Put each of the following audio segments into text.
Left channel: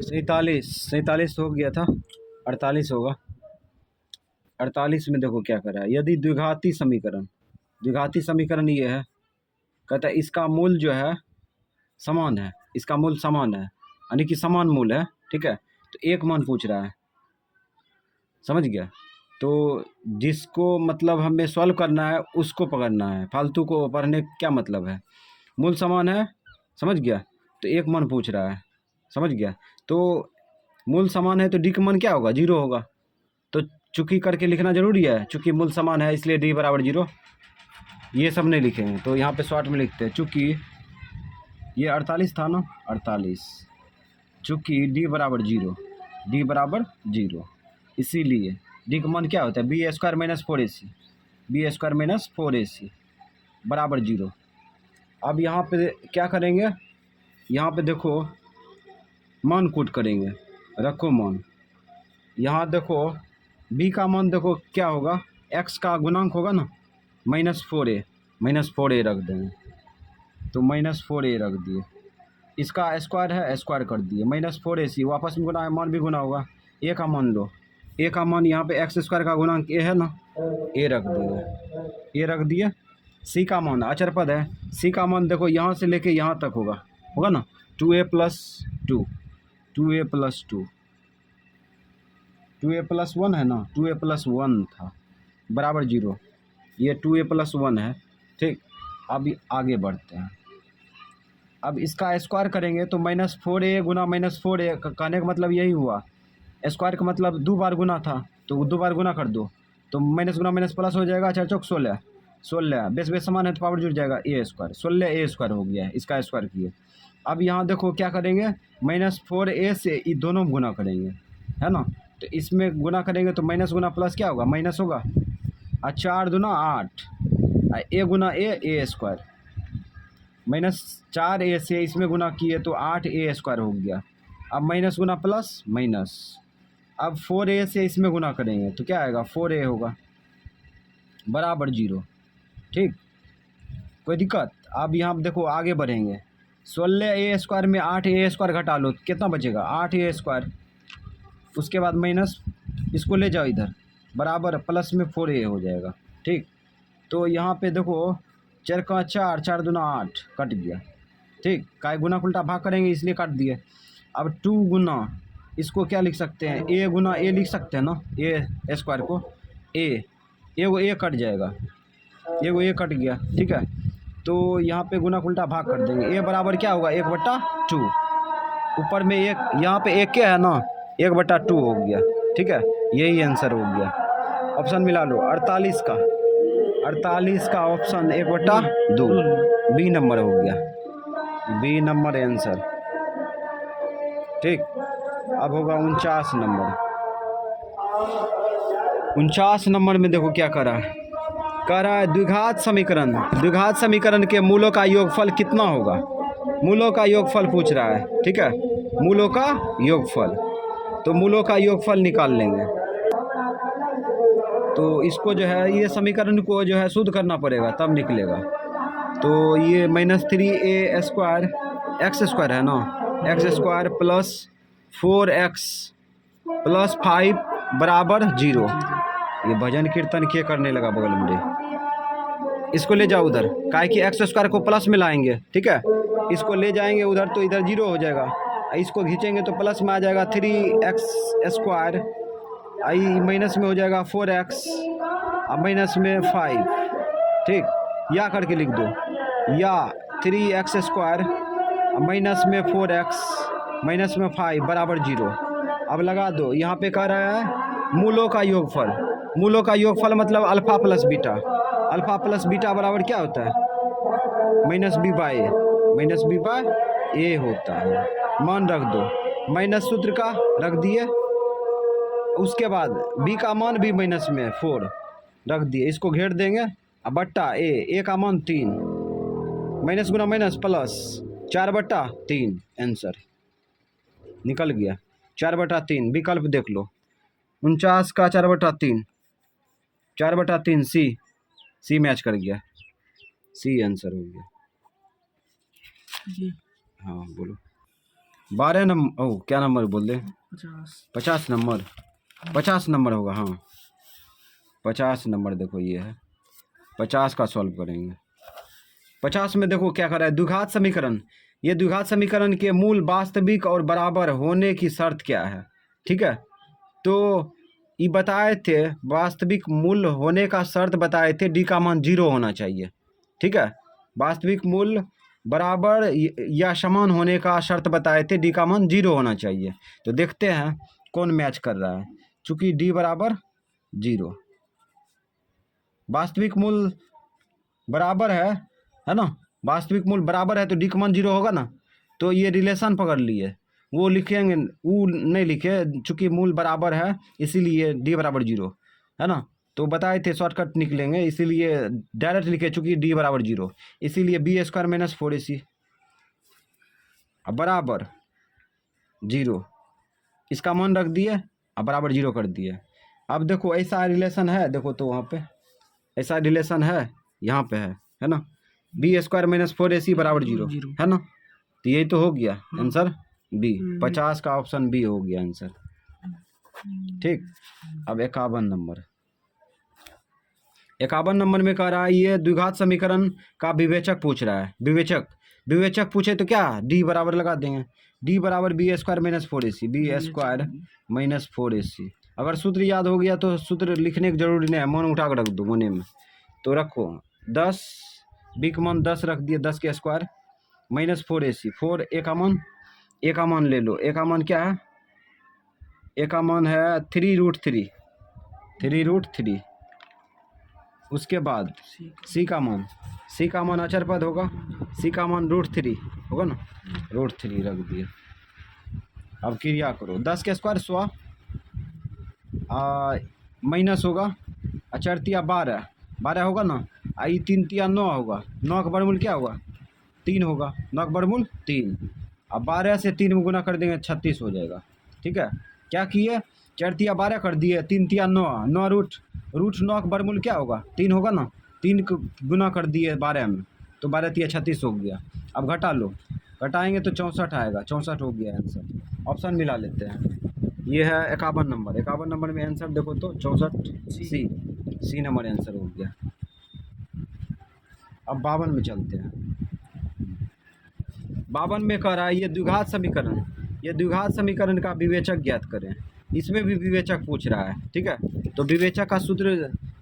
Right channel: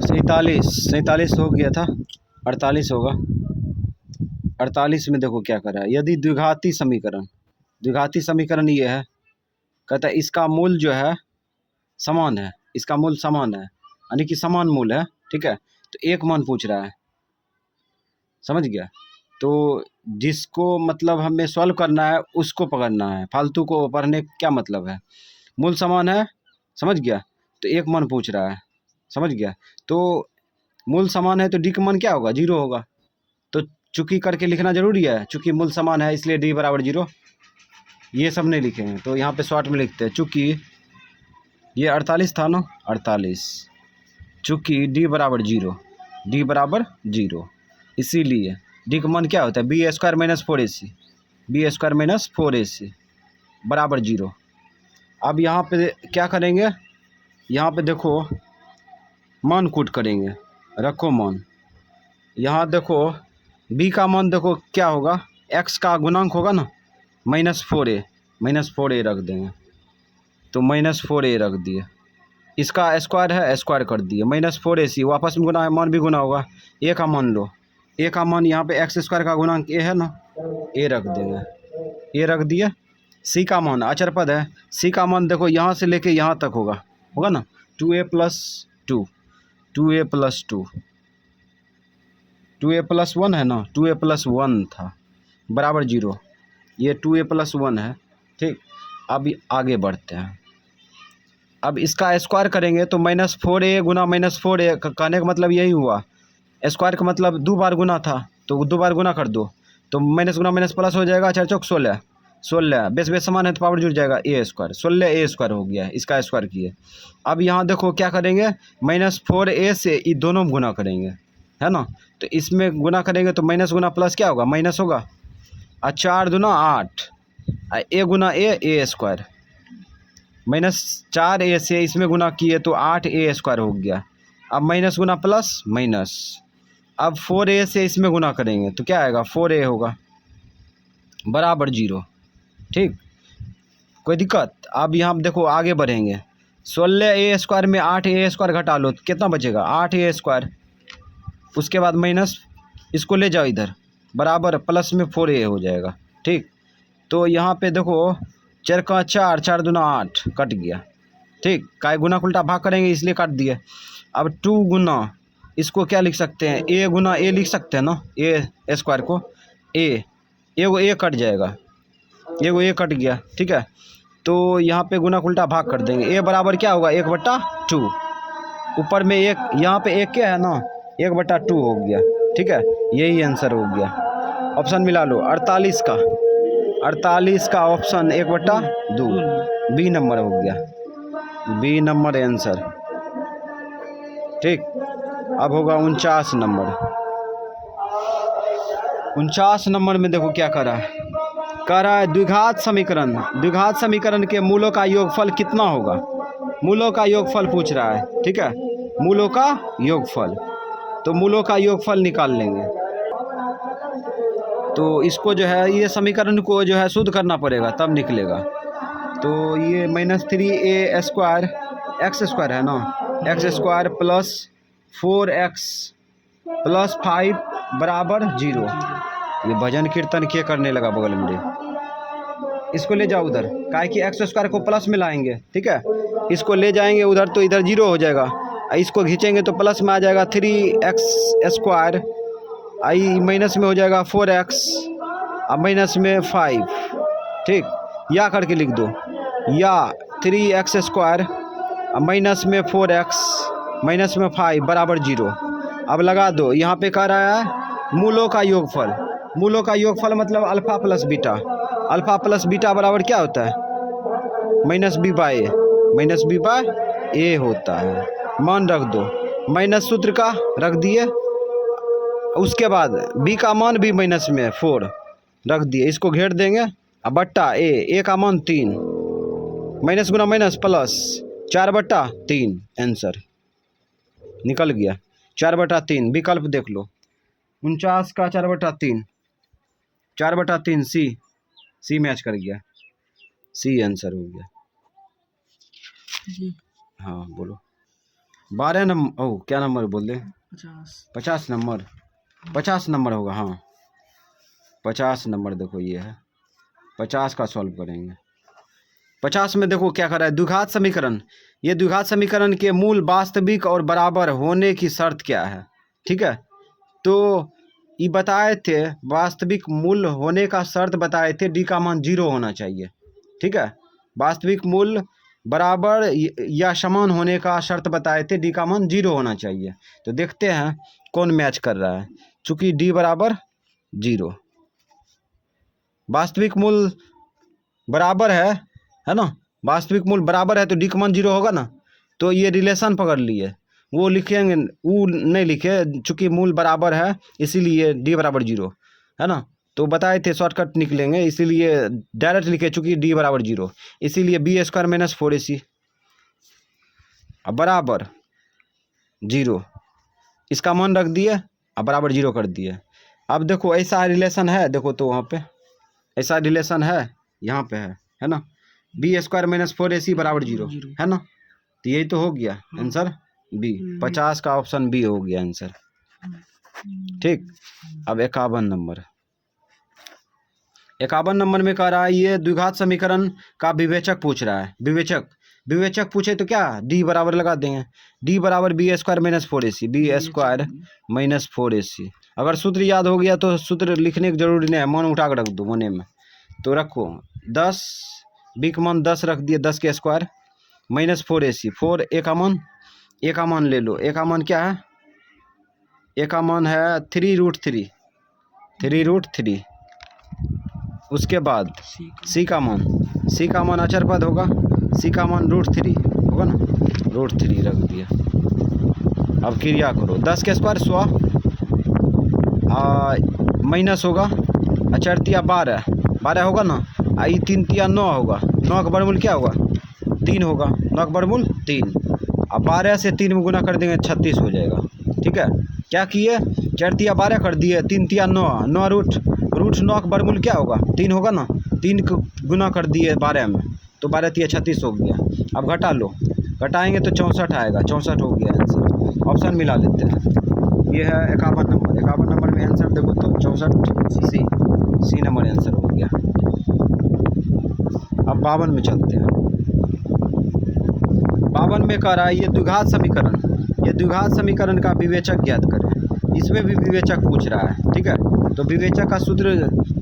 सैंतालीस हो गया था, 48 होगा। 48 में देखो क्या कर रहा है, यदि द्विघाती समीकरण ये है, कहता है इसका मूल जो है समान है, इसका मूल समान है, यानी कि समान मूल है, ठीक है। तो एक मान पूछ रहा है, समझ गया। तो जिसको मतलब हमें सॉल्व करना है उसको पकड़ना है, फालतू को पढ़ने क्या मतलब है। मूल समान है, समझ गया। तो एक मान पूछ रहा है, समझ गया। तो मूल समान है तो डी का मान क्या होगा, 0 होगा। तो चूंकि करके लिखना जरूरी है, चूंकि मूल समान है इसलिए डी बराबर 0। ये सब नहीं लिखे हैं तो यहाँ पे शॉर्ट में लिखते हैं, चूंकि ये 48 था ना, 48, चूंकि डी बराबर 0, डी बराबर 0, इसीलिए डी का मान क्या होता है, B square minus 4ac, B square minus 4ac बराबर 0। अब यहाँ पे क्या करेंगे, यहाँ पे देखो मान कूट करेंगे, रखो मान। यहाँ देखो b का मान देखो क्या होगा, x का गुणांक होगा ना, -4a रख देंगे। तो -4a रख दिए, इसका स्क्वायर है, स्क्वायर कर दिए, -4ac वापस में गुना है, मान भी गुना होगा। a का मान लो, a का मान यहाँ पे x² का गुणांक a है ना, a रख देंगे, a रख दिए। c का मान अचर पद है, c का मान देखो यहाँ से लेके यहाँ तक होगा ना, 2a + 2, 2a + 2, 2a + 1 है ना, 2a + 1 था बराबर 0, ये 2a + 1 है, ठीक। अब आगे बढ़ते हैं, अब इसका स्क्वायर करेंगे तो -4a गुना -4a कहने का मतलब यही हुआ, स्क्वायर का मतलब 2 बार गुना था, तो 2 बार गुना कर दो, तो माइनस गुना माइनस प्लस हो जाएगा, 4 चौक 16, 16 बेस समान है तो पावर जुड़ जाएगा, a², 16a² हो गया, इसका स्क्वायर किए। अब यहाँ देखो क्या करेंगे, -4a से ये दोनों गुना करेंगे, है ना। तो इसमें गुना करेंगे तो माइनस गुना प्लस क्या होगा, माइनस होगा, और 4 दूना 8, a गुना a² -4a से इसमें गुना किए तो 8a² हो गया। अब माइनस गुना प्लस माइनस, अब 4a से इसमें गुना करेंगे तो क्या आएगा, 4a होगा बराबर 0, ठीक। कोई दिक्कत। अब यहाँ देखो आगे बढ़ेंगे, 16a² में 8a² घटा लो तो कितना बचेगा, 8a², उसके बाद माइनस, इसको ले जाओ इधर, बराबर प्लस में 4a हो जाएगा, ठीक। तो यहाँ पे देखो 4 का 4, 4 दूना 8 कट गया, ठीक। काय गुना उल्टा भाग करेंगे इसलिए काट दिए। अब 2 गुना, इसको क्या लिख सकते हैं, a गुना a लिख सकते हैं ना, a² को एगो a कट जाएगा, एगो a कट गया, ठीक है। तो यहाँ पे गुना उल्टा भाग कर देंगे, a बराबर क्या होगा, 1/2, ऊपर में एक, यहाँ पे एक क्या है ना, 1/2 हो गया, ठीक है। यही आंसर हो गया, ऑप्शन मिला लो 48 का ऑप्शन 1/2 बी नंबर हो गया, बी नंबर आंसर, ठीक। अब होगा 49 नंबर। 49 नंबर में देखो क्या कह रहा है, द्विघात समीकरण के मूलों का योगफल कितना होगा, मूलों का योगफल पूछ रहा है, ठीक है, मूलों का योगफल। तो मूलों का योगफल निकाल लेंगे, तो इसको जो है, ये समीकरण को जो है शुद्ध करना पड़ेगा तब निकलेगा। तो ये -3a² x² है ना, x² + 4x + 5 बराबर 0। ये भजन कीर्तन क्या करने लगा बगल में, इसको ले जाओ उधर, काहे कि x² को प्लस में लाएंगे, ठीक है। इसको ले जाएंगे उधर तो इधर 0 हो जाएगा, इसको खींचेंगे तो प्लस में आ जाएगा 3x², आई माइनस में हो जाएगा 4x, और माइनस में 5, ठीक। या करके लिख दो, या 3x² और माइनस में 4x माइनस में 5 बराबर 0। अब लगा दो, यहाँ पे कह रहा है मूलों का योगफल, मूलों का योगफल मतलब alpha plus beta, alpha plus beta बराबर क्या होता है, -b/a होता है, मान रख दो, माइनस सूत्र का रख दिए, उसके बाद b का मान भी माइनस में 4 रख दिए, इसको घेर देंगे, अब बट्टा a का मान 3, माइनस गुना माइनस प्लस, 4/3 आंसर निकल गया, 4/3 विकल्प देख लो, 49 का 4/3, 4/3 सी मैच कर गया, सी आंसर हो गया। हाँ बोलो। 12 नंबर, ओ क्या नंबर बोल दे, 50 नंबर, 50 नंबर होगा, हाँ 50 नंबर। देखो ये है 50 का सॉल्व करेंगे। 50 में देखो क्या कर रहा है, द्विघात समीकरण। ये द्विघात समीकरण के मूल वास्तविक और बराबर होने की शर्त क्या है, ठीक है। तो ये बताए थे, वास्तविक मूल होने का शर्त बताए थे, डी का मान 0 होना चाहिए, ठीक है। वास्तविक मूल बराबर या समान होने का शर्त बताए थे, डी का मान 0 होना चाहिए। तो देखते हैं कौन मैच कर रहा है। चूंकि डी बराबर 0, वास्तविक मूल बराबर है ना, वास्तविक मूल बराबर है तो डी का मान 0 होगा ना। तो ये रिलेशन पकड़ लिए, वो लिखेंगे, वो नहीं लिखे, चूंकि मूल बराबर है इसीलिए डी बराबर 0 है ना। तो बताए थे शॉर्टकट निकलेंगे, इसीलिए डायरेक्ट लिखे, चूंकि डी बराबर 0, इसीलिए बी स्क्वायर माइनस 4ac बराबर 0, इसका मान रख दिए अब बराबर 0 कर दिए। अब देखो ऐसा रिलेशन है, देखो तो वहाँ पे ऐसा रिलेशन है, यहाँ पे है ना, बी स्क्वायर माइनस 4ac बराबर 0 है ना। तो यही तो हो गया आंसर बी, 50 का ऑप्शन बी हो गया आंसर, ठीक। अब 51 नंबर, 51 नंबर में कह रहा है, ये द्विघात समीकरण का विवेचक पूछ रहा है। विवेचक पूछे तो क्या, डी बराबर लगा देंगे, डी बराबर B square minus 4ac, B square minus 4ac। अगर सूत्र याद हो गया तो सूत्र लिखने की जरूरी नहीं है, मन उठा कर रख दो मने में। तो रखो 10, बी का मान 10 रख दिए, 10 के स्क्वायर माइनस 4ac, 4 ए का मान ले लो, ए का मान क्या है, ए का मान है 3√3। उसके बाद सी का मान अचर पद होगा, सी का मान √3 होगा ना, √3 रख दिए। अब क्रिया करो, 10 के स्क्वायर 100 माइनस होगा, अचरतिया 12 होगा ना, आई 3 तिया 9 होगा, 9 का वर्गमूल क्या होगा 3 होगा, 9 का वर्गमूल 3। अब 12 से 3 में गुना कर देंगे 36 हो जाएगा, ठीक है। क्या किए, 4 तिया 12 कर दिए, 3 तिया 9 रूट 9 का वर्गमूल क्या होगा 3 होगा ना, 3 को गुना कर दिए 12 में, तो 12 तिया 36 हो गया। अब घटा लो, घटाएंगे तो 64 आएगा, 64 हो गया आंसर। ऑप्शन मिला लेते हैं, ये है 51 नंबर। 51 नंबर में आंसर देखो तो 64 सी नंबर आंसर हो गया। अब 52 में चलते हैं। 52 में कह रहा है, ये द्विघात समीकरण का विवेचक ज्ञात करें। इसमें भी विवेचक पूछ रहा है, ठीक है। तो विवेचक का सूत्र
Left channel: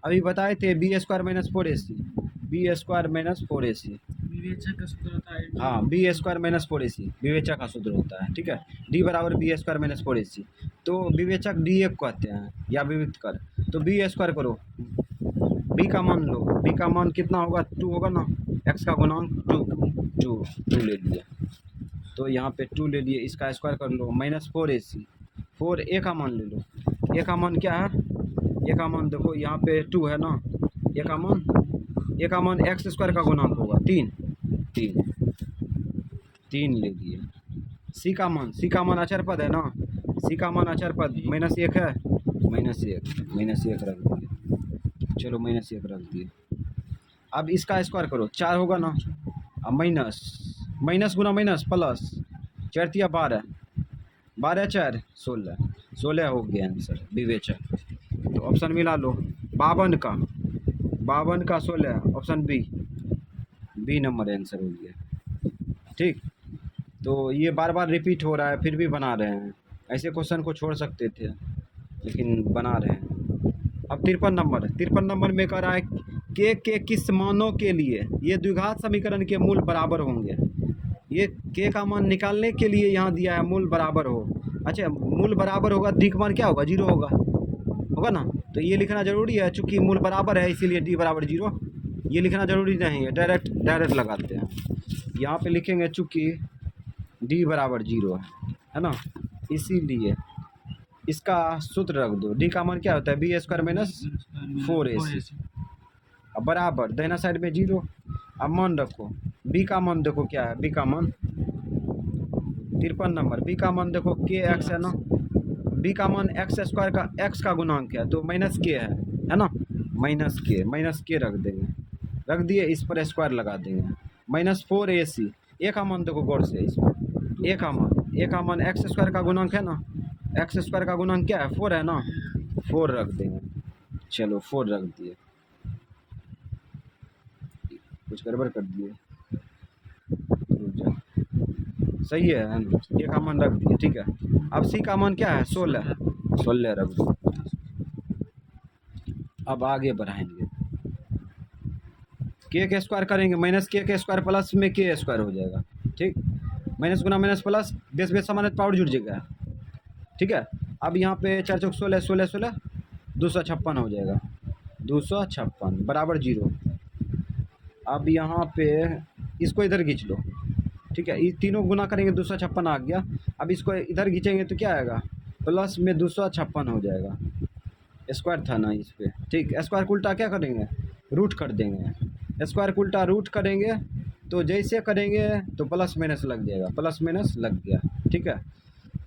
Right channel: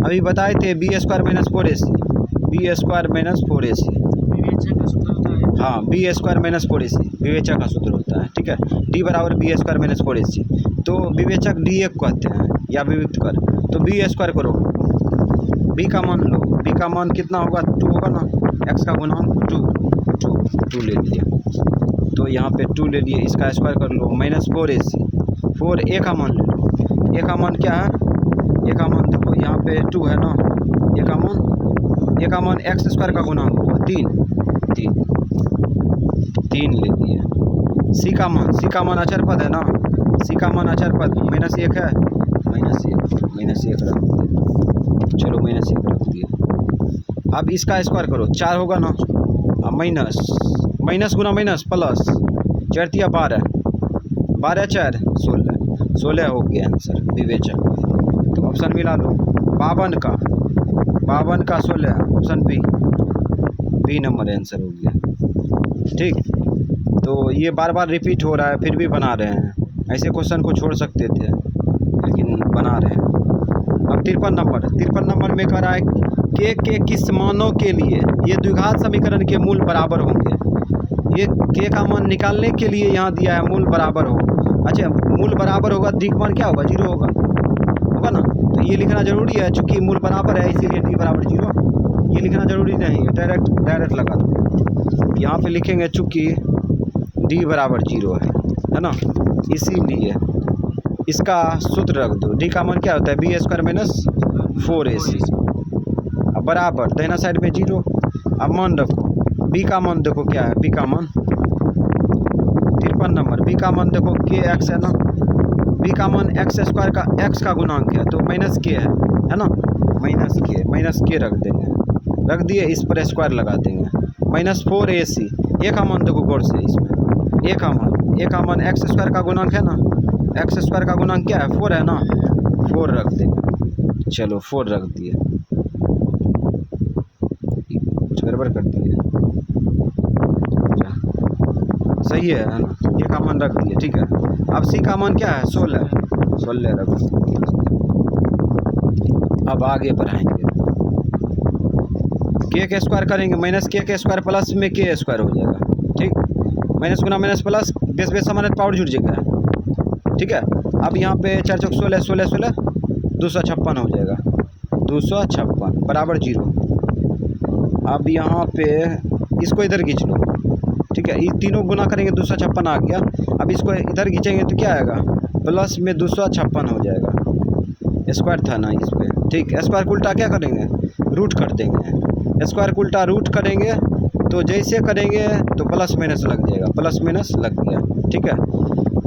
अभी बताए थे, B square minus 4ac, B square minus 4ac विवेचक का सूत्र होता है, हाँ बी स्क्वायर माइनस 4ac विवेचक का सूत्र होता है, ठीक है। डी बराबर बी स्क्वायर माइनस 4ac, तो विवेचक डी एक कहते हैं या विविक्त कर, तो बी स्क्वायर करो, बी का मान लो, बी का मान कितना होगा 2 होगा ना, एक्स का गुणांक 2 ले लिया, तो यहाँ पे 2 ले लिए, इसका स्क्वायर कर लो, माइनस 4ac, 4 ए का मान ले लो, ए का मान क्या है, ए का मान देखो यहाँ पे 2 है ना, ए का मान एक्स स्क्वायर का गुणांक होगा 3 ले लिए। सी का मान अचर पद है ना, सी का मान अचर पद -1 है, -1 रख दिए, चलो -1 रख दिए। अब इसका स्क्वायर करो, 4 होगा ना, माइनस गुना माइनस प्लस, 4 तिया 12, 12 4 16 हो गया आंसर विवेचक। तो ऑप्शन मिला लो, 52 का 16, ऑप्शन बी नंबर आंसर हो गया, ठीक। तो ये बार बार रिपीट हो रहा है, फिर भी बना रहे हैं, ऐसे क्वेश्चन को छोड़ सकते थे लेकिन बना रहे हैं। अब 53 नंबर में कह रहा है, के किस मानों के लिए ये द्विघात समीकरण के मूल बराबर होंगे। ये के का मान निकालने के लिए यहाँ दिया है मूल बराबर हो, अच्छा मूल बराबर होगा, डी का मान क्या होगा 0 होगा ना, तो ये लिखना जरूरी है, चूंकि मूल बराबर है इसीलिए डी बराबर 0, ये लिखना जरूरी नहीं है, डायरेक्ट लगाते हैं। यहाँ पे लिखेंगे चूंकि डी बराबर 0 है ना, इसीलिए इसका सूत्र रख दो, डी का मान क्या होता है बी स्क्वायर माइनस 4ac, अब बराबर दाहिना साइड में 0। अब मान रखो, बी का मान देखो क्या है, बी का मान 53 नंबर, बी का मान देखो के एक्स है ना, बी का मान एक्स स्क्वायर का एक्स का गुणांक है, तो माइनस के है ना, माइनस के रख दिए, इस पर स्क्वायर लगा देंगे, -4ac, ए का मान देखो गौर से, इसमें ए ए का मान एक्स स्क्वायर का गुणांक है ना, एक्स स्क्वायर का गुणांक क्या है 4 है ना, 4 रख देंगे। चलो 4 रख दिए, कुछ गड़बड़ कर दिए, सही है ना, ए का मान रख दिए। ठीक है, अब सी का मान क्या है 16, 16 रख दिए। अब आगे बढ़ाएंगे, के स्क्वायर करेंगे, माइनस के स्क्वायर प्लस में के स्क्वायर हो जाएगा। ठीक, माइनस गुना माइनस प्लस, बेस बेस सामान्य पावर जुड़ जाएगा। ठीक है, अब यहाँ पे 4 चौक 16, 16 16 256 हो जाएगा, 256 बराबर 0। अब यहाँ पे इसको इधर खींच लो। ठीक है, ये तीनों गुना करेंगे 256 आ गया। अब इसको इधर खींचेंगे तो क्या आएगा, प्लस में 256 हो जाएगा, स्क्वायर था ना इस पर। ठीक, स्क्वायर को उल्टा क्या करेंगे, रूट कर देंगे। स्क्वायर को उल्टा रूट करेंगे तो जैसे करेंगे तो प्लस माइनस लग जाएगा, प्लस माइनस लग गया। ठीक है,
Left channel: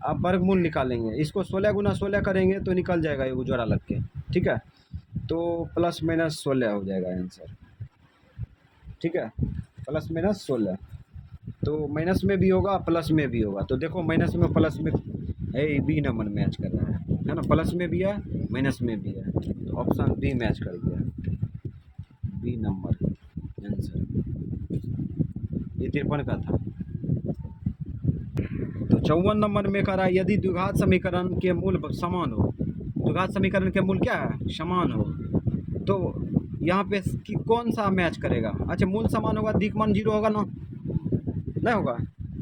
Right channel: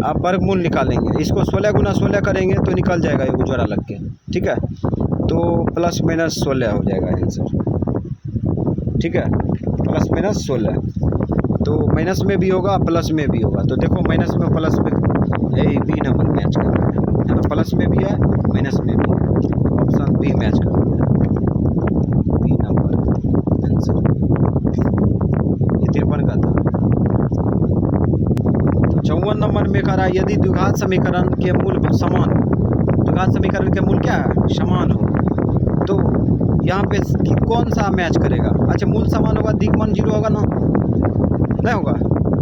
अब वर्गमूल निकालेंगे, इसको 16 गुना 16 करेंगे तो निकल जाएगा ये जोड़ा लग के। ठीक है, तो प्लस माइनस 16 हो जाएगा आंसर। ठीक है, प्लस माइनस 16, तो माइनस में भी होगा प्लस में भी होगा। तो देखो माइनस में प्लस में बी नंबर मैच कर रहा है ना, प्लस में भी है माइनस में भी है, तो ऑप्शन बी मैच कर रहा है, बी नंबर आंसर। ये 53 का था। तो 54 नंबर में कह रहा है यदि द्विघात समीकरण के मूल समान हो, द्विघात समीकरण के मूल क्या है, समान हो, तो यहाँ पे कौन सा मैच करेगा। अच्छा, मूल समान होगा, दिक्मान 0 होगा ना, नहीं होगा,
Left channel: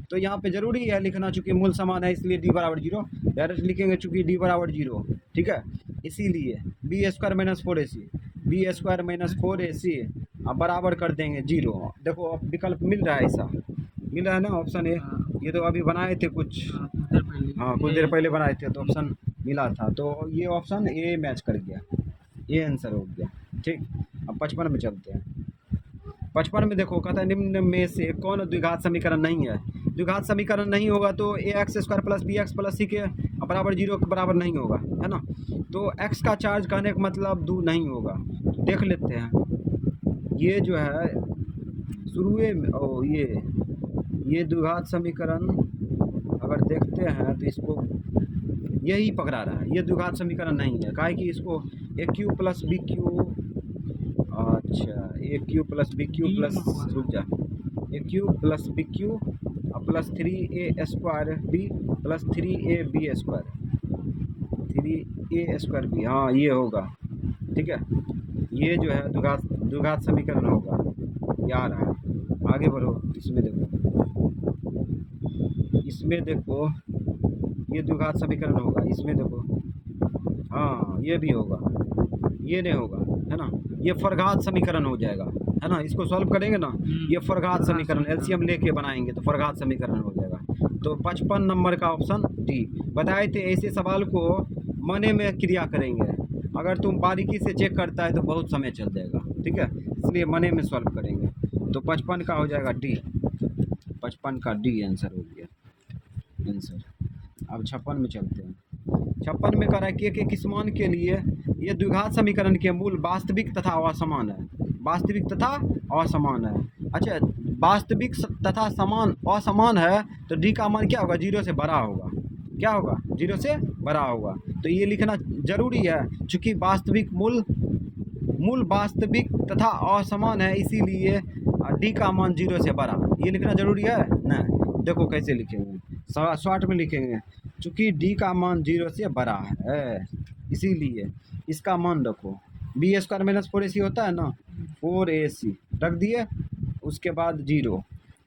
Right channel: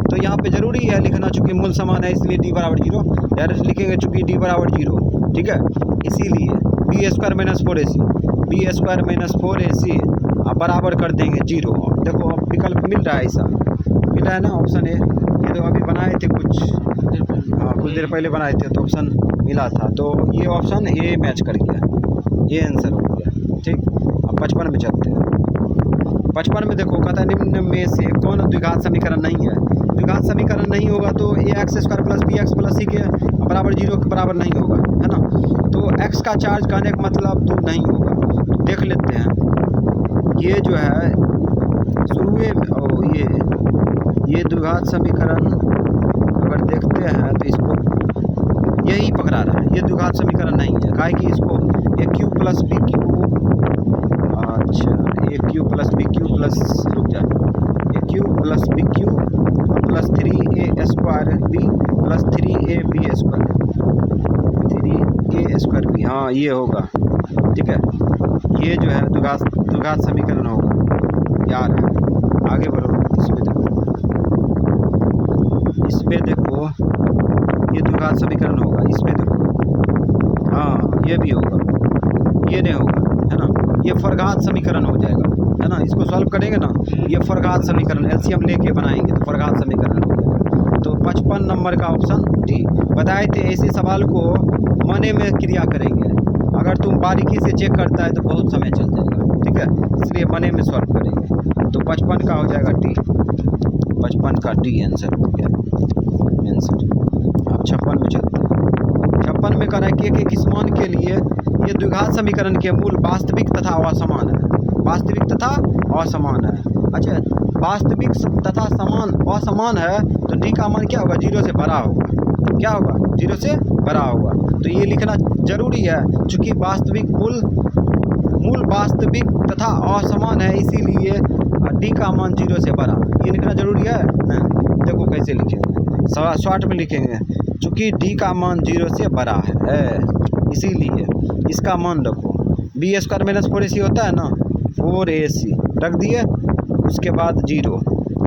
तो यहाँ पे जरूरी है लिखना, चूंकि मूल समान है इसलिए डी बराबर 0 डायरेक्ट लिखेंगे, चूंकि डी बराबर 0। ठीक है, इसीलिए B square minus 4ac, B square minus 4ac बराबर कर देंगे 0। देखो अब विकल्प मिल रहा है, ऐसा मिल रहा है ना ऑप्शन ए। ये तो अभी बनाए थे कुछ, हाँ कुछ देर पहले बनाए थे तो ऑप्शन मिला था, तो ये ऑप्शन ए मैच कर गया, ये आंसर हो गया। ठीक, अब 55 में चलते हैं। 55 में देखो कहता है निम्न में से कौन द्विघात समीकरण नहीं है। द्विघात समीकरण नहीं होगा तो A X square plus B X plus C के बराबर 0 के बराबर नहीं होगा, है ना। तो एक्स का चार्ज कहने का मतलब 2 नहीं होगा। देख लेते हैं, ये जो है शुरुए में ये द्विघात समीकरण अगर देखते हैं तो इसको यही पकड़ा रहा है, ये द्विघात समीकरण नहीं है, काहे कि इसको A Q plus B Q, अच्छा A Q plus B Q plus, रुक जा, A Q plus B Q plus 3a square B plus 3ab square, 3a square B, हाँ ये होगा। ठीक है, ये जो है द्विघात समीकरण होगा यार। आगे बढ़ो, इसमें देखो ये द्विघात समीकरण होगा, इसमें देखो, हाँ ये भी होगा, ये नहीं होगा, है ना, ये फरघात समीकरण हो जाएगा, है ना। इसको सॉल्व करेंगे ना, ये फरघात समीकरण एलसीएम लेके बनाएंगे तो फरघात समीकरण हो जाएगा। तो 55 नंबर का ऑप्शन डी। बताए थे ऐसे सवाल को मने में क्रिया करेंगे, अगर तुम बारीकी से चेक करता है तो बहुत समय चल जाएगा। ठीक है, इसलिए मने में सॉल्व करेंगे, तो 55 का हो जाएगा डी, 55 का डी आंसर हो गया आंसर। अब 56 में चलते हैं। 56 में कह रहा है कि एक मान के लिए ये द्विघात समीकरण के मूल वास्तविक तथा असमान है, वास्तविक तथा असमान है। अच्छा, वास्तविक तथा समान असमान है तो डी का मान क्या होगा, 0 से बड़ा होगा, क्या होगा, 0 से बड़ा होगा। तो ये लिखना जरूरी है, चूँकि वास्तविक मूल वास्तविक तथा असमान है, इसीलिए डी का मान 0 से बड़ा, ये लिखना जरूरी है ना। देखो कैसे लिखेंगे, शॉर्ट में लिखेंगे, चूँकि डी का मान 0 से बड़ा है इसीलिए इसका मान रखो, बी स्क्वायर माइनस 4ac होता है ना, 4ac रख दिए, उसके बाद 0।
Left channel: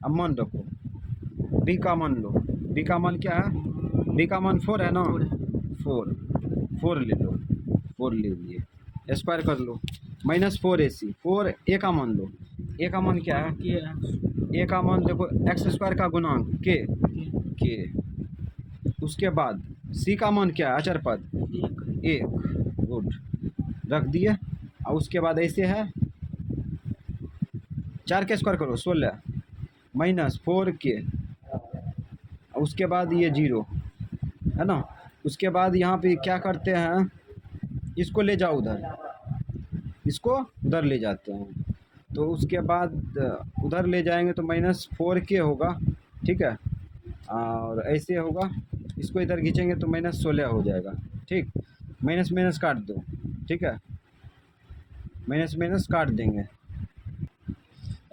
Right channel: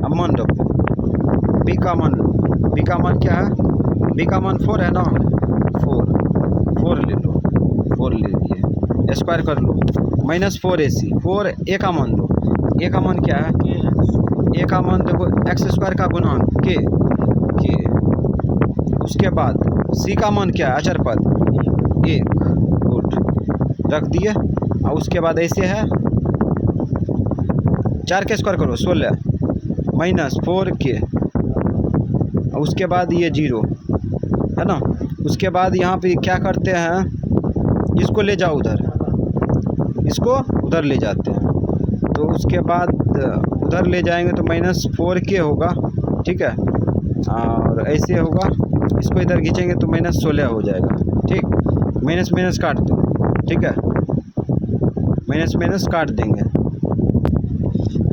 अब मान रखो, बी का मान लो, बी का मान क्या है, बी का मान 4 है ना, 4 ले लो, 4 ले लिए, स्क्वायर कर लो, माइनस 4ac, 4 ए का मान लो, ए का मान क्या है, ए का मान देखो एक्स स्क्वायर का गुणांक के, उसके बाद सी का मान क्या है, अचर पद 1, गुड रख दिए, और उसके बाद ऐसे है 4 के स्क्वायर करो 16 माइनस 4k, और उसके बाद ये 0 है ना। उसके बाद यहाँ पे क्या करते हैं, इसको ले जाओ उधर, इसको उधर ले जाते हैं, तो उसके बाद उधर ले जाएंगे तो माइनस 4k होगा। ठीक है, और ऐसे होगा, इसको इधर खींचेंगे तो -16 हो जाएगा। ठीक, माइनस माइनस काट दो। ठीक है, माइनस माइनस काट देंगे,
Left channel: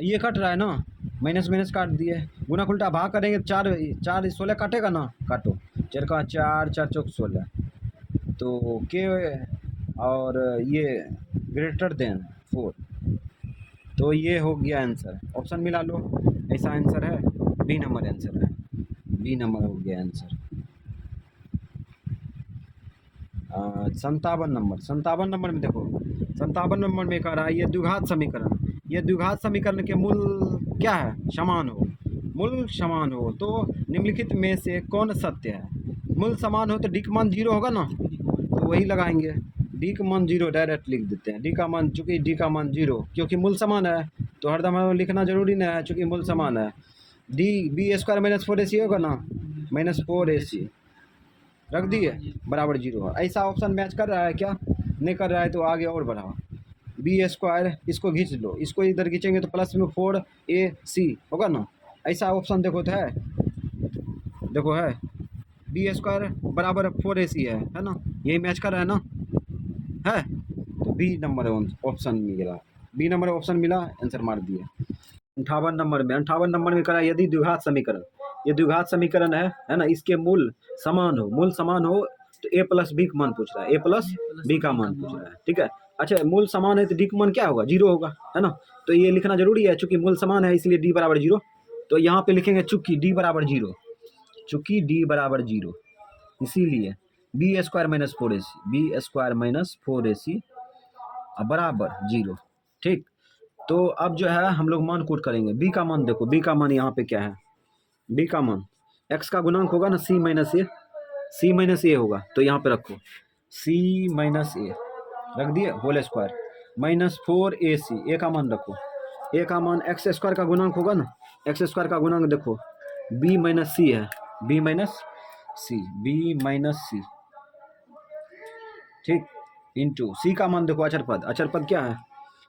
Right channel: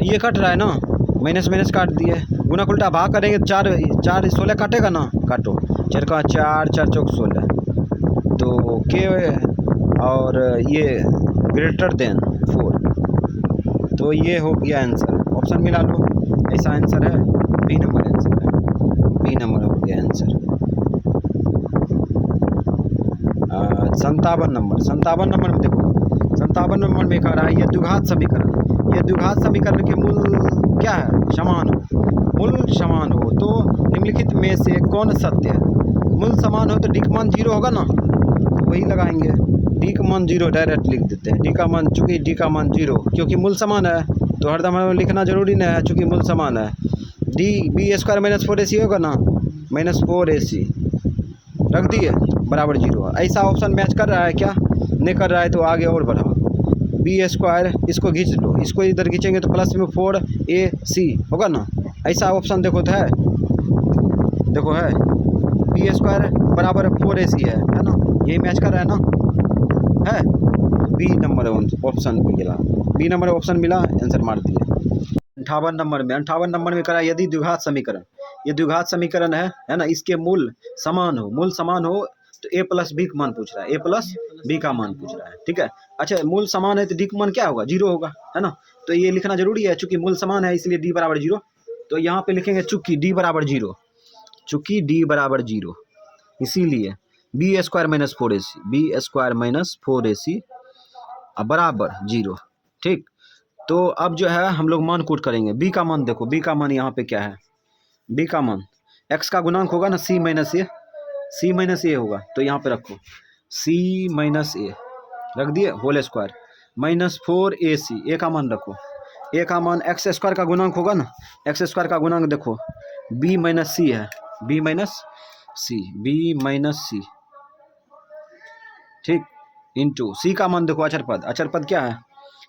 ये कट रहा है ना, माइनस माइनस काट दिए। गुना उल्टा भाग करेंगे, 4 4 16 काटेगा ना, काटो। 4 का 4, 4 चौक 16, तो के और ये ग्रेटर देन 4, तो ये हो गया आंसर। ऑप्शन मिला लो, ऐसा आंसर है, बी नंबर आंसर है, बी नंबर हो गया आंसर। 57 नंबर में देखो, 57 नंबर में कह रहा है ये द्विघात समीकरण, ये द्विघात समीकरण के मूल क्या है, समान हो, मूल समान हो तो निम्नलिखित में से कौन सत्य है। मूल समान हो तो डी का मान 0 होगा ना, तो वही लगाएंगे, डी का मान 0 डायरेक्ट लिख देते हैं। डी का मान, चूँकि डी का मान 0, क्योंकि मूल समान है तो हरदम हमें लिखना जरूरी नहीं है, चूँकि मूल समान है। D B square minus 4ac होगा ना, -4ac रख दिए बराबर 0। ऐसा ऑप्शन मैच कर रहा है क्या, नहीं कर रहा है तो आगे और बढ़ाओ। बी स्क्वायर इसको खींच लो, इसको इधर खींचेंगे तो प्लस में 4ac होगा ना, ऐसा ऑप्शन देखो तो है, देखो है, बी स्क्वायर बराबर 4ac है ना, यही मैच कर रहा है ना, है तो बी नंबर ऑप्शन मिला, बी नंबर ऑप्शन मिला, आंसर मार दिए। 58 नंबर में करा यदि द्विघात समीकरण, ये द्विघात समीकरण है ना, इसके मूल समान हो तो a प्लस बी का मान पूछ रहा है, a प्लस बी का मान पूछ रहा है। ठीक है, अच्छा मूल समान है तो डी का मान क्या होगा, 0 होगा, है ना, तो ये लिखना जरूरी है, चूंकि मूल समान है इसलिए डी बराबर 0। तो यहाँ पे लिखेंगे चूंकि डी बराबर 0, चूंकि डी बराबर 0, इसीलिए B square minus 4ac, B square minus 4ac बराबर 0। ठीक, तो अब जो है हम लोग मान कूट करेंगे। बी का मान देखो, बी का मान यहाँ पे क्या है, बी का मान x का गुणांक होगा ना, c माइनस ए होगा, तो यहाँ पे रखो c माइनस ए रख दिए होल स्क्वायर -4ac, ए का मान रखो, ए का मान एक्स स्क्वायर का गुणांक होगा ना, एक्स स्क्वायर का गुणांक देखो b माइनस सी है, b माइनस सी, ठीक, इंटू सी का मान देखो अचर पद क्या है,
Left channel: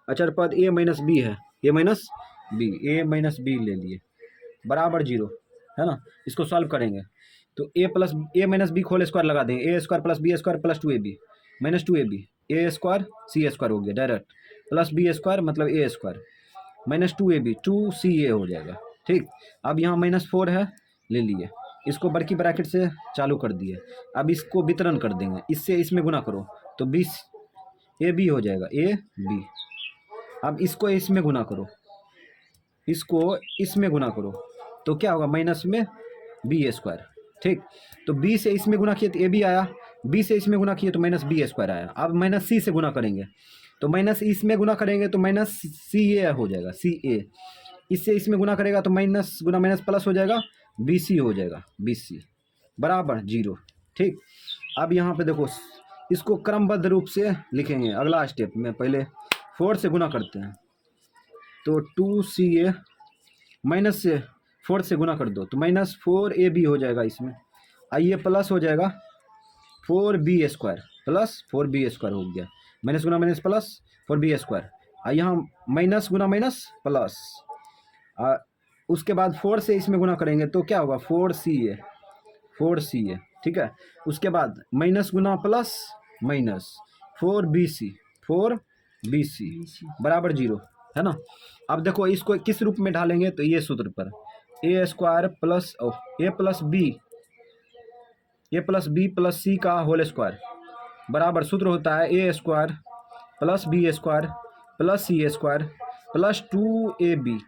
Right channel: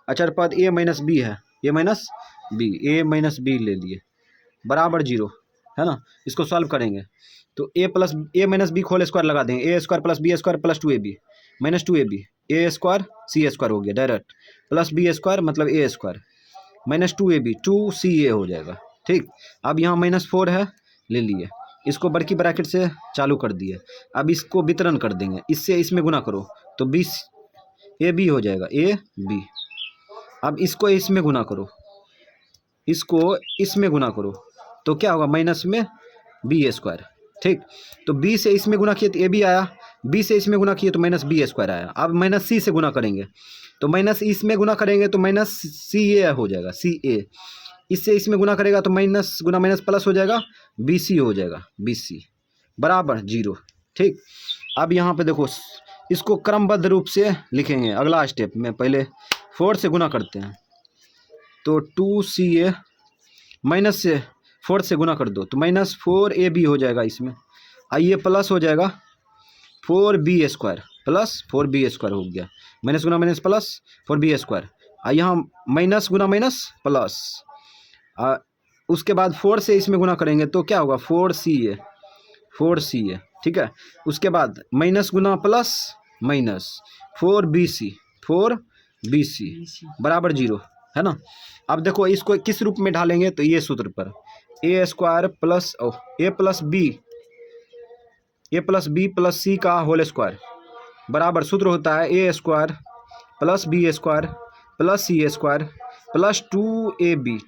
अचर पद a माइनस बी है, a माइनस बी ले लिए बराबर 0, है ना। इसको सॉल्व करेंगे तो a minus B whole square लगा देंगे, a square plus B square plus 2ab minus 2ab, a square C square हो गया डायरेक्ट, प्लस बी स्क्वायर मतलब a square minus 2ab 2ca हो जाएगा। ठीक, अब यहाँ -4 है, ले लिए, इसको बड़की ब्रैकेट से चालू कर दिए। अब इसको वितरण कर देंगे, इससे इसमें गुना करो तो 20 ab हो जाएगा, ab। अब इसको इसमें गुना करो, इसको इसमें गुना करो तो क्या होगा, माइनस में बी स्क्वायर। ठीक, तो बी से इसमें गुना किए तो ए बी आया, बी से इसमें गुना किए तो माइनस बी स्क्वायर आया। अब माइनस सी से गुना करेंगे तो माइनस इसमें गुना करेंगे तो माइनस सी ए हो जाएगा, सी ए। इससे इसमें गुना करेगा तो माइनस गुना माइनस प्लस हो जाएगा, बी सी हो जाएगा, बी सी बराबर 0। ठीक, अब यहाँ पे देखो इसको क्रमबद्ध रूप से लिखेंगे। अगला स्टेप में पहले 4 से गुना करते हैं तो 2ca माइनस से 4 से गुना कर दो तो -4ab हो जाएगा, इसमें आइए प्लस हो जाएगा 4b square plus 4b square हो गया, माइनस गुना माइनस प्लस 4b स्क्वायर, यहाँ माइनस गुना माइनस प्लस, उसके बाद 4 से इसमें गुना करेंगे तो क्या होगा 4ca 4ca। ठीक है, उसके बाद माइनस गुना प्लस माइनस 4bc बराबर 0, है ना। अब देखो इसको किस रूप में ढालेंगे तो ये सूत्र पर a square plus A plus B plus C का होल स्क्वायर बराबर सूत्र होता है a square plus B square plus C square plus 2ab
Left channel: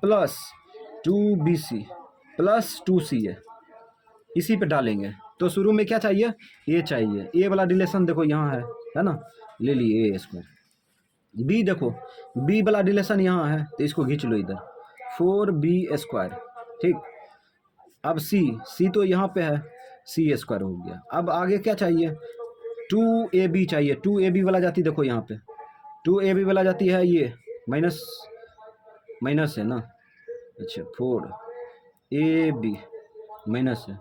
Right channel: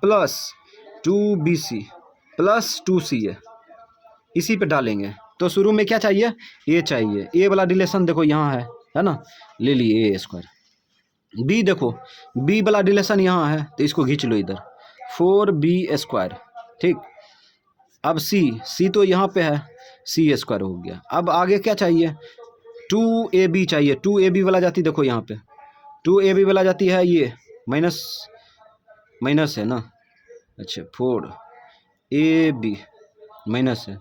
plus 2bc plus 2ca, इसी पे डालेंगे। तो शुरू में क्या चाहिए, a चाहिए, a वाला रिलेशन देखो यहाँ है ना, ले लिए a स्क्वायर। b देखो b वाला रिलेशन यहाँ है तो इसको खींच लो इधर 4b स्क्वायर। ठीक, अब c तो यहाँ पे है, c स्क्वायर हो गया। अब आगे क्या चाहिए, 2ab चाहिए, 2ab वाला जाती देखो यहाँ पे 2ab वाला जाती है, ये माइनस है ना, अच्छा 4ab माइनस है,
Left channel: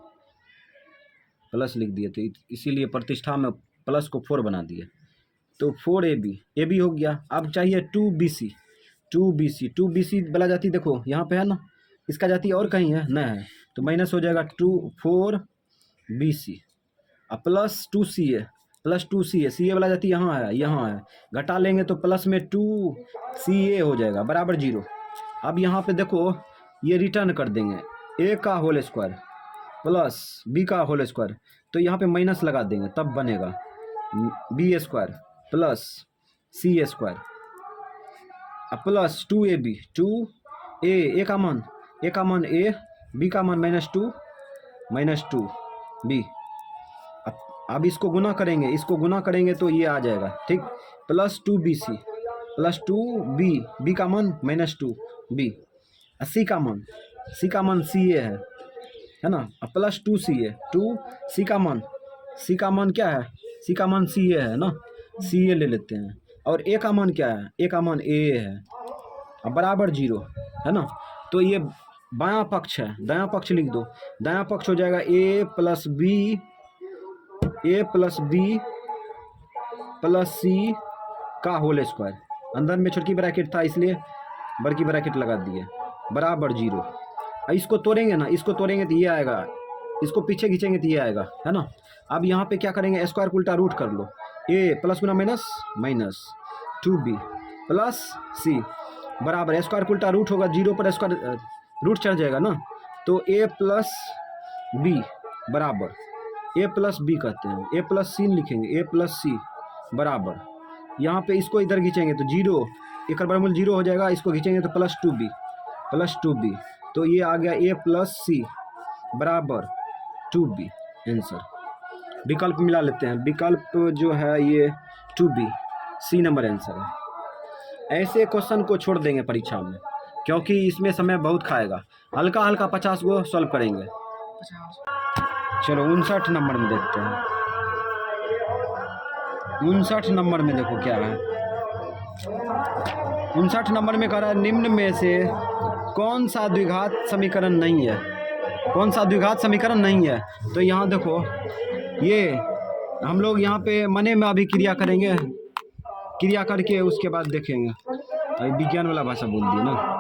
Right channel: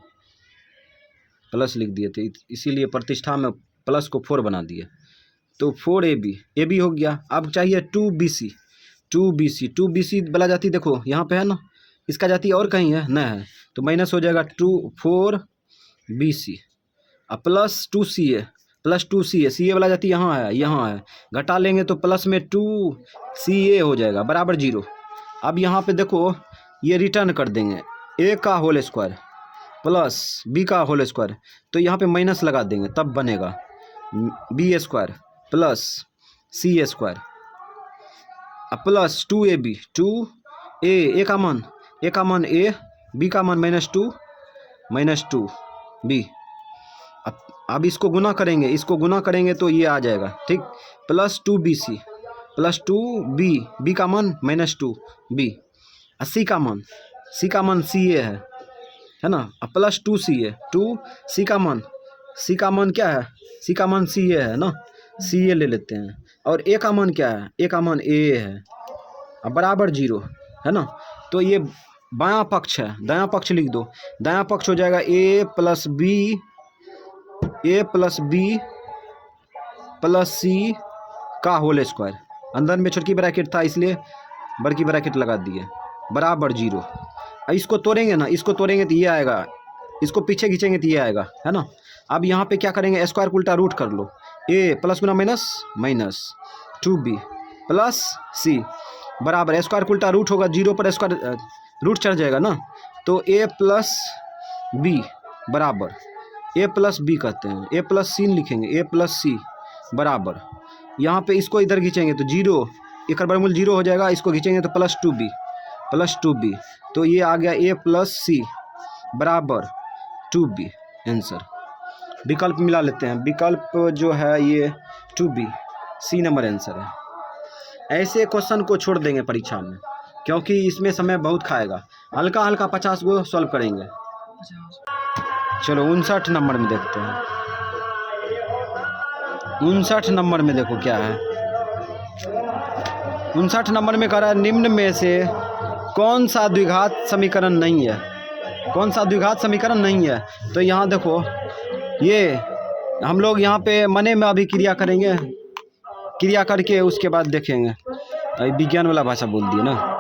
प्लस लिख दिए थे इसीलिए प्रतिष्ठा में प्लस को 4 बना दिए तो 4ab हो गया। अब चाहिए 2bc वाला जाती देखो यहाँ पे है ना, इसका जाती और कहीं है, नहीं है तो माइनस हो जाएगा 4BC अब plus 2CA plus 2CA CA वाला जाती यहाँ है घटा लेंगे तो प्लस में 2CA हो जाएगा बराबर 0। अब यहाँ पे देखो ये रिटर्न कर देंगे A का होल स्क्वायर प्लस B का होल स्क्वायर, तो यहाँ पे माइनस लगा देंगे तब बनेगा B square plus C square plus 2AB 2A A का मान A B का मान -2 B। अब इसको गुना करेंगे तो ये आ जाएगा ठीक, प्लस 2BC प्लस 2B का मान -2B C का मान CA है ना, प्लस 2C का मान क्या है, C का मान CA है ना, CA ले लेते हैं और A का मान क्या है, A का मान A है अब बराबर 0 है ना। तो ये बायां पक्ष है, दायां पक्ष लिख दो, दायां पक्ष हो जाएगा A plus B plus C का होल स्क्वायर, अंदर में छोटी ब्रैकेट था इसलिए बड़ी ब्रैकेट लगा दिए बराबर 0। इसको तोड़ेंगे तो ये आएगा, इसको पीछे खींचेंगे तो ये आएगा है ना। अब यहाँ पे क्या करेंगे, स्क्वायर को उल्टा रूट कर लो, A plus Guna minus 2B plus C बराबर स्क्वायर को उल्टा रूट होगा 0 पर स्क्वायर रूट चढ़ जाएगा ना, तो A प्लस B बराबर A प्लस B कहते हैं, A प्लस C लिखेंगे, A प्लस C बराबर यहाँ पे इसको इधर खींचेंगे तो 0 एक वर्गमूल 0 हो जाएगा, इसको खींचेंगे तो प्लस 2B तो ये आ गया A प्लस C बराबर 2B आंसर। विकल्प मिला लेते हैं, विकल्प जो है ये 2B C नंबर आंसर है। ऐसे क्वेश्चन को छोड़ देंगे परीक्षा में क्योंकि इसमें समय बहुत खाएगा, हल्का 50 को सॉल्व करेंगे। 50 चलो 59 नंबर में देखते हैं, 59 नंबर में देखो क्या है, 59 नंबर में कह रहा है निम्न में से कौन सा द्विघात समीकरण नहीं है, तो यहाँ देखो ये हम लोग यहाँ पे मने में अभी क्रिया करेंगे, क्रिया करके उसके बाद देखेंगे, अभी विज्ञान वाला भाषा बोल दिए ना।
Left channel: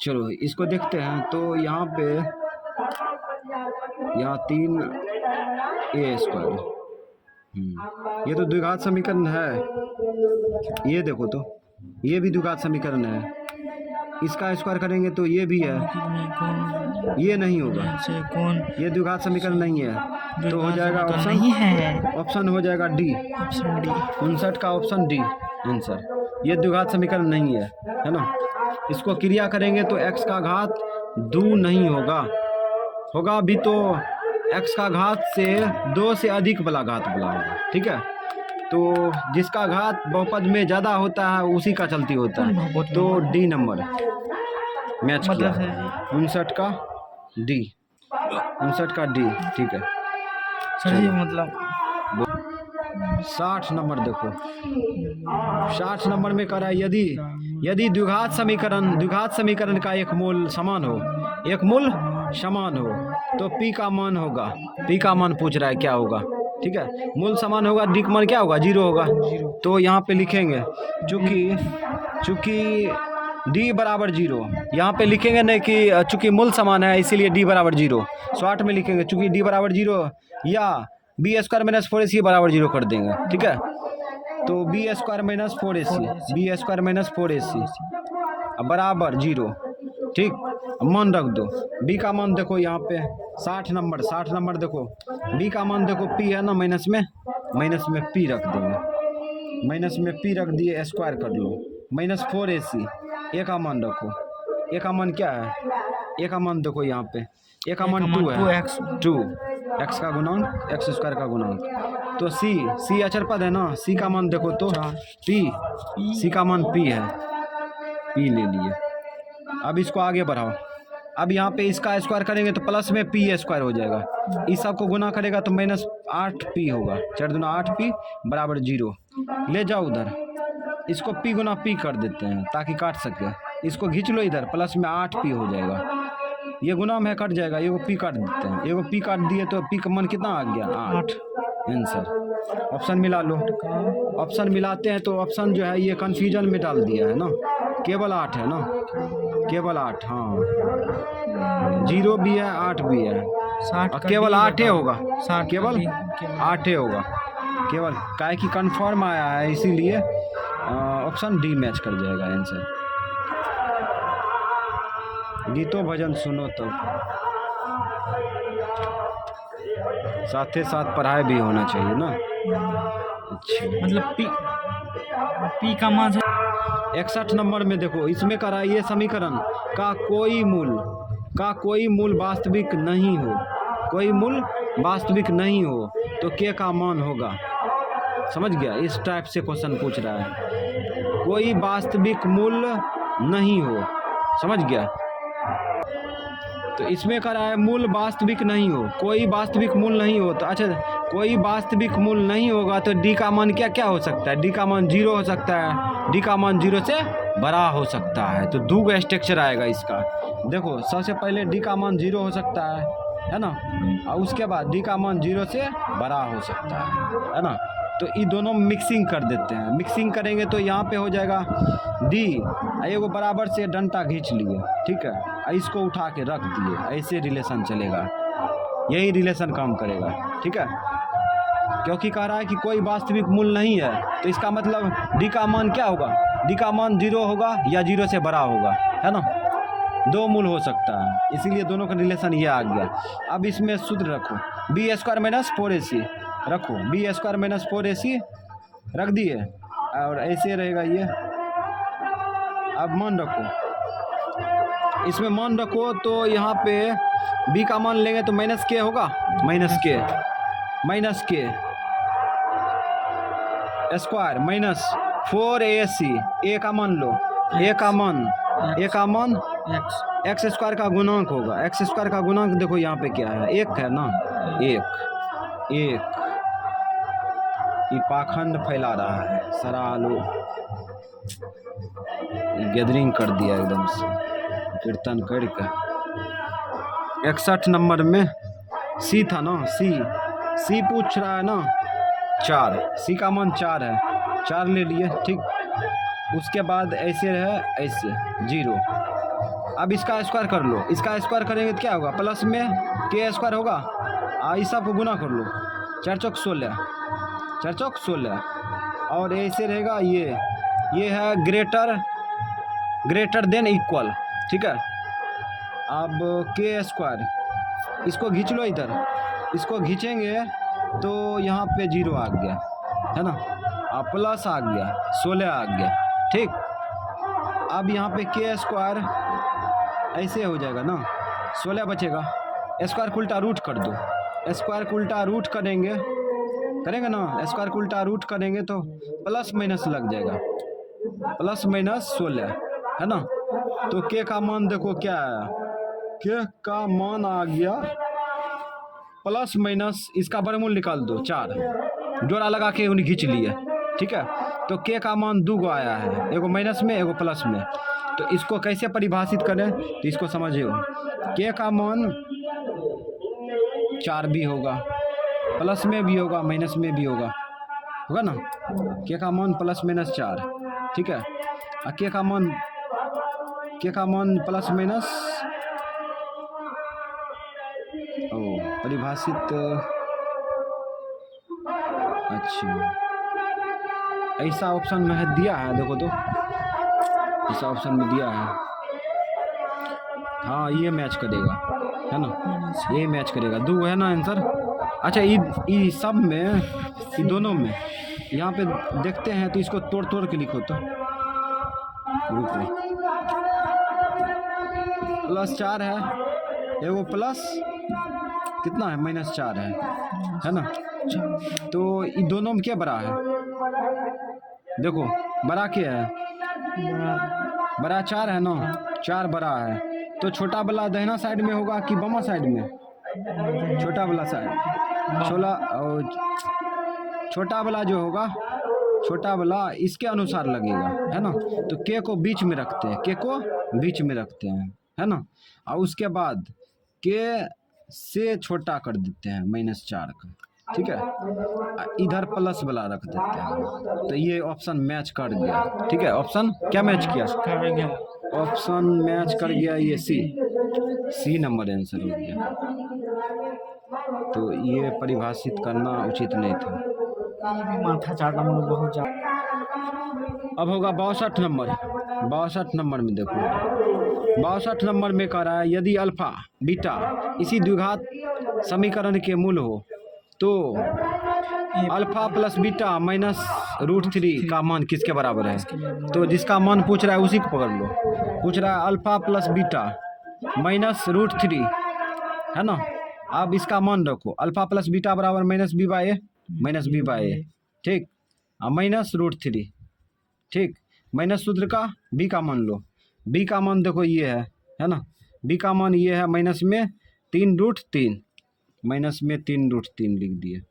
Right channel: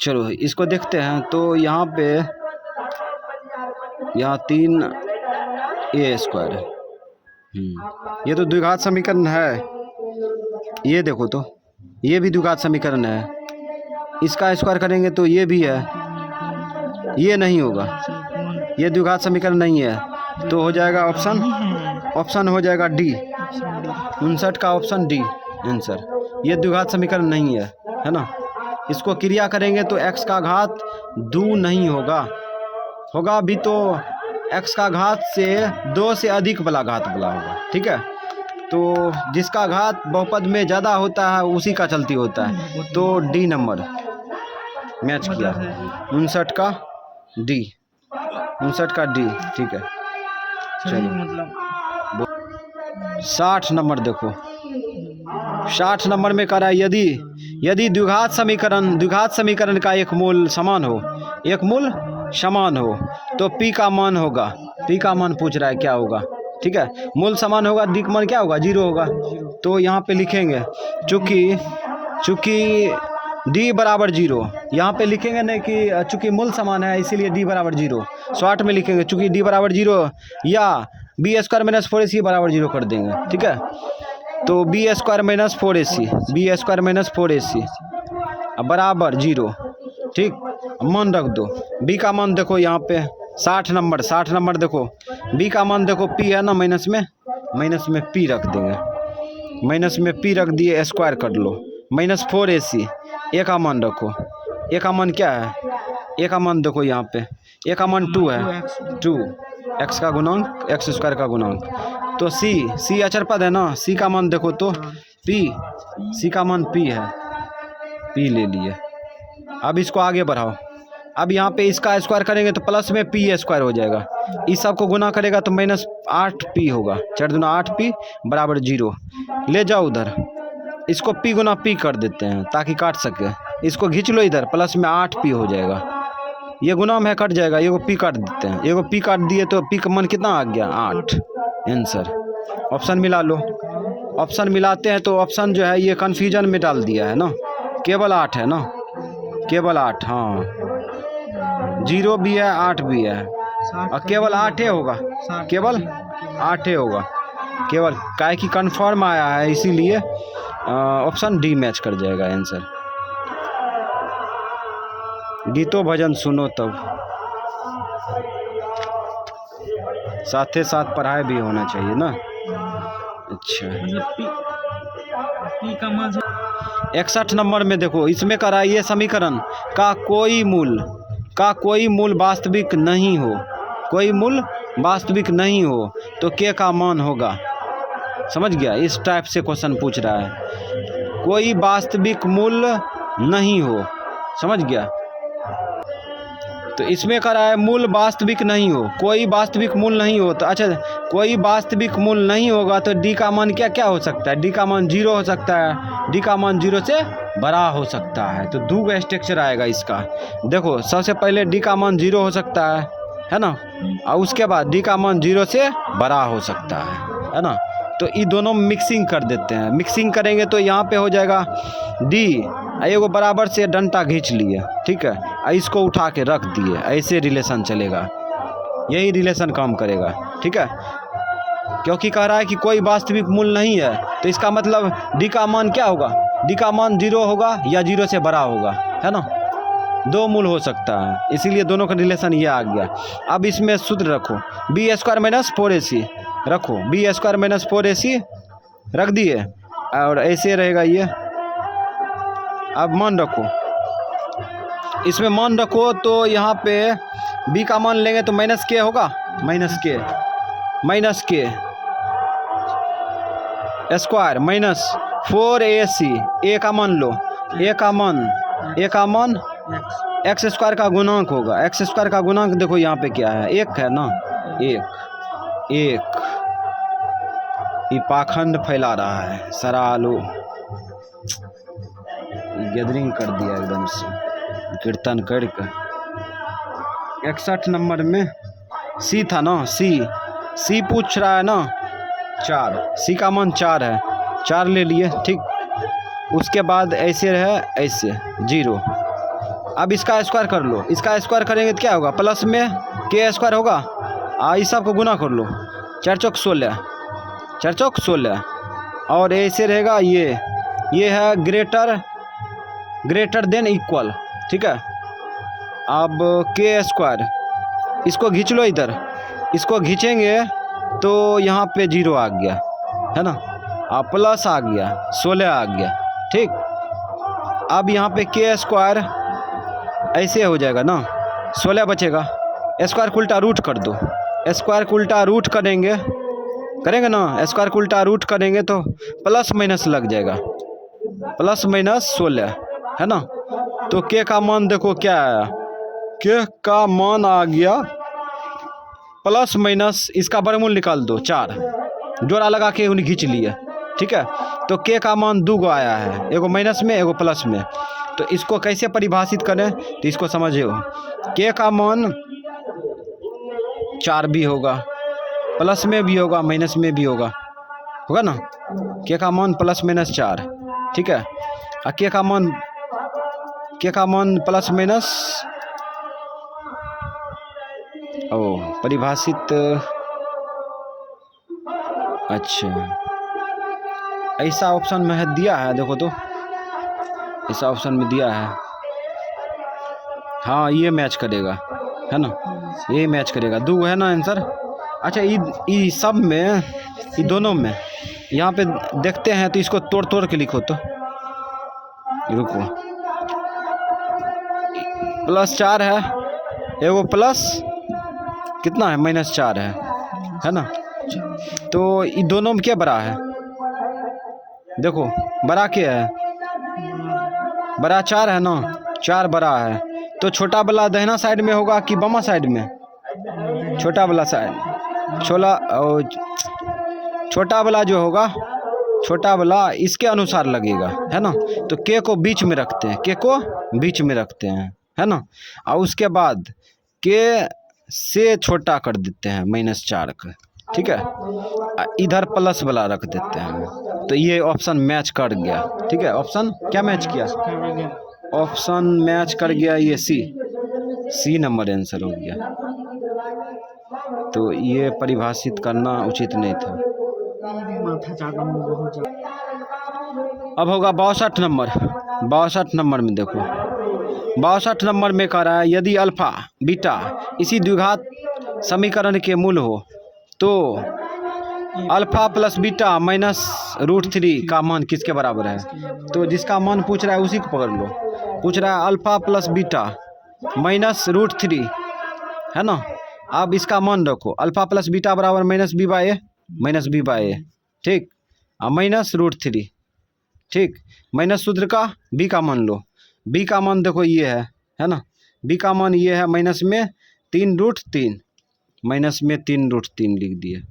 चलो इसको देखते हैं, तो यहाँ पे यहाँ 3A स्क्वायर है, ये तो द्विघात समीकरण है, ये देखो तो ये भी द्विघात समीकरण है, इसका स्क्वायर करेंगे तो ये भी है, ये नहीं होगा, ये द्विघात समीकरण नहीं है, तो हो जाएगा ऑप्शन हो जाएगा डी, 59 का ऑप्शन डी आंसर। ये द्विघात समीकरण नहीं है ना। इसको क्रिया करेंगे तो x का घात 2 नहीं होगा भी तो x का घात से 2 से अधिक वाला घात वाला होगा, ठीक है। तो जिसका घात बहुपद में ज़्यादा होता है उसी का चलती होता है, तो डी नंबर मैच किया, 59 का डी, 59 का डी, ठीक है। मतलब 60 नंबर देखो, 60 नंबर में कह रहा है यदि द्विघात समीकरण का एक मूल समान हो तो p का मान होगा, p का मान पूछ रहा है क्या होगा, ठीक है। मूल समान होगा, d का मान क्या होगा, 0 होगा, तो यहाँ पे लिखेंगे चूँकि d बराबर 0, यहाँ पे लिखेंगे नहीं कि चूँकि मूल समान है इसीलिए d बराबर 0, 60 में लिखेंगे चूँकि d बराबर 0 या b स्क्वायर माइनस 4ac बराबर 0 कर देंगे, ठीक है। तो b स्क्वायर माइनस 4ac बराबर 0, ठीक। मान रख दो, b का मान देखो यहाँ पे 60 नंबर देखो, b का मान देखो p है ना, माइनस में p रख देंगे, माइनस में p रख दिए, स्क्वायर कर लो, -4ac, a का मान रखो, a का मान क्या है, a का मान देखो यहाँ पे a का मान 2 है, 2 x का गुणांक x स्क्वायर का गुणांक, तो c अचर पद है ना, c का मान देखो तो c का मान p है, p ले लिए। अब इसको आगे बढ़ाओ, अब यहाँ पे इसका स्क्वायर करेंगे तो प्लस में p स्क्वायर हो जाएगा, इस सब को गुना करेगा तो -8p होगा, 4 दूना 8p बराबर 0, ले जाओ उधर, इसको p गुना p कर देते हैं ताकि काट सके, इसको खींच लो इधर, प्लस में 8p हो जाएगा, ये गुना में कट जाएगा, ये को p काट देते हैं, ये को p काट दिए तो p का मान कितना आ गया 8 आंसर। ऑप्शन मिला लो, ऑप्शन मिलाते हैं तो ऑप्शन जो है ये कन्फ्यूजन में डाल दिया है ना, केवल 8 है ना, केवल 8, हाँ जीरो भी है 8 भी है 60 और का केवल D 8 ही होगा, 60 केवल का D, केवल 8 ही होगा केवल, काहे की कंफर्म आया है इसीलिए ऑप्शन डी मैच कर जाएगा आंसर। गीतो भजन सुनो तब, साथ ही साथ पढ़ाई भी होना चाहिए ना। अच्छा मतलब पी का मान 61 नंबर में देखो, इसमें करा ये समीकरण का कोई मूल वास्तविक नहीं हो, कोई मूल वास्तविक नहीं हो तो के का मान होगा। समझ गया, इस टाइप से क्वेश्चन पूछ रहा है, कोई वास्तविक मूल नहीं हो, समझ गया। तो इसमें करा है मूल वास्तविक नहीं हो, कोई वास्तविक मूल नहीं हो, तो अच्छा कोई वास्तविक मूल नहीं होगा तो डी का मान क्या क्या हो सकता है, डी का मान 0 हो सकता है, डी का मान 0 से बड़ा हो सकता है। तो दो गो स्ट्रक्चर आएगा इसका। देखो सबसे पहले डी का मान 0 हो सकता है ना, और उसके बाद डी का मान 0 से बड़ा हो सकता है ना। तो ये दोनों मिक्सिंग कर देते हैं, मिक्सिंग करेंगे तो यहाँ पे हो जाएगा डी, एगो बराबर से डंटा खींच लिए, ठीक है, इसको उठा के रख दिए, ऐसे रिलेशन चलेगा, यही रिलेशन काम करेगा, ठीक है। क्योंकि कह रहा है कि कोई वास्तविक मूल नहीं है, तो इसका मतलब डी का मान क्या होगा, डी का मान 0 होगा या 0 से बड़ा होगा, है ना, दो मूल हो सकता है, इसीलिए दोनों का रिलेशन ये आ गया। अब इसमें सूत्र रखो, बी स्क्वायर माइनस 4ac रखो, बी स्क्वायर माइनस 4ac रख दिए, और ऐसे रहेगा ये। अब मान रखो, इसमें मान रखो तो यहाँ पे b का मान लेंगे तो माइनस के होगा, माइनस के स्क्वायर माइनस 4ac, a का मान लो, a का मान एक्स स्क्वायर का गुणांक होगा, एक्स स्क्वायर का गुणांक देखो यहाँ पे क्या है, 1 है ना, एक ये पाखंड फैला रहा है, सारा आलू गैदरिंग कर दिया एकदम से कीर्तन करके। 61 नंबर में सी था ना, सी पूछ रहा है ना, 4, सी का मान 4 है, 4 ले लिए, ठीक। उसके बाद ऐसे रहे, ऐसे 0। अब इसका स्क्वायर कर लो, इसका स्क्वायर करेंगे तो क्या होगा, प्लस में के स्क्वायर होगा, इस सब को गुना कर लो, 4 चौक 16, और ऐसे रहेगा ये है ग्रेटर देन इक्वल, ठीक है। अब के स्क्वायर इसको खींच लो इधर, इसको खींचेंगे तो यहाँ पे 0 आ गया, है ना, प्लस आ गया, 16 आ गया, ठीक। अब यहाँ पे के स्क्वायर ऐसे हो जाएगा ना, 16 बचेगा, स्क्वायर को उल्टा रूट कर दो, स्क्वायर को उल्टा रूट करेंगे ना, स्क्वायर को उल्टा रूट करेंगे तो प्लस माइनस लग जाएगा, प्लस माइनस 16, है ना। तो के का मान देखो क्या आया, के का मान आ गया प्लस माइनस, इसका वर्गमूल निकाल दो, 4 जोड़ा लगा के उन्हें खींच लिए, ठीक है। तो के का मान 2 गो आया है, एगो माइनस में एगो प्लस में। तो इसको कैसे परिभाषित करें, तो इसको समझिए, के का मान 4 भी होगा, प्लस में भी होगा, माइनस में भी होगा ना, के का मान प्लस माइनस 4, ठीक है। और के का मान प्लस माइनस, परिभाषित, अच्छा ऐसा ऑप्शन में है, दिया है, देखो तो ऐसा ऑप्शन में दिया है, हाँ ये मैच करेगा, है ना, ये मैच करेगा, 2 है ना आंसर। अच्छा ये सब में, ये दोनों में यहाँ पे देखते हैं, तो इसको तोड़ के लिखो, तो रुको, प्लस 4 है, एगो प्लस कितना है, माइनस 4 है ना। तो ये दोनों में क्या बड़ा है, देखो बड़ा क्या है, बड़ा 4 है ना, 4 बड़ा है, तो छोटा वाला दाहिना साइड में होगा कि बामा साइड में, छोटा वाला साइड, छोटा वाला जो होगा, छोटा वाला इसके अनुसार लगेगा, है ना। तो के को बीच में रखते हैं, है ना, और उसके बाद के से छोटा कर देते हैं -4 का, ठीक है, इधर प्लस वाला रख देते हैं। तो ये ऑप्शन मैच कर गया, ठीक है, ऑप्शन क्या मैच किया, ऑप्शन मैच कर गया, ये सी, सी नंबर आंसर हो गया। तो ये परिभाषित करना उचित नहीं था। ये भी माथा चाटने में बहुत ज्यादा। अब होगा 62 नंबर। 62 नंबर में देखो, 62 नंबर में कह रहा है यदि अल्फा बीटा इसी द्विघात समीकरण के मूल हो तो अल्फा प्लस बीटा माइनस √3 का मान किसके बराबर है। तो जिसका मान पूछ रहा है उसी को पकड़ लो। पूछ रहा है अल्फा प्लस बीटा माइनस √3 है ना। अब इसका मान रखो, अल्फा प्लस बीटा बराबर माइनस बी बाई ए, ठीक, माइनस √3, ठीक। माइनस सूत्र का बी का मान लो। बी का मान देखो ये है ना। बी का मान ये है माइनस में 3√3, माइनस में 3√3 लिख दिए।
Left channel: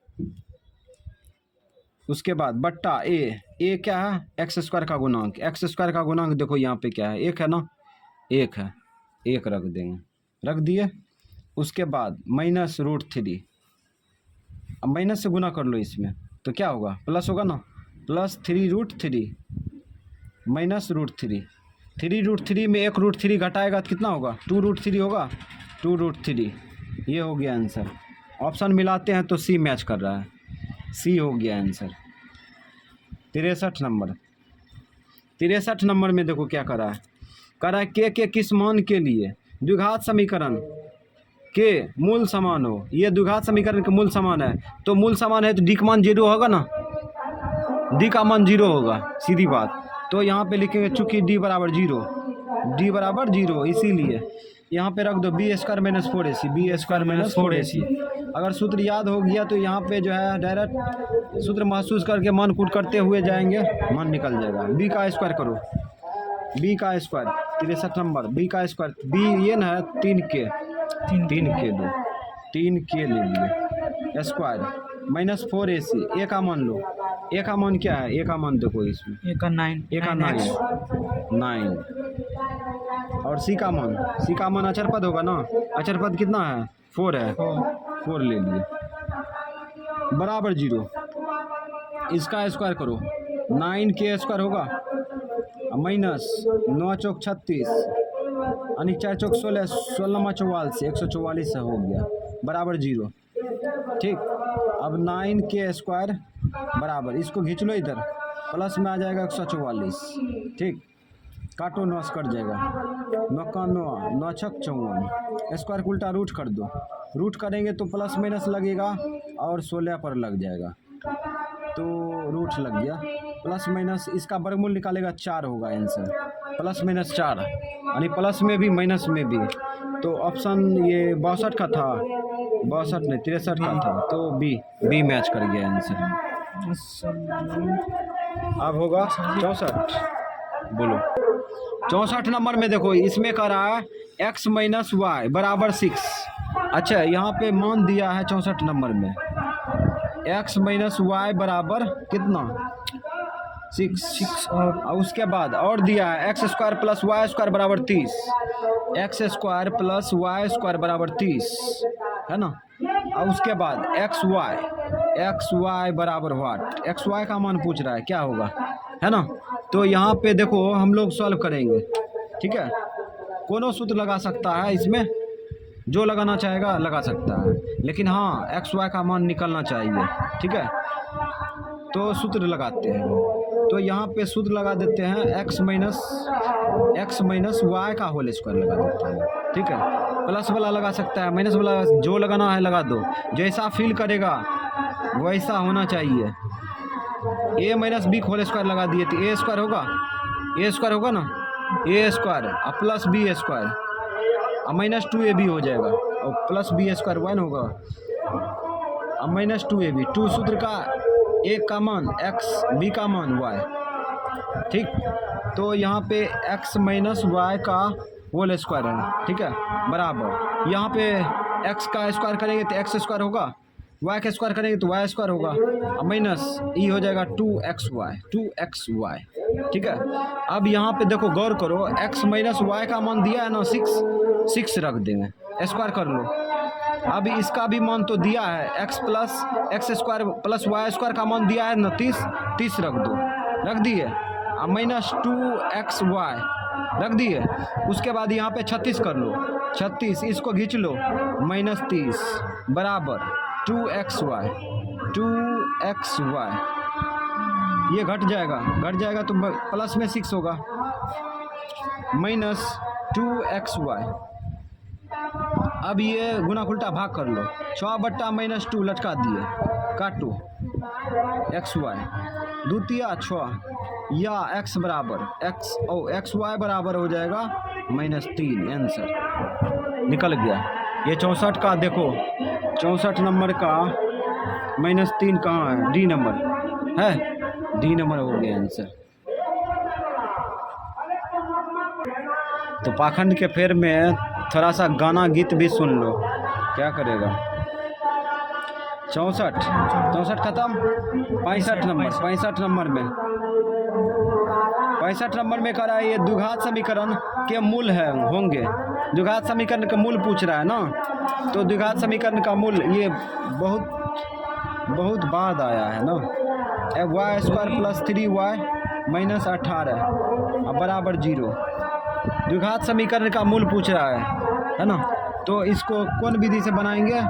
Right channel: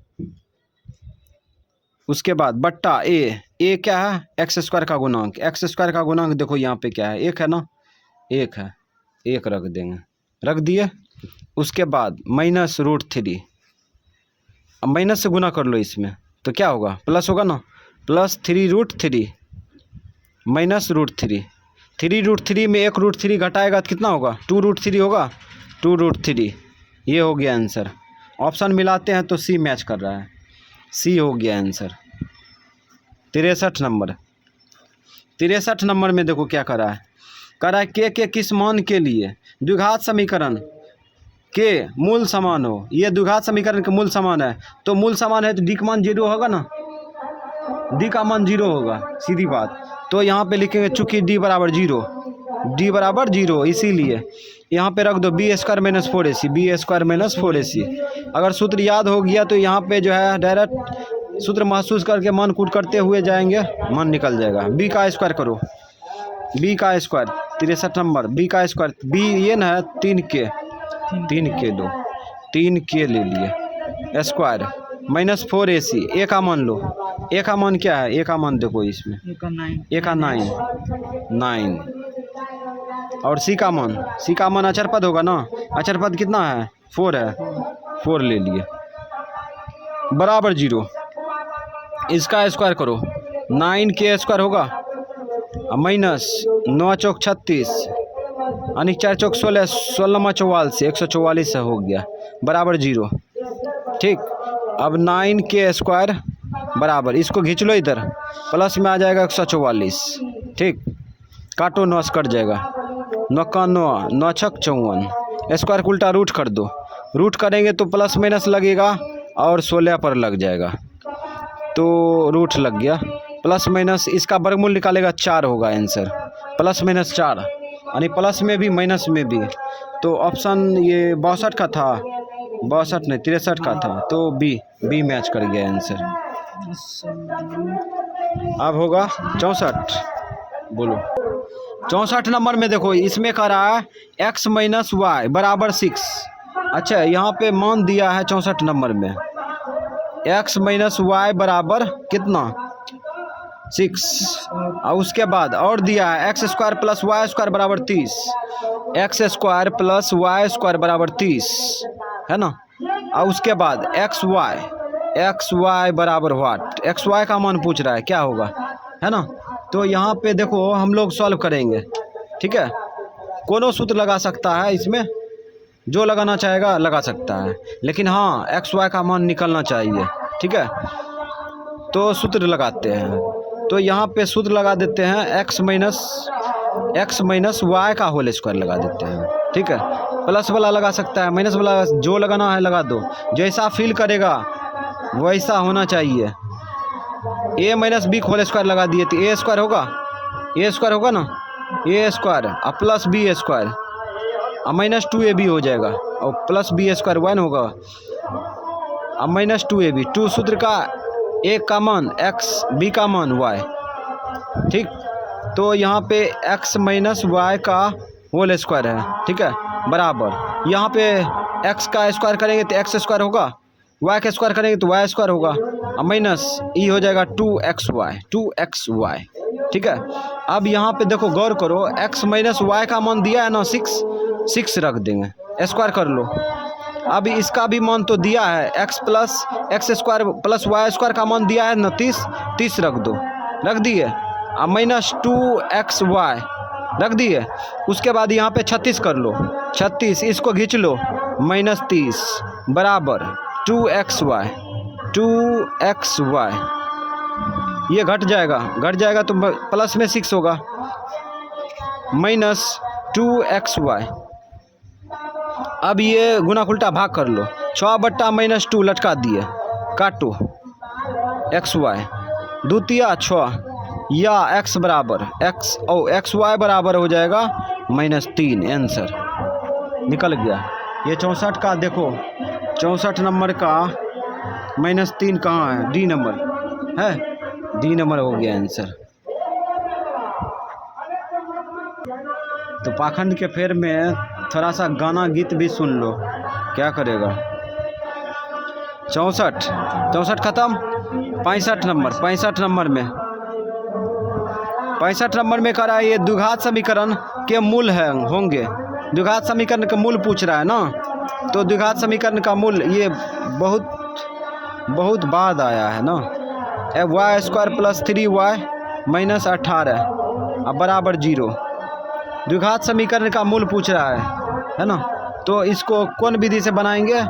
उसके बाद बट्टा ए क्या है, एक्स स्क्वायर का गुणांक। एक्स स्क्वायर का गुणांक देखो यहाँ पे क्या है, एक है ना, एक है, एक रख देंगे, रख दिए। उसके बाद माइनस √3, अब माइनस से गुना कर लो इसमें तो क्या होगा, प्लस होगा ना, प्लस 3√3 माइनस √3। 3√3 में एक √3 घटाएगा तो कितना होगा, 2√3 होगा, 2√3। ये हो गया आंसर। ऑप्शन मिलाते हैं तो सी मैच कर रहा है, सी हो गया आंसर। 63 नंबर। 63 नंबर में देखो क्या कर रहा है, कह रहा है के किस मान के लिए द्विघात समीकरण के मूल समान हो। ये द्विघात समीकरण के मूल समान है, तो मूल समान है तो डी का मान 0 होगा ना, डी का मान 0 होगा, सीधी बात। तो यहाँ पे लिखेंगे चूंकि डी बराबर 0, इसीलिए यहाँ पे रख दो B square minus 4ac, B square minus 4ac। अगर सूत्र याद हो गया तो यहाँ पे जो है डायरेक्ट सूत्र महसूस करके मान कूट करते हुए जाएंगे, मान निकल जाएगा। बी का स्क्वायर करो, बी का स्क्वायर 63 नंबर, बी का स्क्वायर, बी ये ना है 3k लो, 3k ले लिए स्क्वायर माइनस 4ac। ए का मान लो, ए का मान क्या है, ए का मान देखो इसमें, ए का 9 और सी का मान अचर पद होगा ना, अचर पद कितना है, 4 है, 4 ले लिए बराबर 0। इसका स्क्वायर करो, 9k स्क्वायर होगा माइनस 9 चौक 36 यानी 4 चौक 16, 16 44, 144 हो गया बराबर 0, ठीक। अब 9k स्क्वायर बराबर, इसको खींच लो इधर, प्लस में आ जाएगा 144, ठीक। काटो, 9 कट जाएगा, 9 का 9, 9 छक 54, स्क्वायर उल्टा रूट कर दो, रूट करेंगे तो प्लस माइनस लगेगा और 16 पर लग जाएगा, तो रूट लग गया। प्लस माइनस इसका वर्गमूल निकालेगा 4 होगा आंसर, प्लस माइनस 4 यानी प्लस में भी माइनस में भी। तो ऑप्शन ये 62 का था, 62 नहीं 63 का था, तो बी मैच कर गया आंसर। अब होगा 64, बोलो 64 नंबर में देखो, इसमें कह रहा है x माइनस वाई बराबर 6। अच्छा यहाँ पे मान दिया है 64 नंबर में x माइनस वाई बराबर कितना, 6, और उसके बाद और दिया है X square plus Y square बराबर 30, X square plus Y square बराबर 30 है ना। और उसके बाद एक्स वाई बराबर व्हाट, एक्स वाई का मान पूछ रहा है क्या होगा, है ना। तो यहाँ पे देखो हम लोग सॉल्व करेंगे, ठीक है। कोनो सूत्र लगा सकता है इसमें, जो लगाना चाहेगा लगा सकता है, लेकिन हाँ एक्स वाई का मान निकलना चाहिए, ठीक है। तो सूत्र लगाते हैं, तो यहाँ पे सूत्र लगा देते हैं एक्स माइनस वाई का होल स्क्वायर लगा देते हैं, ठीक है। प्लस वाला लगा सकता है, माइनस वाला जो लगाना है लगा दो, जैसा फील करेगा वैसा होना चाहिए। ए माइनस बी होल स्क्वायर लगा दिए तो ए स्क्वायर होगा ना, ए स्क्वायर और प्लस बी स्क्वायर और माइनस 2ab हो जाएगा, और प्लस बी स्क्वायर 1 होगा और माइनस 2ab। 2 सूत्र का ए का मान एक्स, बी का मान वाई, ठीक। तो यहाँ पे एक्स माइनस वाई का होल स्क्वायर है, ठीक है, बराबर यहाँ पे एक्स का स्क्वायर करेंगे तो एक्स स्क्वायर होगा, वाई का स्क्वायर करेंगे तो वाई स्क्वायर होगा, और माइनस ई हो जाएगा 2xy, ठीक है। अब यहाँ पे देखो गौर करो, एक्स माइनस वाई का मान दिया है ना 6 रख देंगे, स्क्वायर कर लो। अब इसका भी मान तो दिया है, X square plus Y square का मान दिया है ना 30 रख दो, रख दिए। अब माइनस 2xy रख दिए। उसके बाद यहाँ पे 36 कर लो, 36 इसको खींच लो, -30 बराबर 2xy, 2xy। ये घट जाएगा तो प्लस में 6 होगा, -2xy। अब ये गुना उल्टा भाग कर लो, 6 बट्टा -2 लटका दिए, काटो xy, द्वितीय 6 या x बराबर xy बराबर हो जाएगा -3। आंसर निकल गया। ये 64 का देखो, 64 नंबर का -3 कहाँ है? डी नंबर है, डी नंबर हो गया आंसर। तो पाखंड के फेर में थोड़ा सा गाना गीत भी सुन लो, क्या करेगा। 64 खत्म। 65 नंबर, 65 नंबर में, 65 नंबर में कह रहा है ये द्विघात समीकरण के मूल है होंगे। द्विघात समीकरण का मूल पूछ रहा है ना, तो द्विघात समीकरण का मूल ये बहुत बाद आया है ना। y² + 3y - 18 बराबर 0। द्विघात समीकरण का मूल पूछ रहा है ना। तो इसको कौन विधि से बनाएंगे?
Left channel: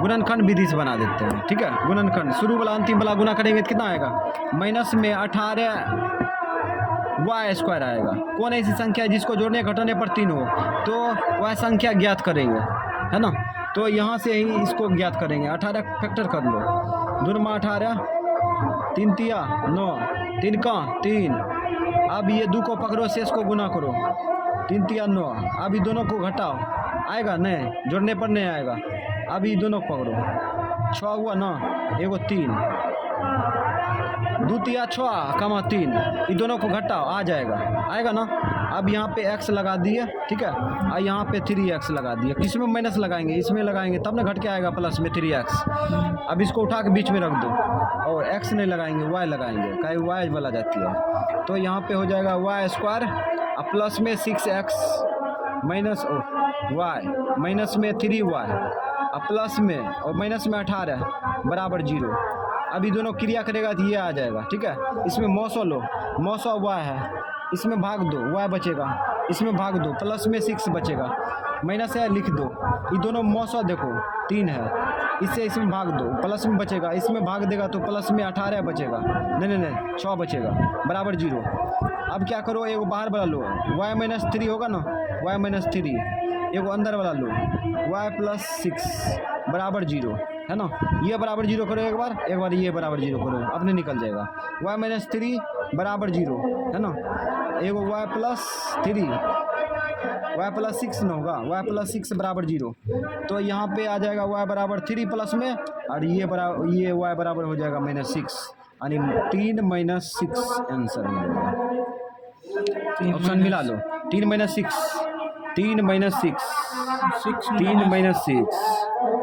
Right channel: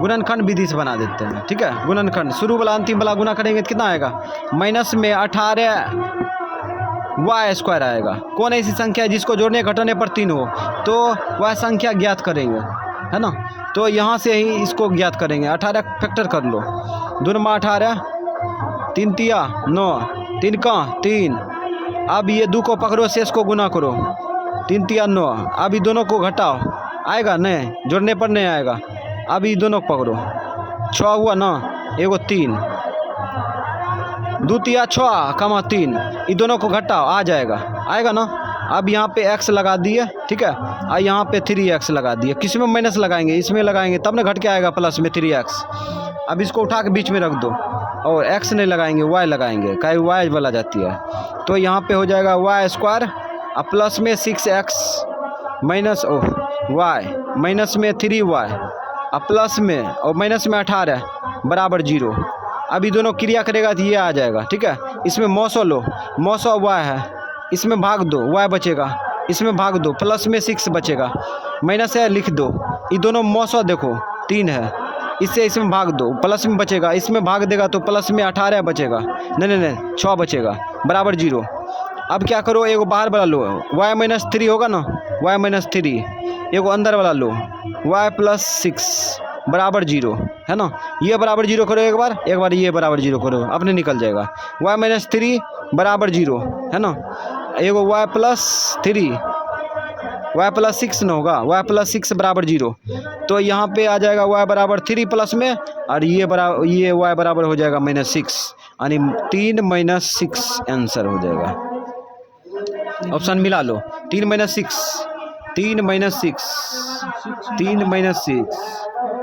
गुणनखंड विधि से बना देते हैं, ठीक है। गुणनखंड शुरू वाला अंतिम वाला गुना करेंगे तो कितना आएगा? माइनस में 18y² आएगा। कौन ऐसी संख्या है जिसको जोड़ने घटाने पर 3 हो? तो वह संख्या ज्ञात करेंगे, है ना। तो यहाँ से ही इसको ज्ञात करेंगे। 18 फैक्टर कर लो, 2 में 18, 3 तिया 9, 3 का 3। अब ये 2 को पकड़ो, शेष को गुना करो, 3 तिया 9। अब ये दोनों को घटाओ, आएगा नहीं, जोड़ने पर नहीं आएगा। अब ये दोनों को पकड़ो, 6 हुआ ना, एगो 3, 2 तिया 6 कमा 3, ये दोनों को घटाओ, आ जाएगा, आएगा ना। अब यहाँ पे x लगा दिए, ठीक है, और यहाँ पे 3x लगा दिए। किसी में माइनस लगाएंगे, इसमें लगाएंगे तब ना घट के आएगा प्लस में 3x। अब इसको उठा के बीच में रख दो, और x नहीं लगाएंगे, y लगाएंगे, काहे y वाला जाती है। तो यहाँ पे हो जाएगा y² और प्लस में 6x माइनस y माइनस में 3y और प्लस में और माइनस में 18 बराबर 0। अब ये दोनों क्रिया करेगा तो ये आ जाएगा, ठीक है। इसमें मौसो लो, मौसो y है, इसमें भाग दो, y बचेगा, इसमें भाग दो, प्लस में 6 बचेगा, माइनस है लिख दो। ये दोनों मौसो देखो 3 है, इससे इसमें भाग दो, प्लस में बचेगा, इसमें भाग देगा तो प्लस में 18 बचेगा, नहीं 6 बचेगा, बराबर 0। अब क्या करो, एगो बाहर वाला लो, y - 3 होगा ना, y - 3, एगो अंदर वाला लो, y + 6 बराबर 0, है ना। ये बराबर 0 करो, एक बार ये बराबर 0 करो, अपने निकल जाएगा। y - 3 बराबर 0, है ना। एगो y + 3, y + 6 न होगा, y + 6 बराबर 0। तो यहाँ पे आ जाएगा y बराबर 3 प्लस में, और ये y बराबर हो जाएगा -6, यानी 3 - 6 आंसर हो जाएगा। ऑप्शन मिला लो, 3 - 6, 3 - 6, 3 - 6,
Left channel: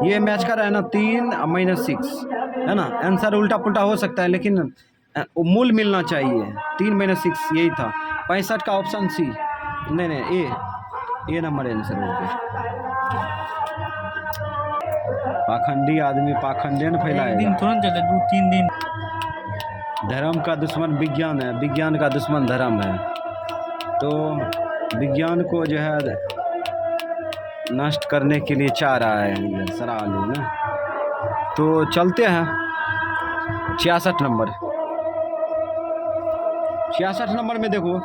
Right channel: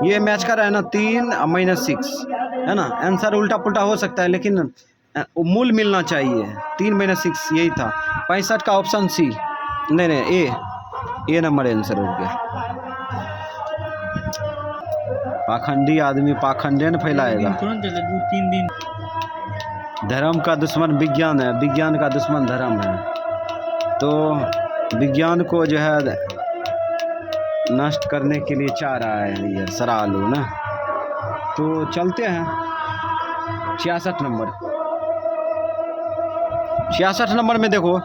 ये मैच कर रहा है ना, 3 - 6, है ना। आंसर उल्टा पुल्टा हो सकता है, लेकिन मूल मिलना चाहिए। 3 - 6 यही था। 65 का ऑप्शन सी, नहीं ए नंबर आंसर हो गया। पाखंडी आदमी पाखंडे न फैलाएगा। तुरंत चले 2-3 दिन। धर्म का दुश्मन विज्ञान है, विज्ञान का दुश्मन धर्म है। तो विज्ञान को जो है नष्ट करने के लिए चाह रहा है ये सरालू ना। तो चलते हैं 66 नंबर। 66 नंबर में देखो,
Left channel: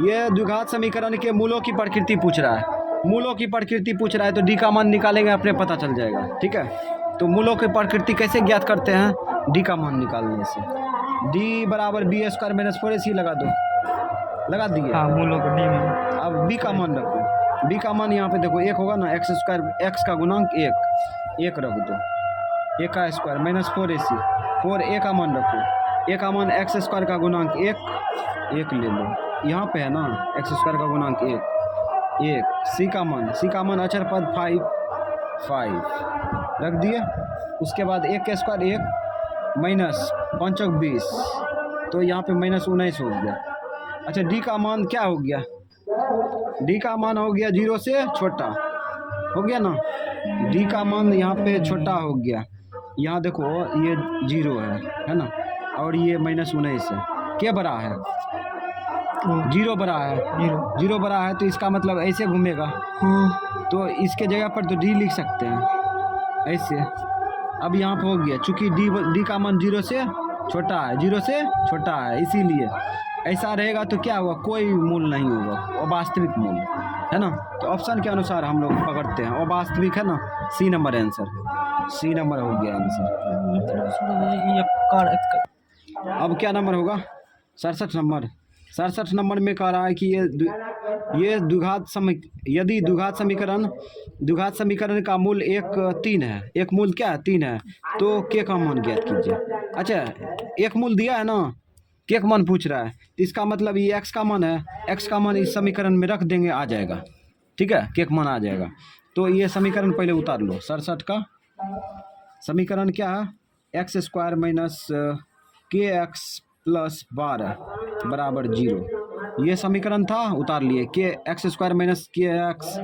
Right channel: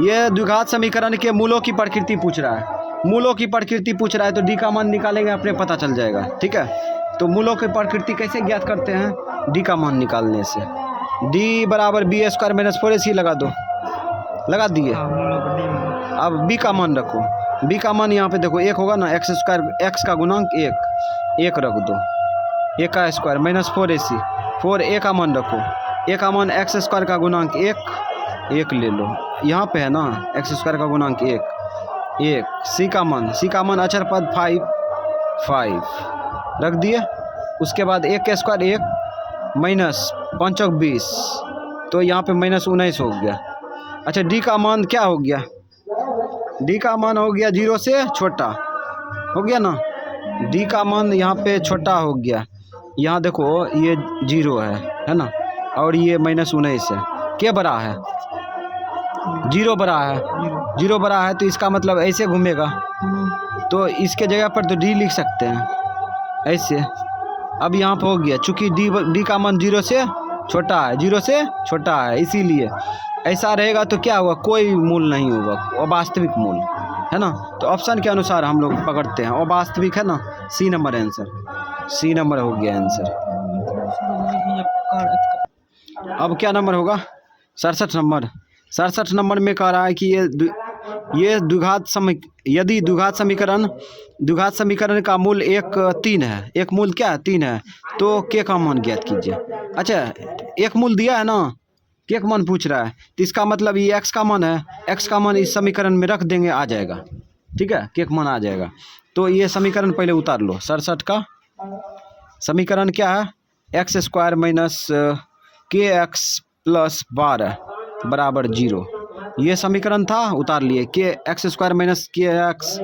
ये द्विघात समीकरण के मूलों की प्रकृति पूछ रहा है। मूलों की प्रकृति पूछ रहा है तो डी का मान निकालेंगे, अपने पता चल जाएगा, ठीक है। तो मूलों की प्रकृति कैसे ज्ञात करते हैं? डी का मान निकालने से। डी बराबर b² - 4ac लगा दो, लगा दिए। मूलों को डी में। अब b का मान रखो, b का मान यहाँ पे देखो 1 होगा ना, x का गुणांक 1 रख दो, 1 का स्क्वायर -4ac, 4 a का मान रखो, a का मान x² का गुणांक 1 ले लो, यहाँ पे है ना x² का गुणांक 1। c का मान अचर पद 5 रख दिए। उसके बाद 1 का स्क्वायर 1 माइनस 5 × 20, तो यहाँ पे -19 हो गया। अच्छा, डी का मान क्या हो गया? डी का मान हो गया 0 से छोटा, हो गया ना। डी का मान यहाँ पे छोटा हो गया। यहाँ देखो ये 0 है ना, और ये -19 है, क्या बड़ा है? जीरो बड़ा है, जीरो। जीरो बड़ा है तो इसका मतलब ऐसे घूमेगा, तो इसके जगह पर तो डी लिख सकते हैं ऐसे। अब यहाँ पर हो गया, चूंकि डी का मान जीरो से छोटा है, जीरो से छोटा है, इसीलिए ऐसा रहेगा तो क्या होगा, कोई मूल नहीं होगा, अवास्तविक मूल है ना। तो ऑप्शन के अनुसार हम लोग पकड़ते हैं, अवास्तविक है ना, C number answer, C number हो गया आंसर। अब क्या नंबर होगा, 67 नंबर। 67 नंबर में कह रहा है कि ये यदि द्विघात समीकरण का मूल 3 है, एक मूल क्या है 3 है, तो के का मान ज्ञात कीजिए। अच्छा, एक मूल दिया है ना, के का मान पूछ रहा है, तो इसका मतलब ये एक्स का मान है, एक्स का मान इस समीकरण में रख देंगे, आ जाएगा, ठीक है, के का मान आ जाएगा। तो ये समीकरण पहले उतार लो, 67 का समीकरण क्या है, एक्स स्क्वायर माइनस के एक्स प्लस 12 बराबर 0, ये समीकरण था, उतार लिए, के एक्स स्क्वायर माइनस के एक्स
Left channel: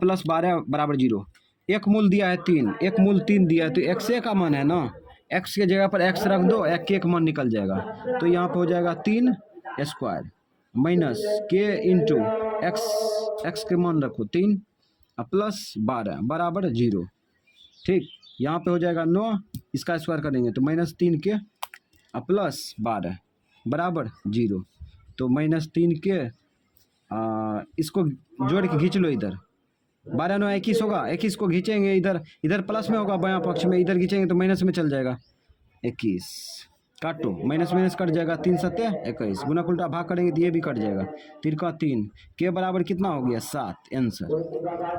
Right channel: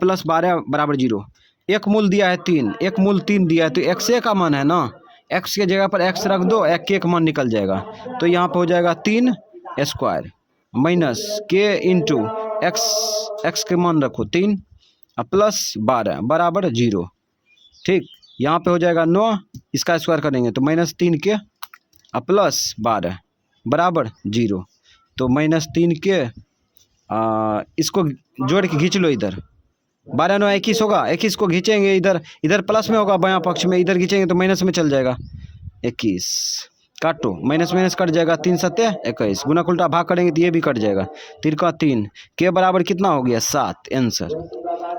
प्लस 12 बराबर 0। एक मूल दिया है 3, एक मूल 3 दिया है, तो एक्स का मान है ना, एक्स के जगह पर एक्स रख दो, एक के मान निकल जाएगा, तो यहाँ पर हो जाएगा 3 स्क्वायर माइनस के इंटू एक्स के मान रखो 3 प्लस 12 बराबर 0, ठीक। यहाँ पे हो जाएगा 9, इसका स्क्वायर करेंगे तो -3 के प्लस 12 बराबर 0, तो -3 के इसको जोड़ के खींच लो, इधर 12 9 21 होगा, 21 को खींचेंगे इधर प्लस में होगा, बायां पक्ष में, इधर खींचेंगे तो माइनस में चल जाएगा, 21 काटो, माइनस कट जाएगा, 3 7 21, गुना उल्टा भाग करेंगे तो ये भी कट जाएगा, 3 का 3 के बराबर कितना हो गया 7, आंसर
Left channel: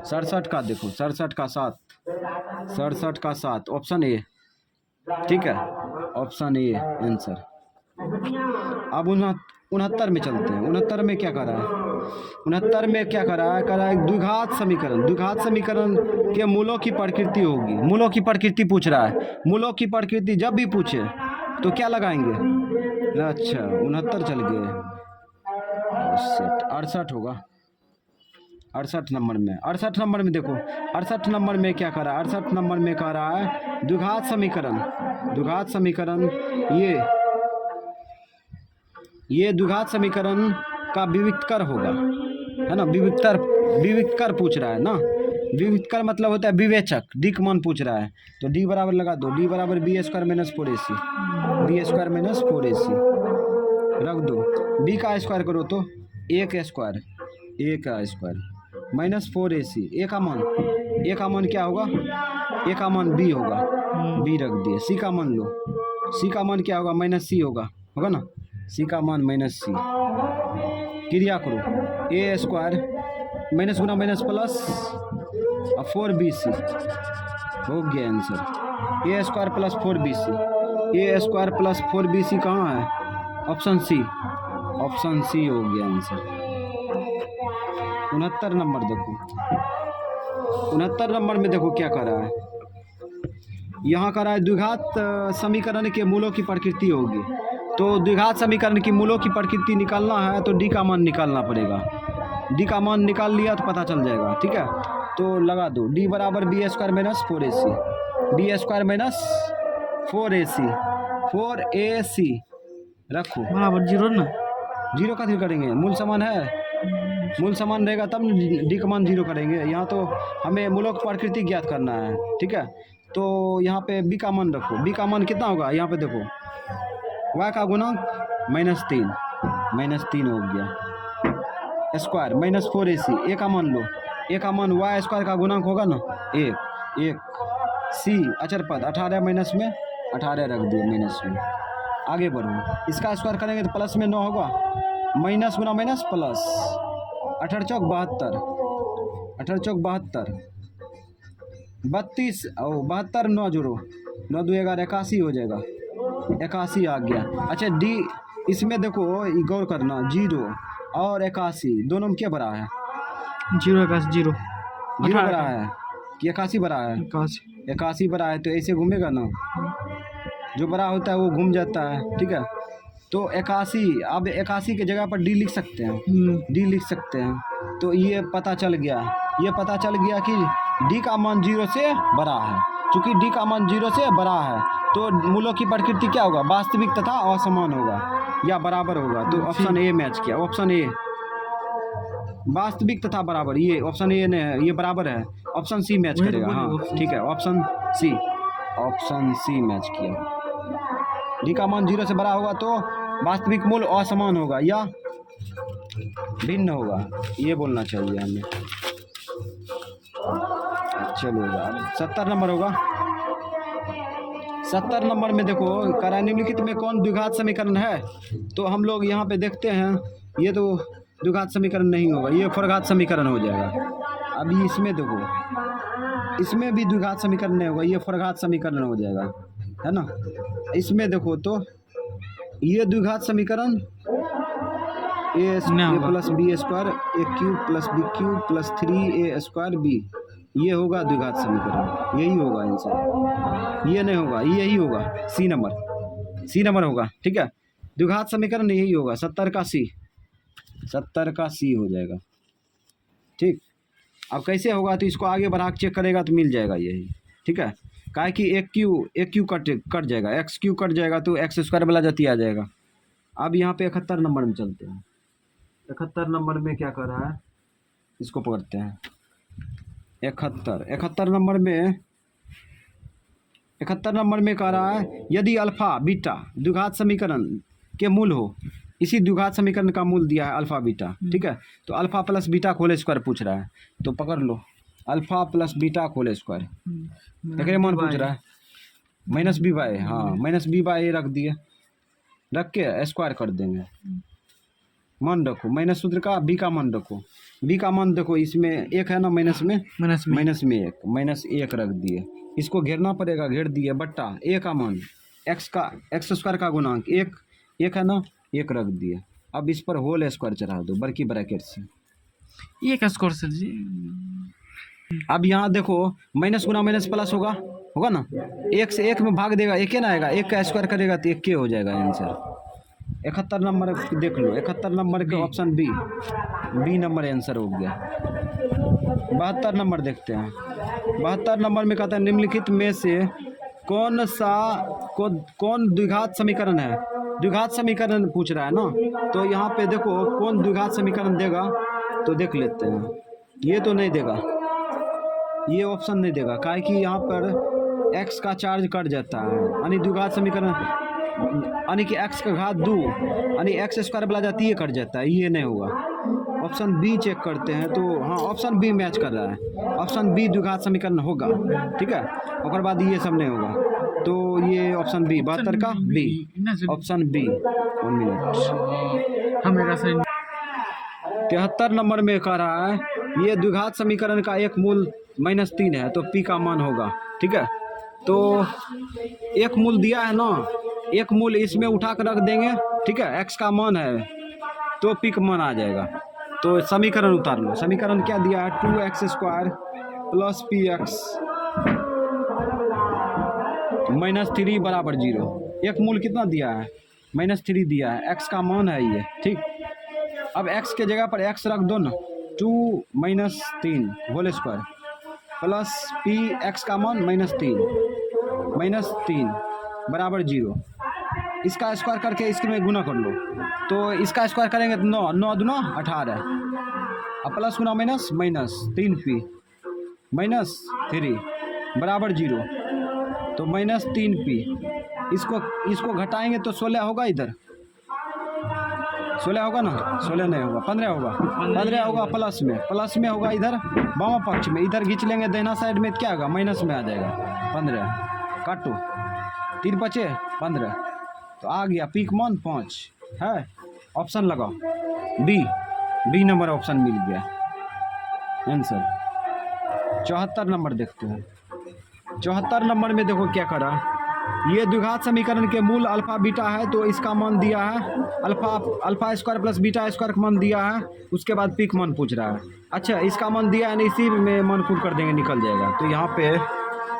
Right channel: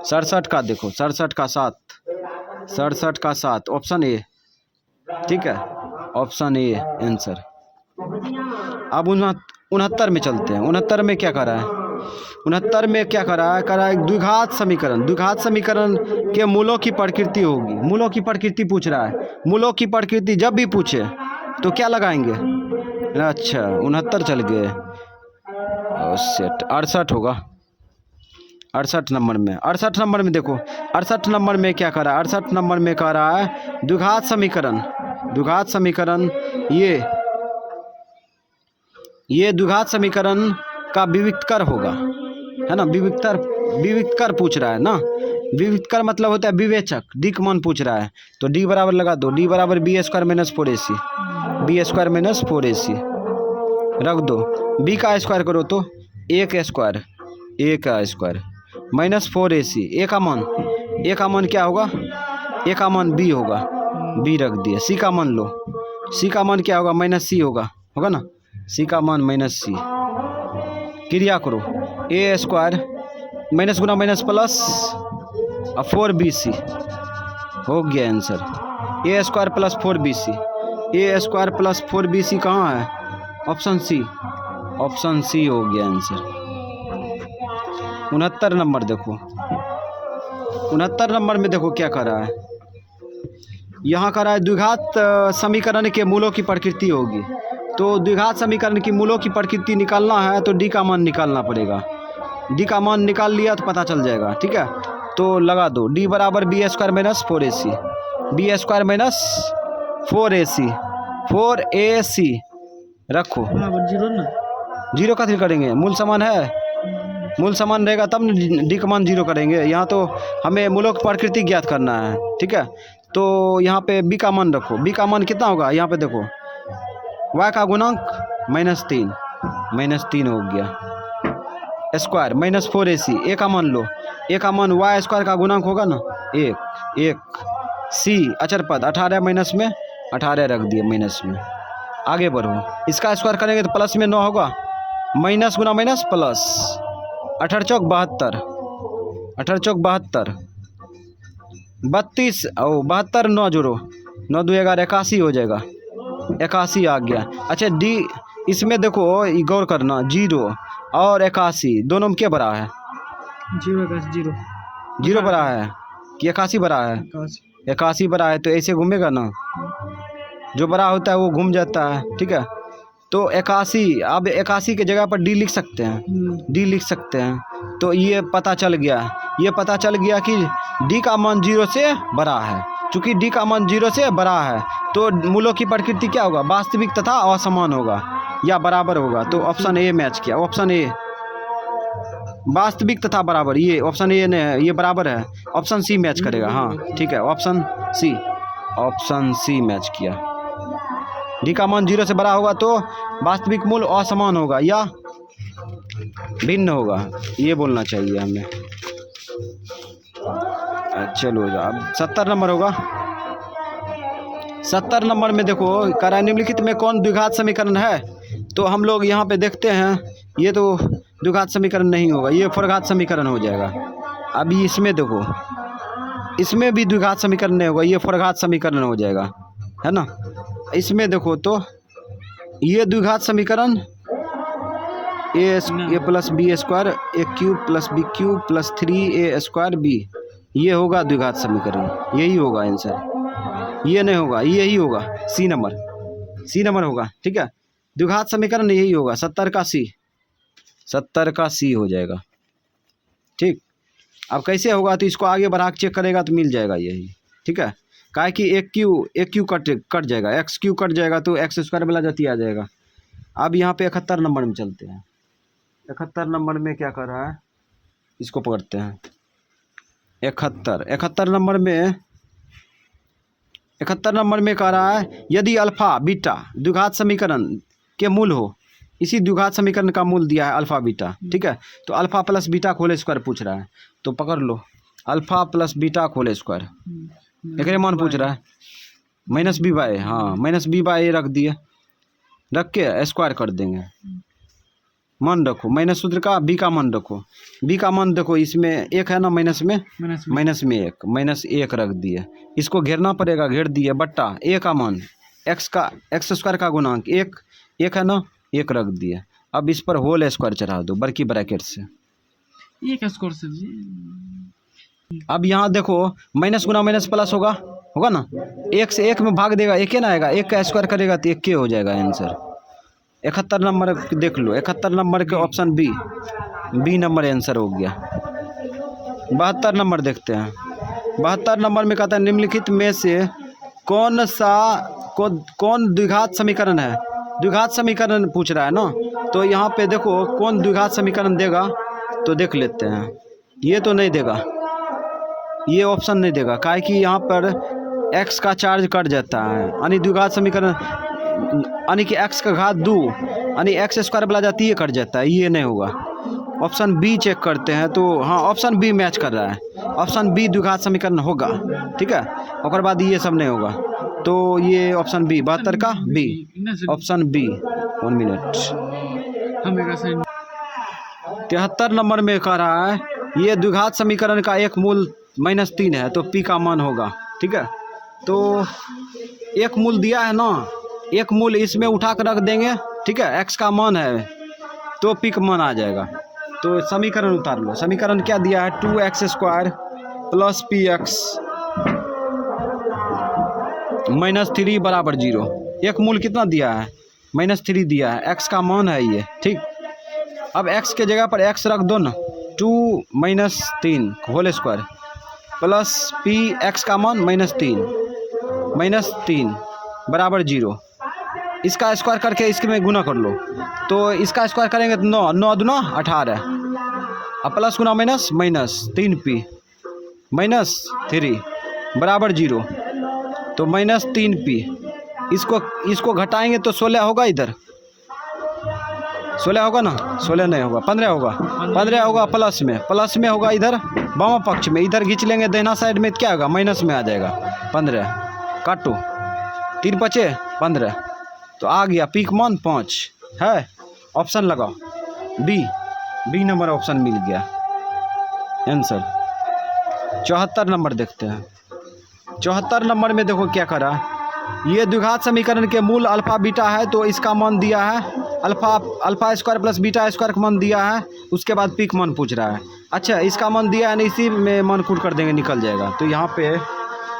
67 का देखो, 67 का 7, 67 का 7 ऑप्शन ए, ठीक है, ऑप्शन ए आंसर। अब 69 में चलते हैं, 69 में क्या कर रहा है, 69 में क्या कर रहा है, द्विघात समीकरण के मूलों की प्रकृति होगी, मूलों की प्रकृति पूछ रहा है, मूलों की प्रकृति जब भी पूछे तो क्या लगाएंगे, अच्छा 69 चल गए, 68 होगा, 68 नंबर में, 68 नंबर में देखो, 68 नंबर में क्या कर रहा है, 68 नंबर में कह रहा है द्विघात समीकरण ये द्विघात समीकरण का विविक्तर होगा, है ना, विविक्तर पूछ रहा है ना, विविक्तर मतलब होता है विवेचक, डी का मान पूछ रहा है, तो डी बराबर लगा दो, डी बराबर B square minus 4ac, B square minus 4ac रख दो, बी का स्क्वायर करो तो ए का स्क्वायर माइनस 4ac, ए का मान क्या होगा, ए का मान बी होगा, बी रख दिया, सी का मान लो, सी का मान क्या होगा, माइनस सी होगा ना, सी का मान माइनस सी, क्रिया करो, ए स्क्वायर माइनस गुना माइनस प्लस 4bc हो गया आंसर, ए स्क्वायर प्लस 4bc, ए स्क्वायर प्लस 4bc कहाँ है, ऑप्शन सी हो गया आंसर। 69 नंबर देखो, 69 नंबर में देखो क्या कर रहा है, यहाँ कर रहा है द्विघात समीकरण के मूलों की प्रकृति होगी, तो द्विघात समीकरण की मूलों की प्रकृति निकालना है तो डी का मान निकालना पड़ेगा, डी का मान निकाल लिया तो पता चल जाएगा, ठीक है, तो लगा दो, डी बराबर B square minus 4ac, B square minus 4ac रखो, जीरो ना, जीरो का थ्री करेंगे, मूल समान है, मूल समान रहेगा तब डी का मान 0 करेंगे, यहाँ तो हमें मूलों की प्रकृति ज्ञात करना है, ठीक है, तो यहाँ पे बी का मान रखो, बी का मान कितना होगा, यहाँ पे देखो y का गुणांक -3 हो गया, स्क्वायर माइनस 4ac, ए का मान लो, ए का मान y स्क्वायर का गुणांक होगा ना 1 सी अचर पद 18 माइनस में 18 रख दिए माइनस में, आगे बढ़ो, इसका स्क्वायर करेंगे तो प्लस में 9 होगा, माइनस गुना माइनस प्लस, 18 चौक 72, 32 और 72 9 जोड़ो, 9 2 11 81 हो जाएगा, 81 आ गया। अच्छा डी इसमें देखो गौर करना, 0 और 81 दोनों में क्या बड़ा है, 0 बड़ा है कि 81 बड़ा है, 81 बड़ा है, तो ऐसे घूमेगा ना, जो बड़ा होता है वो घूम जाता है, ठीक है, तो 81, अब 81 के जगह पर डी लिख सकते हैं, तो ये पता चल गया कि डी का मान 0 से बड़ा है, चूंकि डी का मान 0 से बड़ा है तो मूलों की प्रकृति क्या होगा, वास्तविक तथा असमान होगा या बराबर होगा। तो ऑप्शन ए मैच किया, ऑप्शन ए वास्तविक तथा बराबर, ये ऑप्शन ए ने ये बराबर है, ऑप्शन सी मैच करेगा। हाँ ठीक है, ऑप्शन सी मैच किया। डी का मान 0 से बड़ा होगा तो वास्तविक मूल असमान होगा या भिन्न होगा, ये बोलना चाहिए हमें। चलो अब 70 नंबर होगा। 70 नंबर में देखो, करा निम्नलिखित में कौन द्विघात समीकरण है। तो हम लोग यहाँ पे देखते हैं, ये तो द्विघात समीकरण नहीं होगा, ये फोरघात समीकरण हो जाएगा। अभी इसमें देखो, इसमें भी द्विघात समीकरण नहीं होगा, ये फोरघात समीकरण हो जाएगा, है ना। इसमें देखो तो ये द्विघात समीकरण A plus B square A cube plus B cube plus 3a square B, ये होगा द्विघात समीकरण, यही होगा आंसर, ये नहीं होगा, यही होगा सी नंबर होगा। ठीक है, द्विघात समीकरण यही होगा, 70 का सी हो जाएगा। ठीक, अब कैसे होगा तो इसको आगे बढ़ा के चेक करेगा तो मिल जाएगा यही। ठीक है, काहे कि एक क्यू कट जाएगा, एक्स क्यू कट जाएगा तो एक्स स्क्वायर वाला जाती आ जाएगा। अब यहाँ पे 71 नंबर में चलते हैं। 71 नंबर में क्या कर रहा है, इसको पकड़ते हैं। 71 नंबर में कह रहा है, यदि अल्फा बीटा द्विघात समीकरण के मूल हो, इसी द्विघात समीकरण का मूल दिया है अल्फा बीटा। ठीक है, तो अल्फा प्लस बीटा का होल स्क्वायर पूछ रहा है, तो पकड़ लो अल्फा प्लस बीटा का होल स्क्वायर, एक मान पूछ रहा है माइनस बी बाय, हाँ माइनस बी बाय रख दिए, रख के स्क्वायर कर देंगे। मान रखो माइनस सूत्र का, बी का मान रखो, बी का मान देखो इसमें एक है ना, माइनस में माइनस एक रख दिए, इसको घेरना पड़ेगा, घेर दिए, बट्टा ए का मान एक्स स्क्वायर का गुणांक एक है ना, एक रख दिए। अब इस पर होल स्क्वायर चढ़ा दो बड़की ब्रैकेट से, एक स्क्वायर से जी। अब यहाँ देखो माइनस गुना माइनस प्लस होगा ना, एक से एक में भाग देगा, एक ही ना आएगा, एक का स्क्वायर करेगा तो एक के हो जाएगा आंसर। 71 नंबर देख लो, 71 नंबर के ऑप्शन बी नंबर आंसर हो गया। 72 नंबर देखते हैं। 72 नंबर में कहता है, निम्नलिखित में से कौन द्विघात समीकरण है। द्विघात समीकरण पूछ रहा है ना, तो यहाँ पे देखो कौन द्विघात समीकरण देगा, तो देख लेते हैं। ये तो नहीं देगा, ये ऑप्शन नहीं देगा, काहे कि यहाँ पर x का चार्ज कट जाता है, यानी द्विघात समीकरण यानी कि x का घात 2 यानी एक्स स्क्वायर वाला जाती है, कट जाता है, ये नहीं होगा। ऑप्शन बी चेक करते हैं, तो हाँ ऑप्शन बी मैच कर रहा है, ऑप्शन बी द्विघात समीकरण होगा। ठीक है, और बाद ये सब नहीं होगा, तो ये ऑप्शन बी 72 का B, option B. 1 minute, 73 number में कह रहा है, ये द्विघात समीकरण का एक मूल -3 है, तो पी का मान होगा। ठीक है, तो एक मूल दिया है ना, एक मूल इसमें उठा कर रख देंगे। ठीक है, एक्स का मान है तो पी का मान आ जाएगा। तो समीकरण उतार लो, समीकरण क्या दिया है, 2x square plus P x -3 बराबर 0। एक मूल कितना दिया है, -3 दिया है, एक्स का मान है ये। ठीक, अब x के जगह पर x रख दो ना, 2 - 3 whole square plus P X का मान -3 बराबर 0। इसका स्क्वायर करके इसके में गुना कर लो, तो इसका स्क्वायर करेंगे तो 9 दूना 18, अब प्लस गुना माइनस 3p -3 बराबर 0, तो -3p। इसको घटाएंगे तो 16 होगा, इधर 16 होगा ना, 16 नहीं होगा, 15 होगा प्लस में होगा इधर बामा पक्ष में, इधर खींच लेंगे दाहिना साइड में, क्या होगा माइनस में आ जाएगा 15, काटो 3 बचे 15, तो आ गया पीक मान 5 है। ऑप्शन लगाओ बी नंबर ऑप्शन मिल गया आंसर। 74 नंबर देखते हैं। 74 नंबर में देखो क्या करा, ये द्विघात समीकरण के मूल अल्फा बीटा है, तो इसका मान दिया है alpha square plus beta square का मान दिया है, उसके बाद पीक मान पूछ रहा है। अच्छा, इसका मान दिया है, इसी में मान कूट कर देंगे, निकल जाएगा। तो यहाँ पे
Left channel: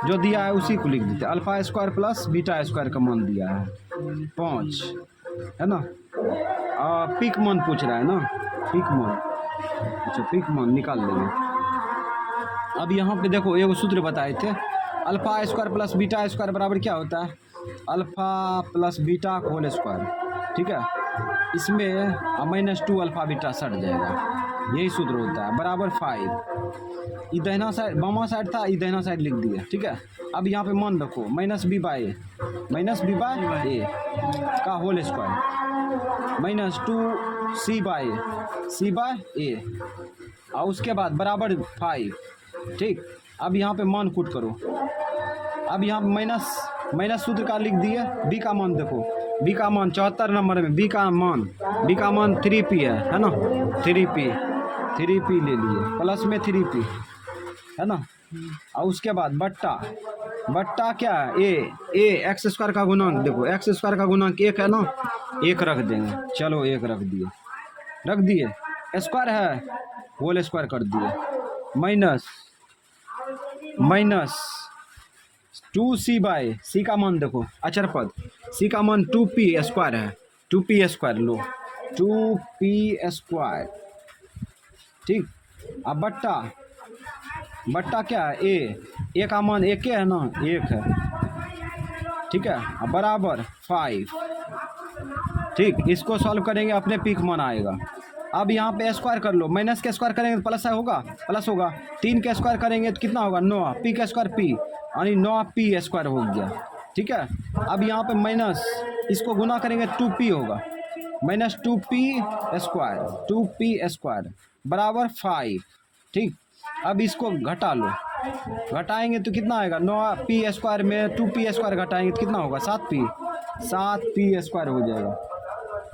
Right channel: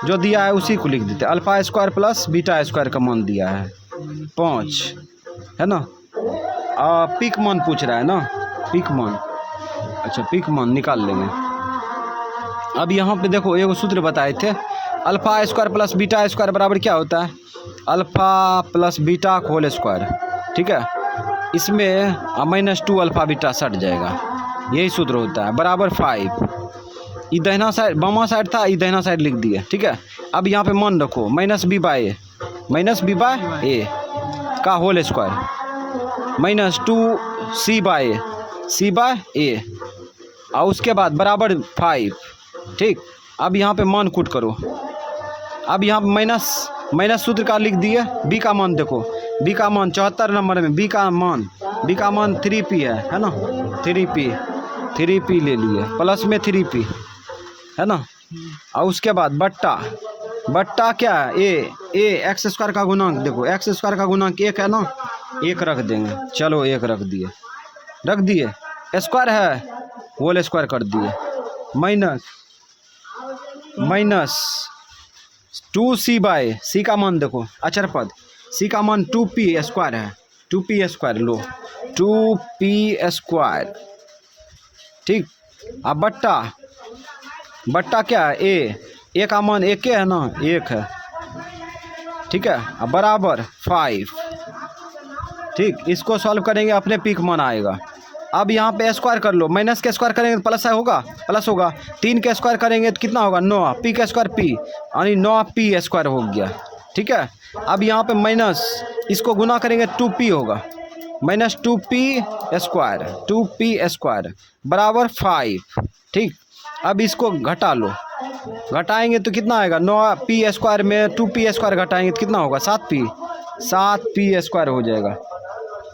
जो दिया है उसी को लिख देते, alpha square plus beta square का मान दिया है 5, है ना। पीक मान पूछ रहा है ना, पीक मान, अच्छा पीक मान निकाल लेंगे। अब यहाँ पे देखो एक सूत्र बताए थे, alpha square plus beta square बराबर क्या होता है? Alpha plus beta whole square, ठीक है। इसमें -2 अल्फ़ा बीटा सट जाएगा, यही सूत्र होता है, बराबर 5। ये दाहिना साइड बामा साइड था, ये दाहिना साइड लिख दिया, ठीक है। अब यहाँ पे मान रखो -b बाय ए का होल स्क्वायर -2c बाय ए और उसके बाद बराबर 5, ठीक। अब यहाँ पे मान कूट करो। अब यहाँ पे माइनस सूत्र का लिख दिए। बी का मान देखो, बी का मान 74 नंबर में बी का मान 3p है ना, 3p ले लिए, प्लस में 3p है ना। और उसके बाद बट्टा क्या है? ए एक्स स्क्वायर का गुणांक देखो, एक्स स्क्वायर का गुणांक 1 है ना, 1 रख देंगे। चलो 1 रख दिए, स्क्वायर है होल स्क्वायर कर दिए, माइनस 2c बाय सी का मान देखो, अचर पद सी का मान 2p स्क्वायर है, 2p स्क्वायर लो, 2p स्क्वायर, ठीक। अब बट्टा क्या है? ए का मान 1 है ना, 1 है, ठीक है। अब बराबर 5, ठीक। इसको सॉल्व करेंगे, अपने पीक मान आएगा। अब यहाँ पे स्क्वायर कर लो, माइनस के स्क्वायर करेंगे तो प्लस होगा, 3 के स्क्वायर करेंगे तो कितना होगा? 9 पी का स्क्वायर पी, यानी 9p स्क्वायर हो गया, ठीक है। अब यहाँ पे माइनस इसको गुना करेंगे 2p होगा, -2p स्क्वायर बराबर 5, ठीक। अब इसको घटा लो, घटाएंगे तो कितना आएगा? 9p स्क्वायर में 2p स्क्वायर घटाएंगे तो कितना होगा? 7p स्क्वायर हो जाएगा,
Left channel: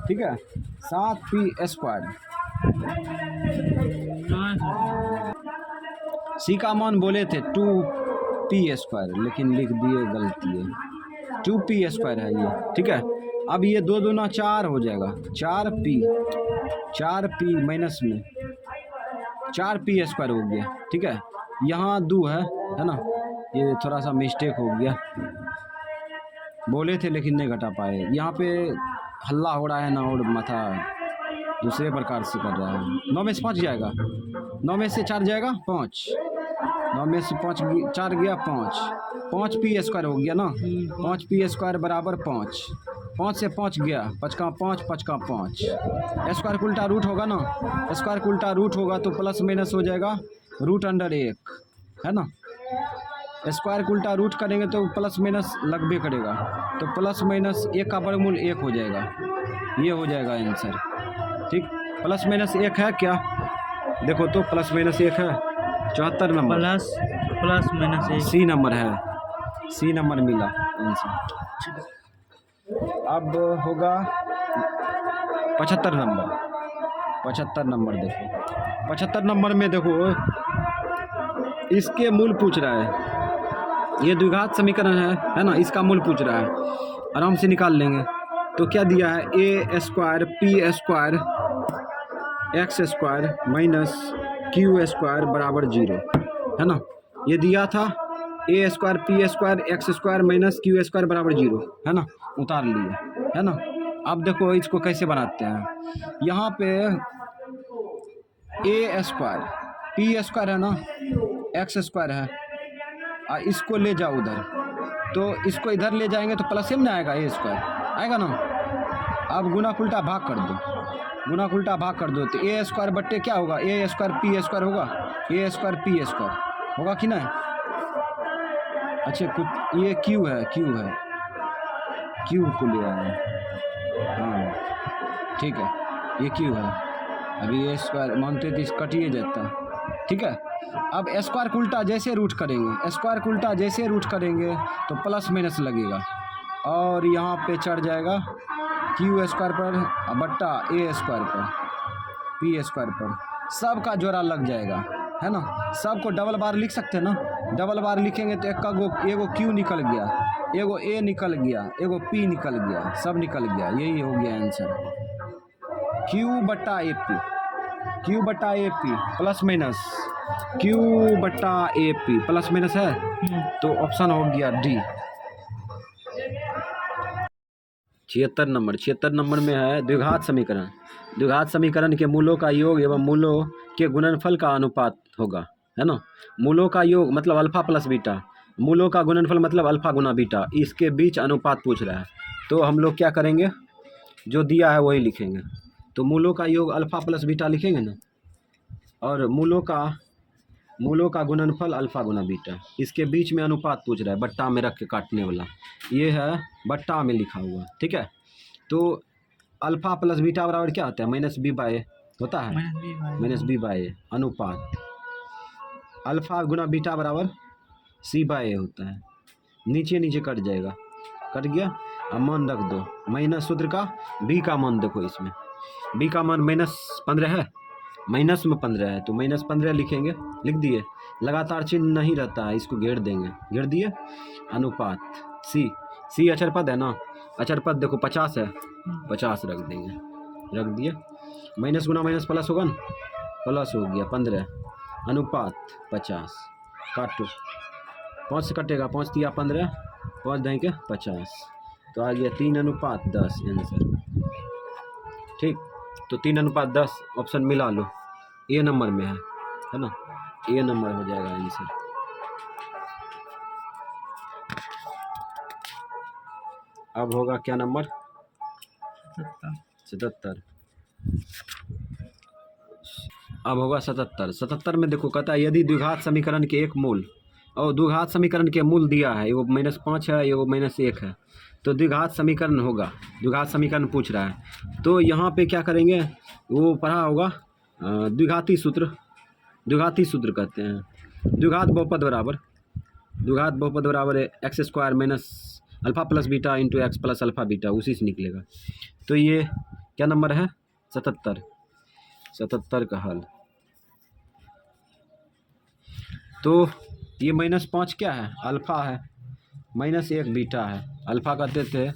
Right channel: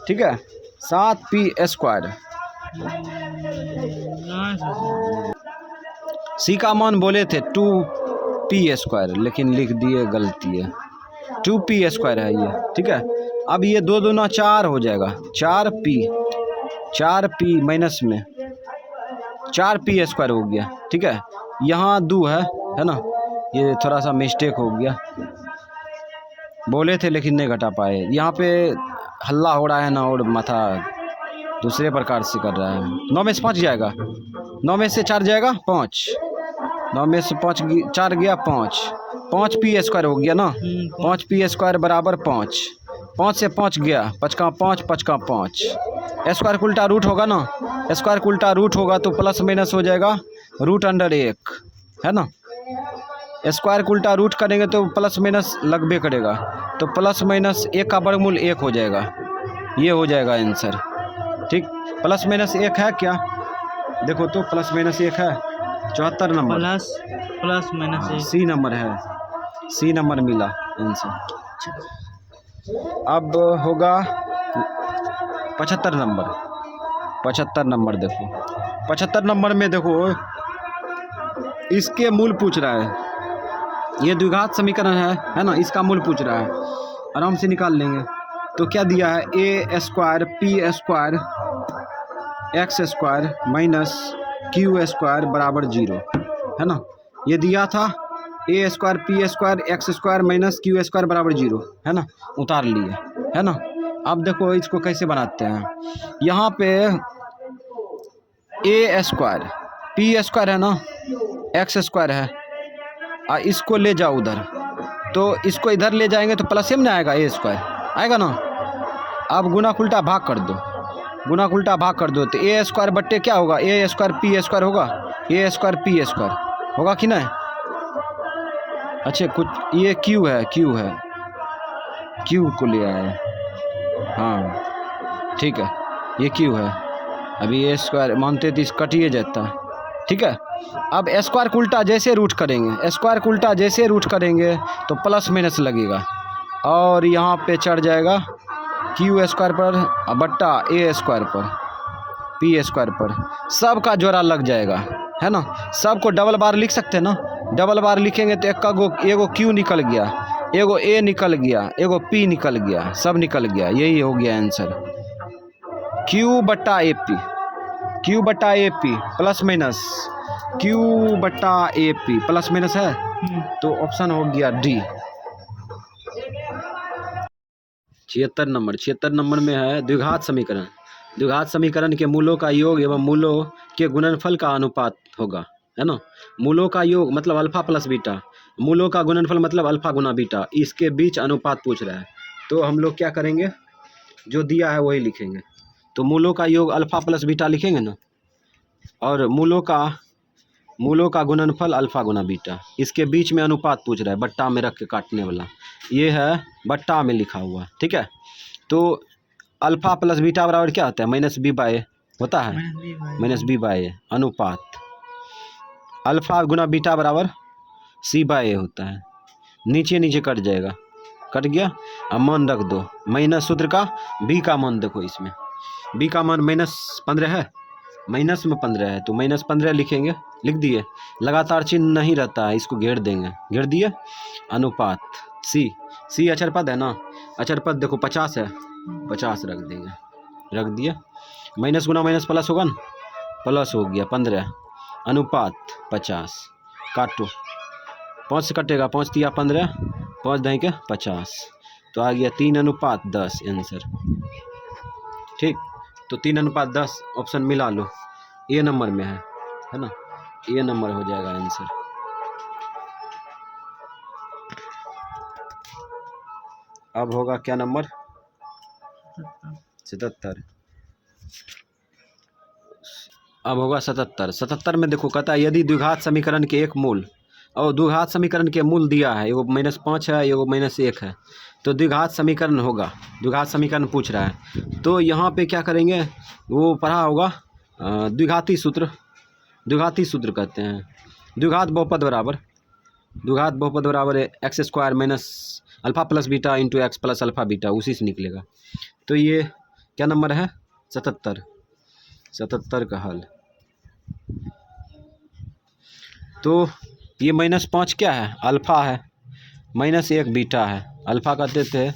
ठीक है, 7p स्क्वायर। सी का मान बोले थे 2p स्क्वायर, लेकिन लिख दिए, गलती है, 2p स्क्वायर है ये, ठीक है। अब ये 2 दूना 4 हो जाएगा, 4p माइनस में 4p स्क्वायर हो गया, ठीक है। यहाँ 2 है ना, ये थोड़ा सा मिस्टेक हो गया, बोले थे लेकिन नहीं घटा पाए। यहाँ पे हल्ला हो रहा है ना, और माथा दूसरे प्रकार से कर रहा है। 9 में से 5 जाएगा, 9 में से 4 जाएगा 5, 9 में से 4 गया 5p स्क्वायर हो गया ना, 5p स्क्वायर बराबर 5 से 5 गया, 5 का 5 स्क्वायर का उल्टा रूट होगा ना, स्क्वायर का उल्टा रूट होगा तो प्लस माइनस हो जाएगा √1 है ना। स्क्वायर का उल्टा रूट करेंगे तो प्लस माइनस लगबे करेगा, तो प्लस माइनस 1 का वर्गमूल 1 हो जाएगा, ये हो जाएगा आंसर, ठीक। प्लस माइनस 1 है क्या? देखो तो प्लस माइनस 1 है, 74 number, plus minus 1 C number है, सी नंबर मिला आंसर। अब होगा 75 नंबर, 75 नंबर देखो, 75 नंबर में देखो इसके मूल पूछ रहा है, ये द्विघात समीकरण है ना, इसका मूल पूछ रहा है, आराम से निकाल लेंगे। तो क्या दिया है? A square P square X square minus Q square बराबर 0 है ना, ये दिया था। A square P square X square minus Q square बराबर 0 है ना, उतार लिए है ना। अब देखो इसको कैसे बनाते हैं, यहाँ पे ए स्क्वायर पी स्क्वायर है ना, एक्स स्क्वायर है, इसको ले जाओ उधर, तो इसको इधर ले जाएंगे तो प्लस में आएगा, ए स्क्वायर आएगा ना। अब गुना उल्टा भाग कर दो, तो ए स्क्वायर बट्टे क्या होगा? ए स्क्वायर पी स्क्वायर होगा, ए स्क्वायर पी स्क्वायर होगा कि नहीं? अच्छा कुछ ये क्यू है, क्यू को ले आए, हाँ ठीक है, ये क्यू है। अभी ए स्क्वायर मानते तो इस कटिए जाता, ठीक है। अब स्क्वायर का उल्टा जैसे रूट करेंगे, तो प्लस माइनस लगेगा, और यहाँ पे चढ़ जाएगा क्यू स्क्वायर पर बट्टा ए स्क्वायर पर पी स्क्वायर पर, सब का जोड़ा लग जाएगा है ना। सबको डबल बार लिख सकते हैं ना, डबल बार लिखेंगे तो एगो क्यू निकल गया, एगो ए निकल गया, एगो पी निकल गया, सब निकल गया, यही हो गया आंसर। क्यू बट्टा A P plus minus Q बट्टा ए पी प्लस माइनस है, तो ऑप्शन हो गया डी। 76 नंबर में है द्विघात समीकरण के मूलों का योग एवं मूलों के गुणनफल का अनुपात होगा है ना। मूलों का योग मतलब अल्फा प्लस बीटा, मूलों का गुणनफल मतलब अल्फा गुना बीटा, इसके बीच अनुपात पूछ रहा है। तो हम लोग क्या करेंगे, जो दिया है वही लिखेंगे। तो मूलों का योग अल्फा प्लस बीटा लिखेंगे ना, और मूलों का गुणनफल अल्फा गुना बीटा, इसके बीच में अनुपात पूछ रहा है, बट्टा में रख के काटने वाला, ये है बट्टा में लिखा हुआ, ठीक है। तो अल्फा प्लस बीटा बराबर क्या होता है, माइनस बी बाय ए होता है, माइनस बी बाय ए, अनुपात अल्फा गुना बीटा बराबर सी बाय ए होता है। नीचे नीचे कट जाएगा, कट गया। अब मान रख दो, माइनस सूत्र का बी का मान देखो, इसमें बी का मान -15 है, माइनस में 15 है, तो -15 लिखेंगे, लिख दिए। लगातार चिन्ह नहीं रहता है, इसको घेर देंगे, घेर दिए। अनुपात सी अचर पद है ना, अचर पद देखो 50 है, 50 रख देंगे, रख दिए। माइनस गुना माइनस प्लस होगा ना, प्लस हो गया 15, अनुपात 50, काटो 5 से कटेगा, 5 तिया 15, 5 दही के 50, तो आ गया 3:10 आंसर, ठीक। तो 3:10 ऑप्शन मिला लो, ए नंबर में है ना, ए नंबर हो जाएगा आंसर। अब होगा क्या नंबर, 77। अब होगा 77 में देखो, कहता है यदि द्विघात समीकरण के एक मूल, और द्विघात समीकरण के मूल दिया है, एगो -5 है, एगो -1 है, तो द्विघात समीकरण होगा, द्विघात समीकरण पूछ रहा है। तो यहाँ पे क्या करेंगे, वो पढ़ा होगा द्विघाती सूत्र कहते हैं। द्विघात बहुपद बराबर x² minus alpha plus beta into x plus alpha beta, उसी से निकलेगा। तो ये क्या नंबर है, 77 का हल। तो ये -5 क्या है, अल्फा है, -1 बीटा है। अल्फा कहते थे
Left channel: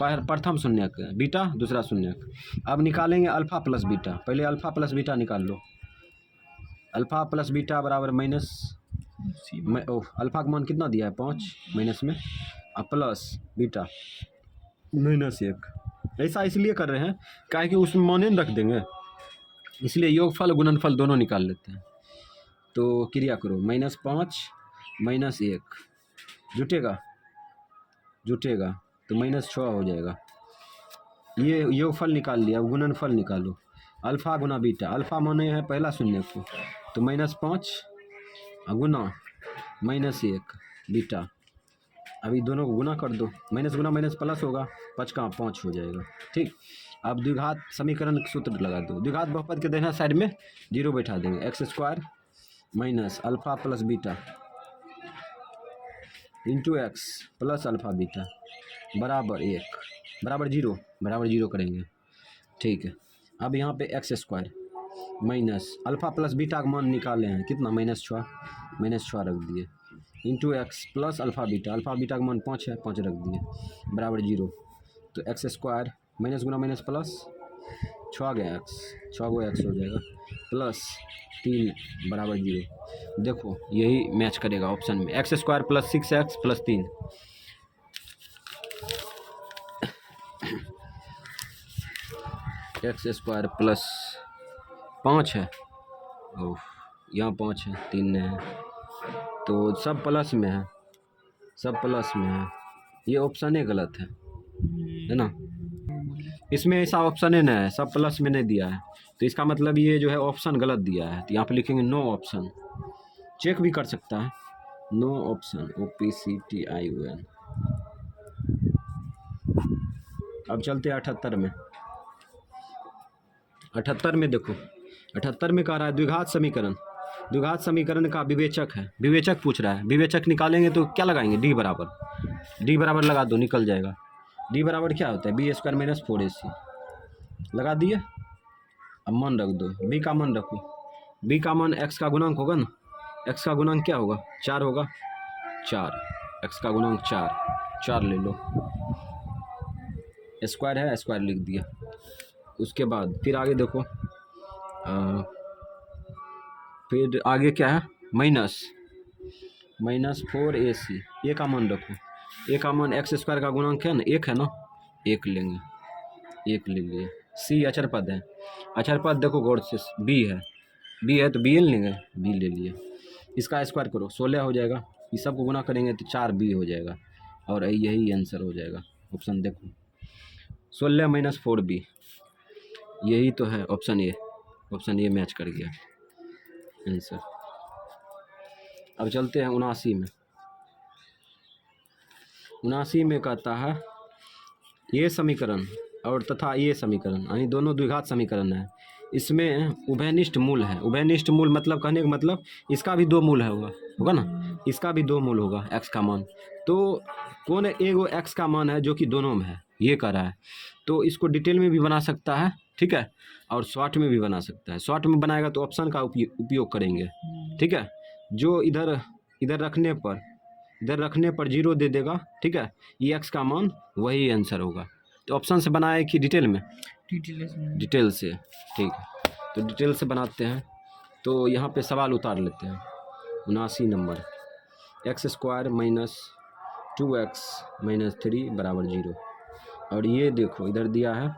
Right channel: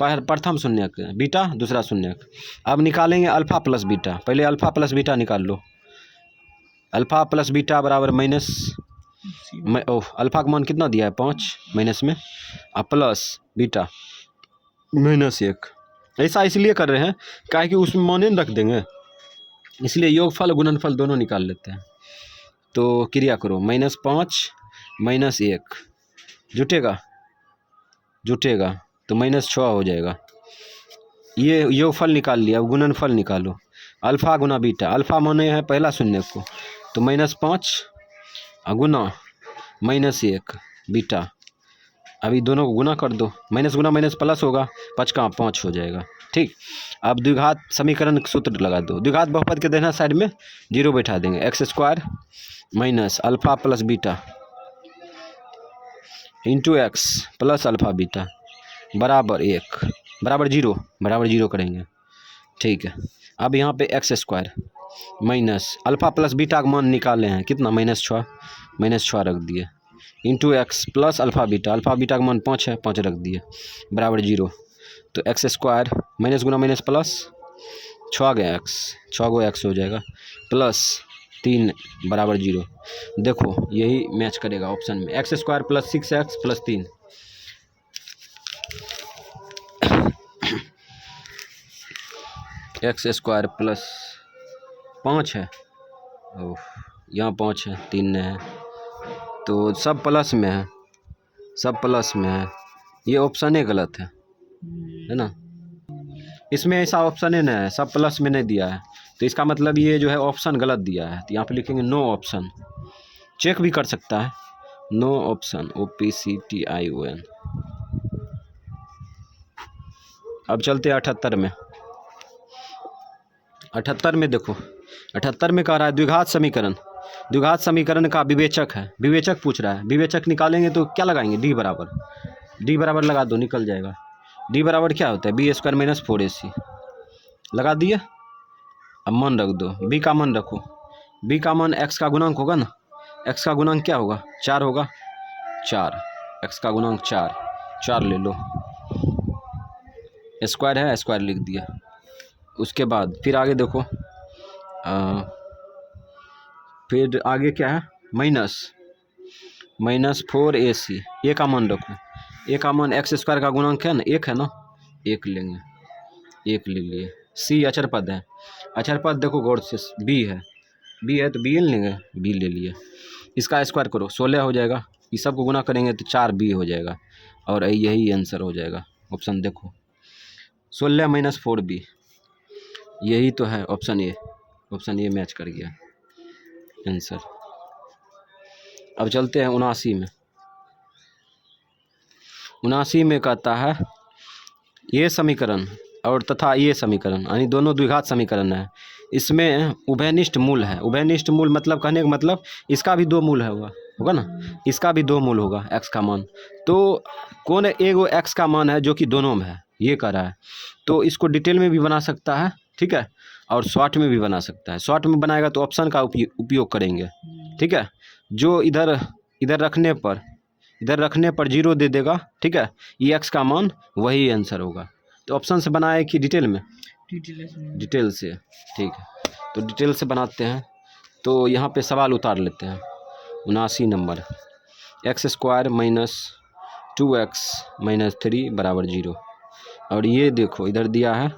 प्रथम शून्यक, बीटा दूसरा शून्यक। अब निकालेंगे अल्फा प्लस बीटा, पहले अल्फा प्लस बीटा निकाल लो। अल्फा प्लस बीटा बराबर अल्फा का मान कितना दिया है, 5, माइनस में, और प्लस बीटा -1। ऐसा इसलिए कर रहे हैं क्या कि उसमें माने रख देंगे, इसलिए योगफल गुणनफल दोनों निकाल लेते हैं। तो क्रिया करो, -5 -1 जुटेगा तो -6 हो जाएगा। ये योगफल निकाल लिया, अब गुणनफल निकालो। अल्फा गुना बीटा, अल्फा माने है पहला शून्य को, तो -5 गुना -1 बीटा, अभी दोनों को गुना कर दो, माइनस गुना माइनस प्लस होगा, 5 का 5 हो जाएगा, ठीक। अब द्विघात समीकरण सूत्र लगा दो, द्विघात बहुपद के देना साइड में 0 बैठा देंगे, x² minus alpha plus beta into x plus alpha beta बराबर 1 बराबर 0 करेंगे, ठीक है। अब यहाँ पे x² minus alpha plus beta का मान निकाले हैं, कितना, -6 रख दिए, into x plus alpha beta का मान 5 है, 5 रख दिए, बराबर 0। तो x² माइनस गुना माइनस प्लस 6 गया x, 6 गो x हो जाएगा, प्लस 3 बराबर 0। देखो यही मैच करेगा ऑप्शन में, x² plus 6x plus 3, x² plus 5 है, ओह यहाँ 5 है, 3 नहीं है, तो सब प्लस में है, ये ऑप्शन ही गलत है ना, इसमें ऐसा ऑप्शन ही नहीं है, सब प्लस में नहीं दिया है, तो इसका मतलब ये जो है ऑप्शन गलत दिया है। तो यहाँ पे लिखेंगे नो ऑप्शन, चेक भी कर सकता है, नो ऑप्शन, OPCTION। अब चलते 78 में। 78 में देखो, 78 में कह रहा है द्विघात समीकरण का विवेचक है, विवेचक पूछ रहा है। विवेचक निकालेंगे तो क्या लगाएंगे, डी बराबर लगा दो, निकल जाएगा। डी बराबर क्या होता है, b² माइनस 4ac लगा दिए। अब मान रख दो, b का मान रखो, b का मान x का गुणांक होगा ना, x का गुणांक क्या होगा, 4 होगा, 4 x का गुणांक 4 ले लो, स्क्वायर है, स्क्वायर लिख दिया। उसके बाद फिर आगे देखो, फिर आगे क्या है, माइनस 4ac, ए का मान रखो, ए का मान x² का गुणांक है ना, 1 है ना, 1 लेंगे, 1 ले लिए। c अचर पद है, अचर पद देखो गौर से, b है तो b लेंगे, b ले लिए। इसका स्क्वायर करो, 16 हो जाएगा, इस सब को गुना करेंगे तो 4b हो जाएगा और यही आंसर हो जाएगा। ऑप्शन देखो 16 - 4b, यही तो है option A. Option A match कर गया आंसर। अब चलते हैं 79 में। 79 में कहता है ये समीकरण और तथा ये समीकरण यानी दोनों द्विघात समीकरण है, इसमें उभयनिष्ठ मूल है। उभयनिष्ठ मूल मतलब कहने का मतलब इसका भी 2 मूल है होगा ना, इसका भी 2 मूल होगा x का मान। तो कौन एगो x का मान है जो कि दोनों में है, ये कह रहा है। तो इसको डिटेल में भी बना सकता है, ठीक है, और शॉर्ट में भी बना सकता है। शॉर्ट में बनाएगा तो ऑप्शन का उपयोग करेंगे, ठीक है। जो इधर रखने पर 0 दे देगा, ठीक है, ये x का मान वही आंसर होगा। तो ऑप्शन से बनाए कि डिटेल में? डिटेल से, ठीक है। तो डिटेल से बनाते हैं। तो यहाँ पे सवाल उतार लेते हैं। 79 नंबर, x² - 2x - 3 = 0। और ये देखो इधर दिया है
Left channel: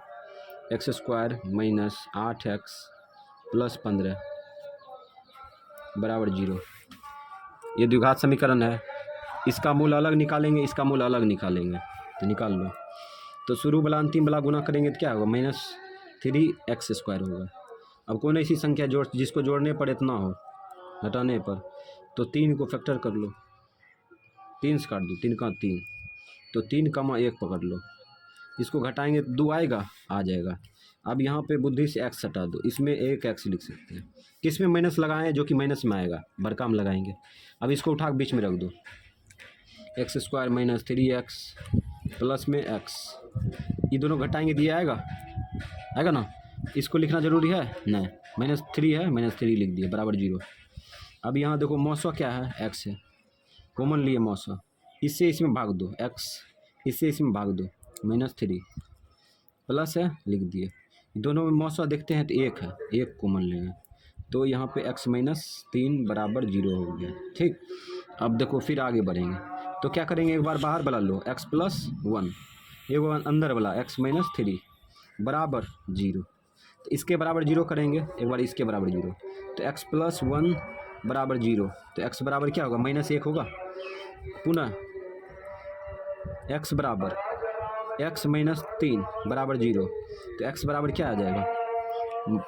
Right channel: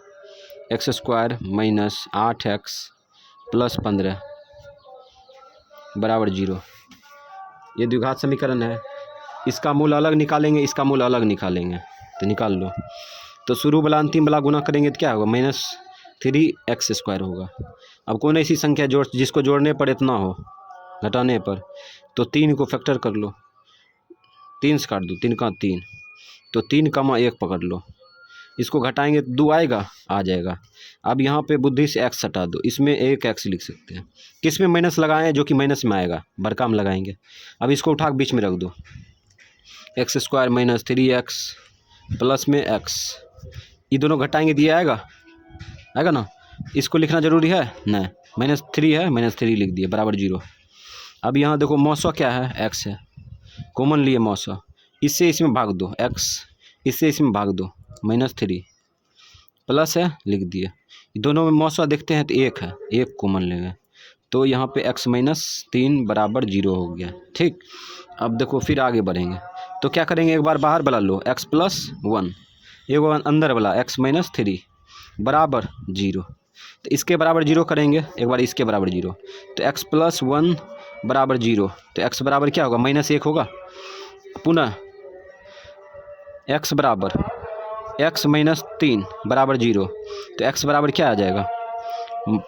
x² - 8x + 15 = 0। ये द्विघात समीकरण है। इसका मूल अलग निकालेंगे, इसका मूल अलग निकालेंगे, तो निकाल लो। तो शुरू वाला अंतिम वाला गुना करेंगे तो क्या होगा? -3x² होगा। अब कौन ऐसी संख्या जिसको जोड़ने पर इतना हो, घटाने पर? तो 3 को फैक्टर कर लो, 3 से काट दो, 3 का 3, तो 3, 1 पकड़ लो। इसको घटाएंगे तो 2 आएगा, आ जाएगा। अब यहाँ पे बुद्धि से x हटा दो, इसमें एक x लिख सकते हैं। किस में माइनस लगाएं? जो कि माइनस में आएगा, बड़का में लगाएंगे। अब इसको उठा के बीच में रख दो, x² - 3x प्लस में x, ये दोनों घटाएंगे दिया आएगा ना। इसको लिखना जरूरी है नहीं, -3 है, -3 लिख दिए बराबर 0। अब यहाँ देखो मौसा क्या है? x है, कॉमन लिए मौसा, इससे इसमें भाग दो, x इससे इसमें भाग दो, -3 प्लस है लिख दिए। दोनों में मौसा देखते हैं तो 1 है, 1 कॉमन लेंगे, तो यहाँ पे x - 3 = 0 हो गया, ठीक। अब देखो फिर आगे बढ़ेंगे तो क्या करेंगे? एक बार बाहर वाला लो, x + 1, एक बार अंदर वाला x - 3 = 0। तो इसके बराबर 0 करेंगे, एक बार इसके बराबर 0, तो x + 1 = 0। तो x बराबर क्या होगा? -1 होगा। पुनः x बराबर x - 3 = 0, तो x बराबर क्या आ जाएगा?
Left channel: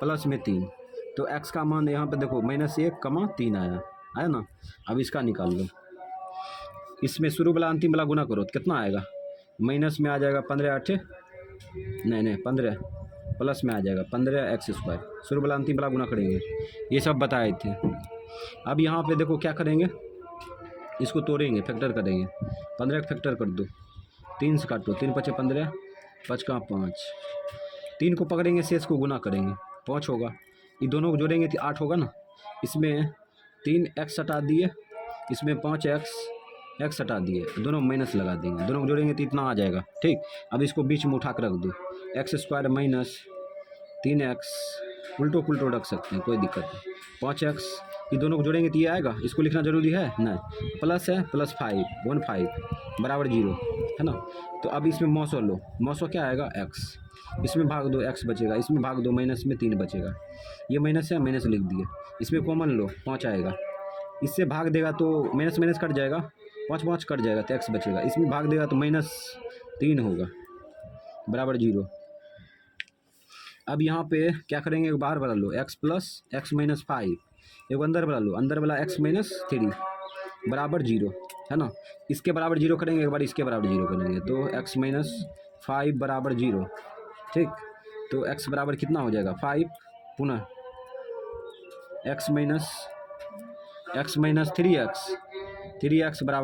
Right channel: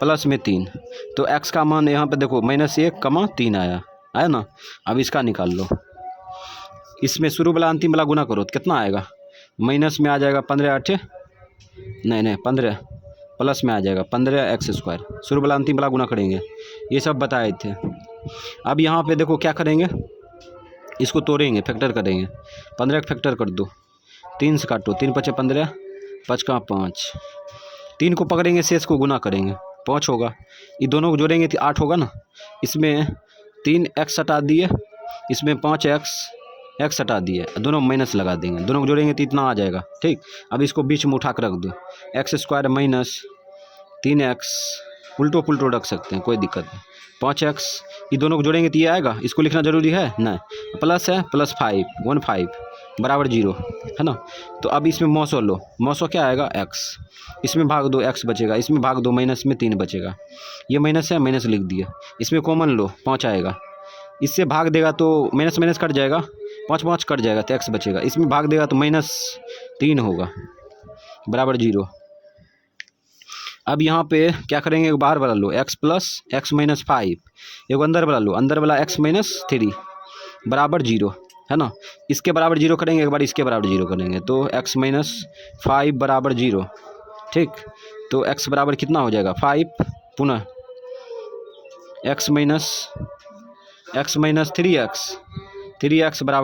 प्लस में 3। तो x का मान यहाँ पे देखो -1, 3 आया ना। अब इसका निकाल लो, इसमें शुरू वाला अंतिम वाला गुना करो तो कितना आएगा? माइनस में आ जाएगा 15 8 नहीं 15, प्लस में आ जाएगा 15x²। शुरू वाला अंतिम वाला गुना करेंगे, ये सब बताए थे। अब यहाँ पे देखो क्या करेंगे, इसको तोड़ेंगे, फैक्टर करेंगे। 15 का फैक्टर कर दो, 3 से काटो, 3 × 5 = 15, 5 का 5, 3 को पकड़ेंगे, शेष को गुना करेंगे, 5 होगा। ये दोनों को जोड़ेंगे तो 8 होगा ना। इसमें 3x हटा दिए, इसमें 5x हटा दिए, दोनों माइनस लगा देंगे, दोनों को जोड़ेंगे तो इतना आ जाएगा, ठीक। अब इसको बीच में उठा कर रख दो, x² - 3x, उल्टो पुल्टो रख सकते हैं, कोई दिक्कत नहीं। 5x, ये दोनों को जोड़ेंगे तो ये आएगा, इसको लिखना जरूरी है नहीं। प्लस है, +5 15 = 0 है ना। तो अब इसमें मौसो लो, मौसो क्या आएगा? x, इसमें भाग दो, x बचेगा, इसमें भाग दो, माइनस में 3 बचेगा, ये माइनस है, माइनस लिख दिया। इसमें कॉमन लो, 5 आएगा, इससे भाग देगा तो माइनस कट जाएगा, 5 कट जाएगा तो x बचेगा, इसमें भाग देगा तो -3 होगा बराबर 0। अब यहाँ पे क्या करेंगे? एक बाहर वाला लो, x + x - 5, एक अंदर वाला लो, अंदर वाला x - 3 = 0 है ना। इसके बराबर 0 करेंगे, एक बार इसके बराबर 0 करेंगे, तो x - 5 = 0, ठीक। तो x बराबर कितना हो जाएगा? 5, पुनः x - 3x =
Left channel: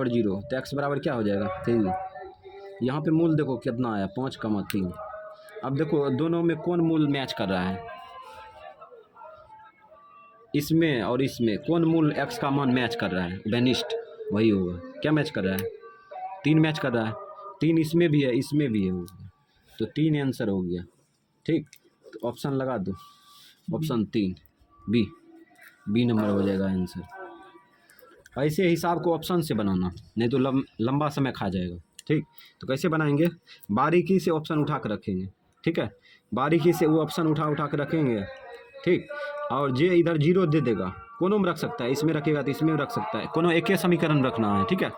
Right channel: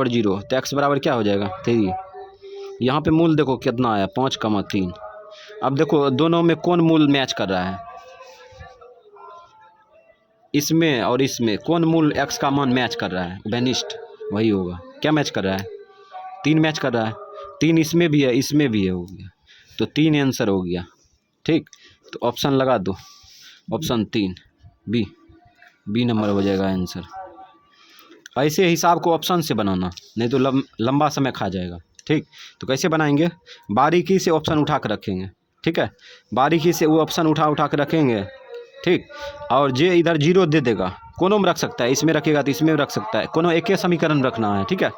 0, तो x बराबर क्या हो जाएगा? 3। यहाँ पे मूल देखो कितना आया, 5, 3। अब देखो दोनों में कौन मूल मैच कर रहा है? इसमें और इसमें कौन मूल x का मान मैच कर रहा है? उभयनिष्ठ वही होगा। क्या मैच कर रहा है? 3 मैच कर रहा है, 3 इसमें भी है, इसमें भी है, हो गया, तो 3 आंसर हो गया, ठीक। तो ऑप्शन लगा दो, ऑप्शन 3 बी नंबर हो जाएगा आंसर। ऐसे हिसाब को ऑप्शन से बनाना, नहीं तो लंबा समय खा जाएगा, ठीक। तो कैसे बनाएंगे? बारीकी से ऑप्शन उठा कर रखेंगे, ठीक है, बारीकी से वो ऑप्शन उठा के रखेंगे, ठीक। और जे इधर 0 दे देगा कोनों में रख सकता है, इसमें रखेगा तो इसमें रख सकता है, कोनों एक ही समीकरण रखना है, ठीक है।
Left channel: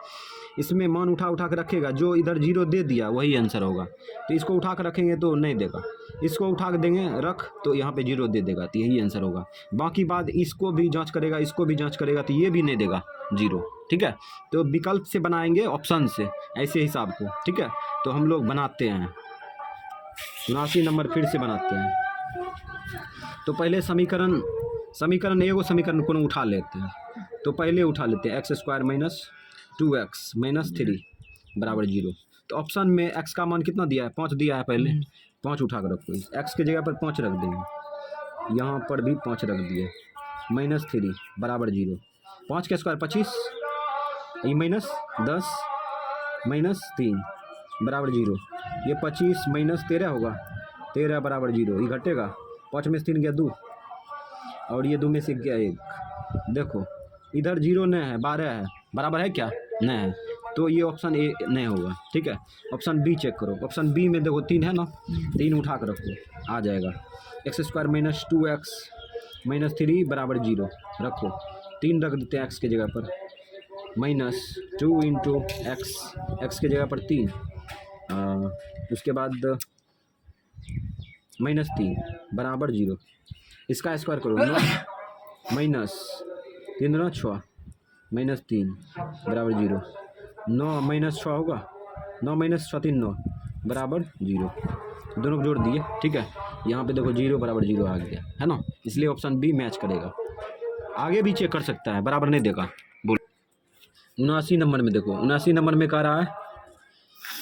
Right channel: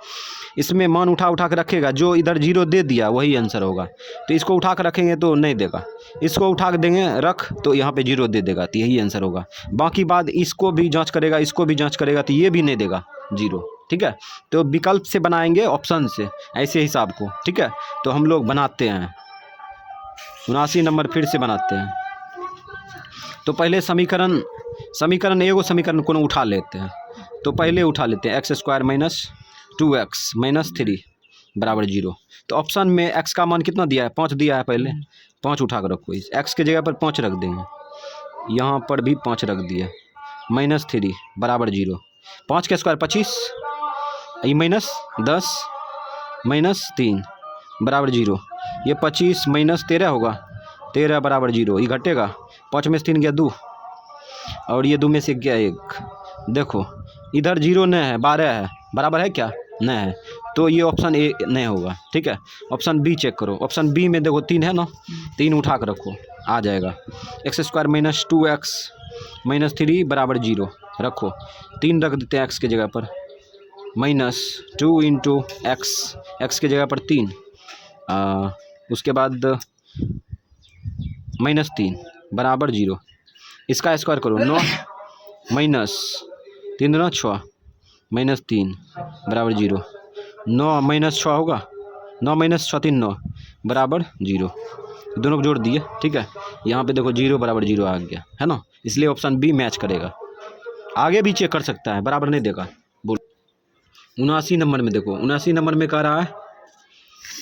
इसमें मान उठा उठा के रखेगा, जो इधर जीरो दे दिया वही आंसर होगा। तो इसको उठा कर रखेंगे तो नहीं देगा, इसको उठा के देंगे रख तो यहाँ पे जीरो दे देगा, तो यही आंसर होगा। बाकी बात इसको भी जांच करेगा, इसको भी जांच करेगा तो ये भी नहीं देगा जीरो, ठीक है। तो विकल्प से बनाएंगे, ऑप्शन से, ऐसे हिसाब को, ठीक है। तो हम लोग बनाते हैं 79 नंबर फिर से बनाते हैं। तो पहले समीकरण एगो समीकरण कोनो उठा लेते हैं। तो पहले उठा लेते हैं x² माइनस 2x माइनस 3 बराबर 0। तो ऑप्शन में x का मान कितना दिया है, 5 दिया है, पहले 5 उठा कर रखो, इस x के जगह पर 5 रख देंगे, यहाँ पर भी 5 रख दिया, माइनस 3 बराबर 0। 5 का स्क्वायर 25, ये माइनस 10 माइनस 3 बराबर 0। ये 25 माइनस 13 होगा, 13 बराबर 0। ये घटेगा, 5 में से 3 गया 2 और ये 2 में से गया 1। देखो इधर 0 नहीं है, 12 है, बराबर है क्या, नहीं है। तो ये ऑप्शन ए नहीं होगा, ठीक है। ऑप्शन बी चेक करो, ऑप्शन बी में देखो 3 है ना, 3 उठा कर रखो, आ जाएगा। x² माइनस 2x माइनस 3 बराबर 0 रखो, 3 रख देते हैं x के जगह पर, माइनस 2 इंटू एक्स के जगह पर 3, उसके बाद माइनस 3 बराबर 0। इसका स्क्वायर करो, 9 माइनस 3 दूना 6 माइनस 3 बराबर 0। 9 माइनस 6 होगा, 9 माइनस 6 3 9 बराबर 0। दोनों को जोड़ दिए, ठीक है। यहाँ पे देखो 0 बराबर 0 आ गया है ना, इसलिए ऑप्शन बी मैच करेगा। आगे भी चेक कर सकता है, बराबर नहीं देगा। बोलो 79 नंबर में देखो, 79 नंबर में कह रहा है,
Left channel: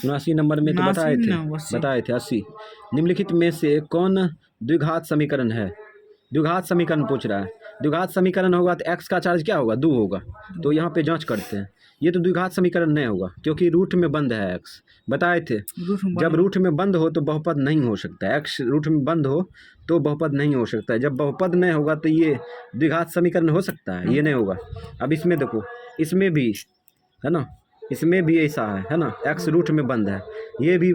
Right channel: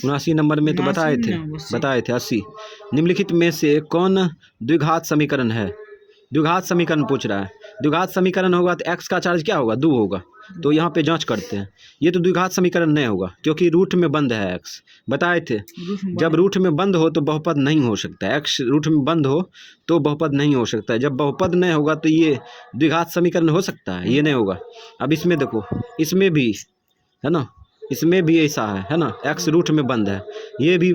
79 नंबर में तो बताए थे 80। निम्नलिखित में से कौन द्विघात समीकरण है, द्विघात समीकरण पूछ रहा है। द्विघात समीकरण होगा तो x का चार्ज क्या होगा, 2 होगा। तो यहाँ पे जांच करते हैं, ये तो द्विघात समीकरण नहीं होगा क्योंकि रूट में बंद है x, बताए थे। जब रूट में बंद हो तो बहुपद नहीं हो सकता है, x रूट में बंद हो तो बहुपद नहीं हो सकता है। जब बहुपद नहीं होगा तो ये द्विघात समीकरण हो सकता है, ये नहीं होगा। अब इसमें देखो, इसमें भी है ना, इसमें भी ऐसा है ना, x रूट में बंद है, ये भी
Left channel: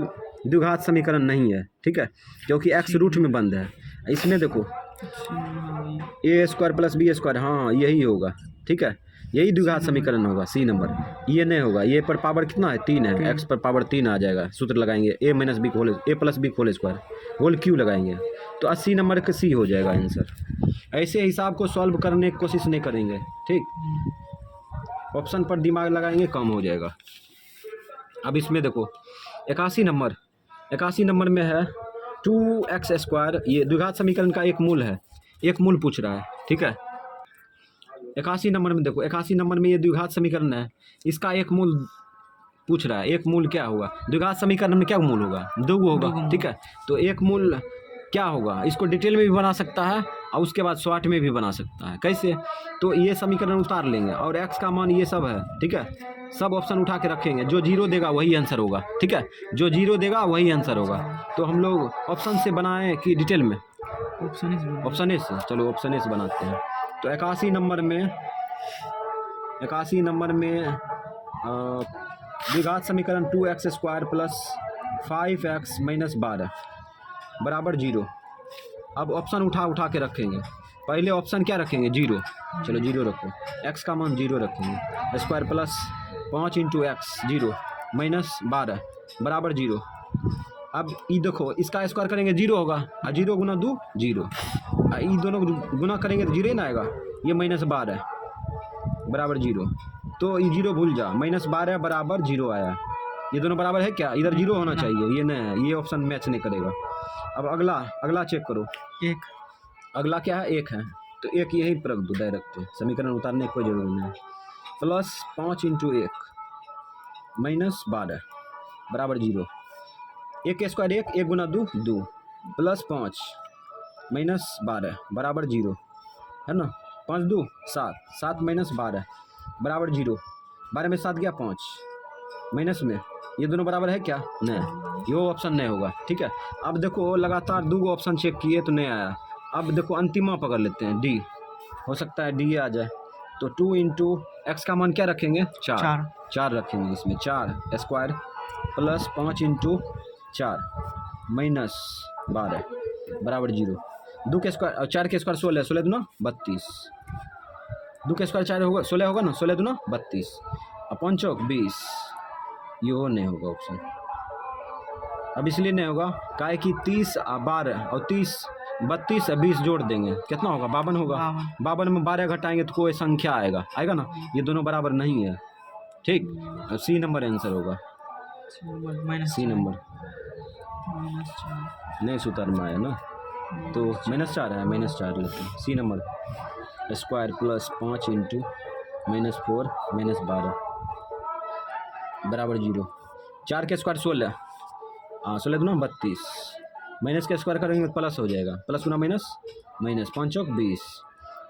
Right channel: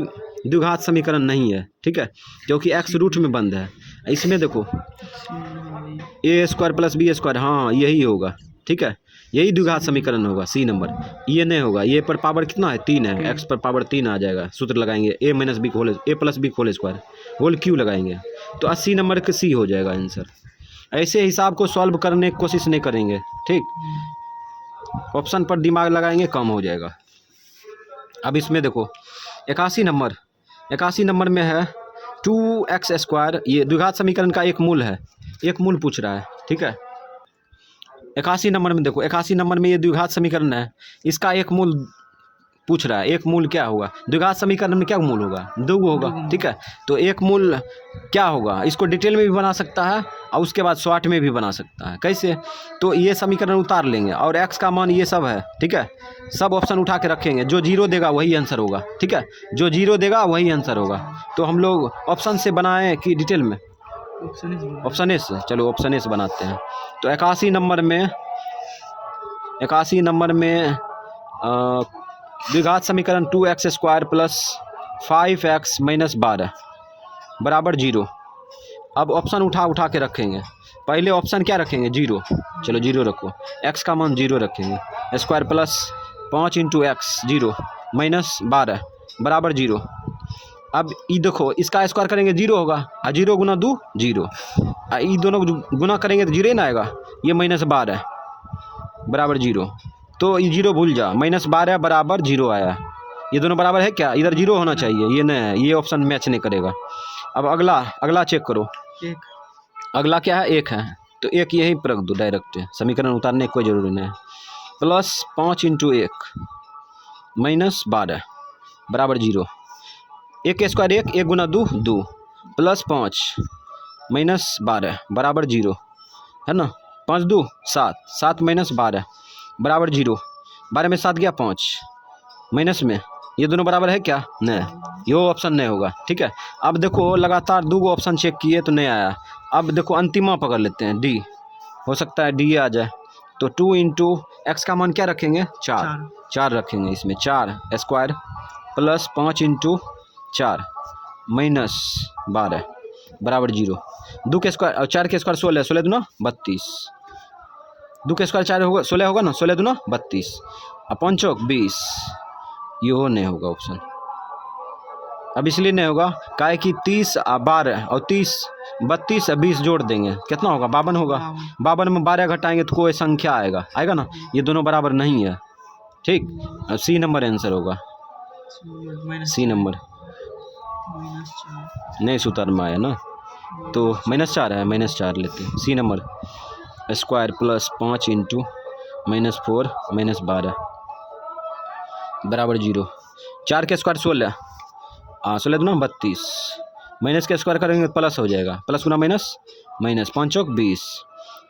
द्विघात समीकरण नहीं है, ठीक है, क्योंकि x रूट में बंद है। इसमें देखो a² प्लस b², हाँ यही होगा, ठीक है, यही द्विघात समीकरण होगा, सी नंबर। ये नहीं होगा, ये पर पावर कितना है, 3 है, x पर पावर 3 आ जाएगा। सूत्र लगाएंगे a minus B whole, a plus B whole square whole Q लगाएंगे तो 80 नंबर का सी हो जाएगा आंसर। ऐसे हिसाब को सॉल्व करने की कोशिश नहीं करेंगे, ठीक। ऑप्शन पर दिमाग लगाएंगे, कम हो जाएगा। अब इसमें देखो 81 नंबर में है 2x², ये द्विघात समीकरण का एक मूल है, एक मूल पूछ रहा है, ठीक है। 81 नंबर में देखो, 81 नंबर में ये द्विघात समीकरण है, इसका एक मूल पूछ रहा है। एक मूल क्या होगा, द्विघात समीकरण में क्या मूल होगा, 2 होगा, ठीक है। तो एक मूल क्या होगा, इसको डिटेल में भी बना सकता है और उसके बाद शॉर्ट में भी बना सकता है। कैसे, तो ये समीकरण उतार लेंगे और x का मान ये सब है, ठीक है, सब ऑप्शन उठा के रखेंगे, जो 0 देगा वही आंसर होगा, ठीक है, जो 0 देगा वही आंसर होगा। तो हम लोग ऑप्शन से बनाएं कि डिटेल में, ऑप्शन ए से, चलो ऑप्शन ए से बनाते हैं। तो 81 नंबर में द्विघात समीकरण 2x² प्लस 5x माइनस 12 बराबर 0। अब ऑप्शन उठा के रखेंगे, पहले ऑप्शन क्या रखेंगे, 0, चलो 0 रखो, x का मान 0 रखेंगे, square plus 5 into x 0 minus 12 बराबर 0। अब ये देखो, इसका स्क्वायर करेंगे 0 होगा, और 0 गुना 2 0, ये दोनों गुना करेंगे तो 0 ना आएगा, ये माइनस 12 बराबर 0। तो ये 0 भूल जा, माइनस 12 बराबर 0 आया, ये दोनों बराबर है क्या, इधर 0 होना चाहिए, ये नहीं है, ये ऑप्शन मैच नहीं करेगा। अब अगला चेक करो, अगला क्या है, 1 है, तो 1 यही पर रख दो डायरेक्ट, समीकरण उतारने की कोई ज़रूरी नहीं है। प्लस 5 इंटू 1 माइनस 12 बराबर 0। 1 के स्क्वायर 1, 1 गुना 2 2 प्लस 5 माइनस 12 बराबर 0, है ना। 5 2 7, 7 माइनस 12 बराबर 0, 12 में 7 गया 5 माइनस में, ये दोनों बराबर है क्या, नहीं, ये ऑप्शन नहीं होगा, ठीक है। अब देखो लगातार 2 ऑप्शन चेक किए तो नहीं आया, अब देखो अंतिमा पकड़ लेते हैं, डी, हो सकता है डी आ जाए। तो 2 इंटू एक्स का मान क्या रखेंगे, 4 रखेंगे, इसमें 4² प्लस 5 इंटू 4 माइनस 12 बराबर 0। 2 के स्क्वायर और 4 के स्क्वायर 16, 16 दूना 32 2 के स्क्वायर 4 होगा 16 होगा ना, 16 दूना 32 और 5 चौक 20। ये हो नहीं होगा ऑप्शन। अब इसलिए नहीं होगा काहे कि 30 12 और 30 32 और 20 जोड़ देंगे कितना होगा 52 होगा। 52 में 12 घटाएंगे तो कोई संख्या आएगा आएगा ना, ये दोनों बराबर नहीं है। ठीक, सी नंबर आंसर होगा। सी नंबर नहीं सूत्र में आया ना, तो -4 है, -4 लेते हैं। C number square plus 5 into -4 -12 बराबर 0। 4 के स्क्वायर 16 16 दूना 32 माइनस के स्क्वायर करेंगे तो प्लस हो जाएगा, प्लस गुना माइनस माइनस 5 चौक 20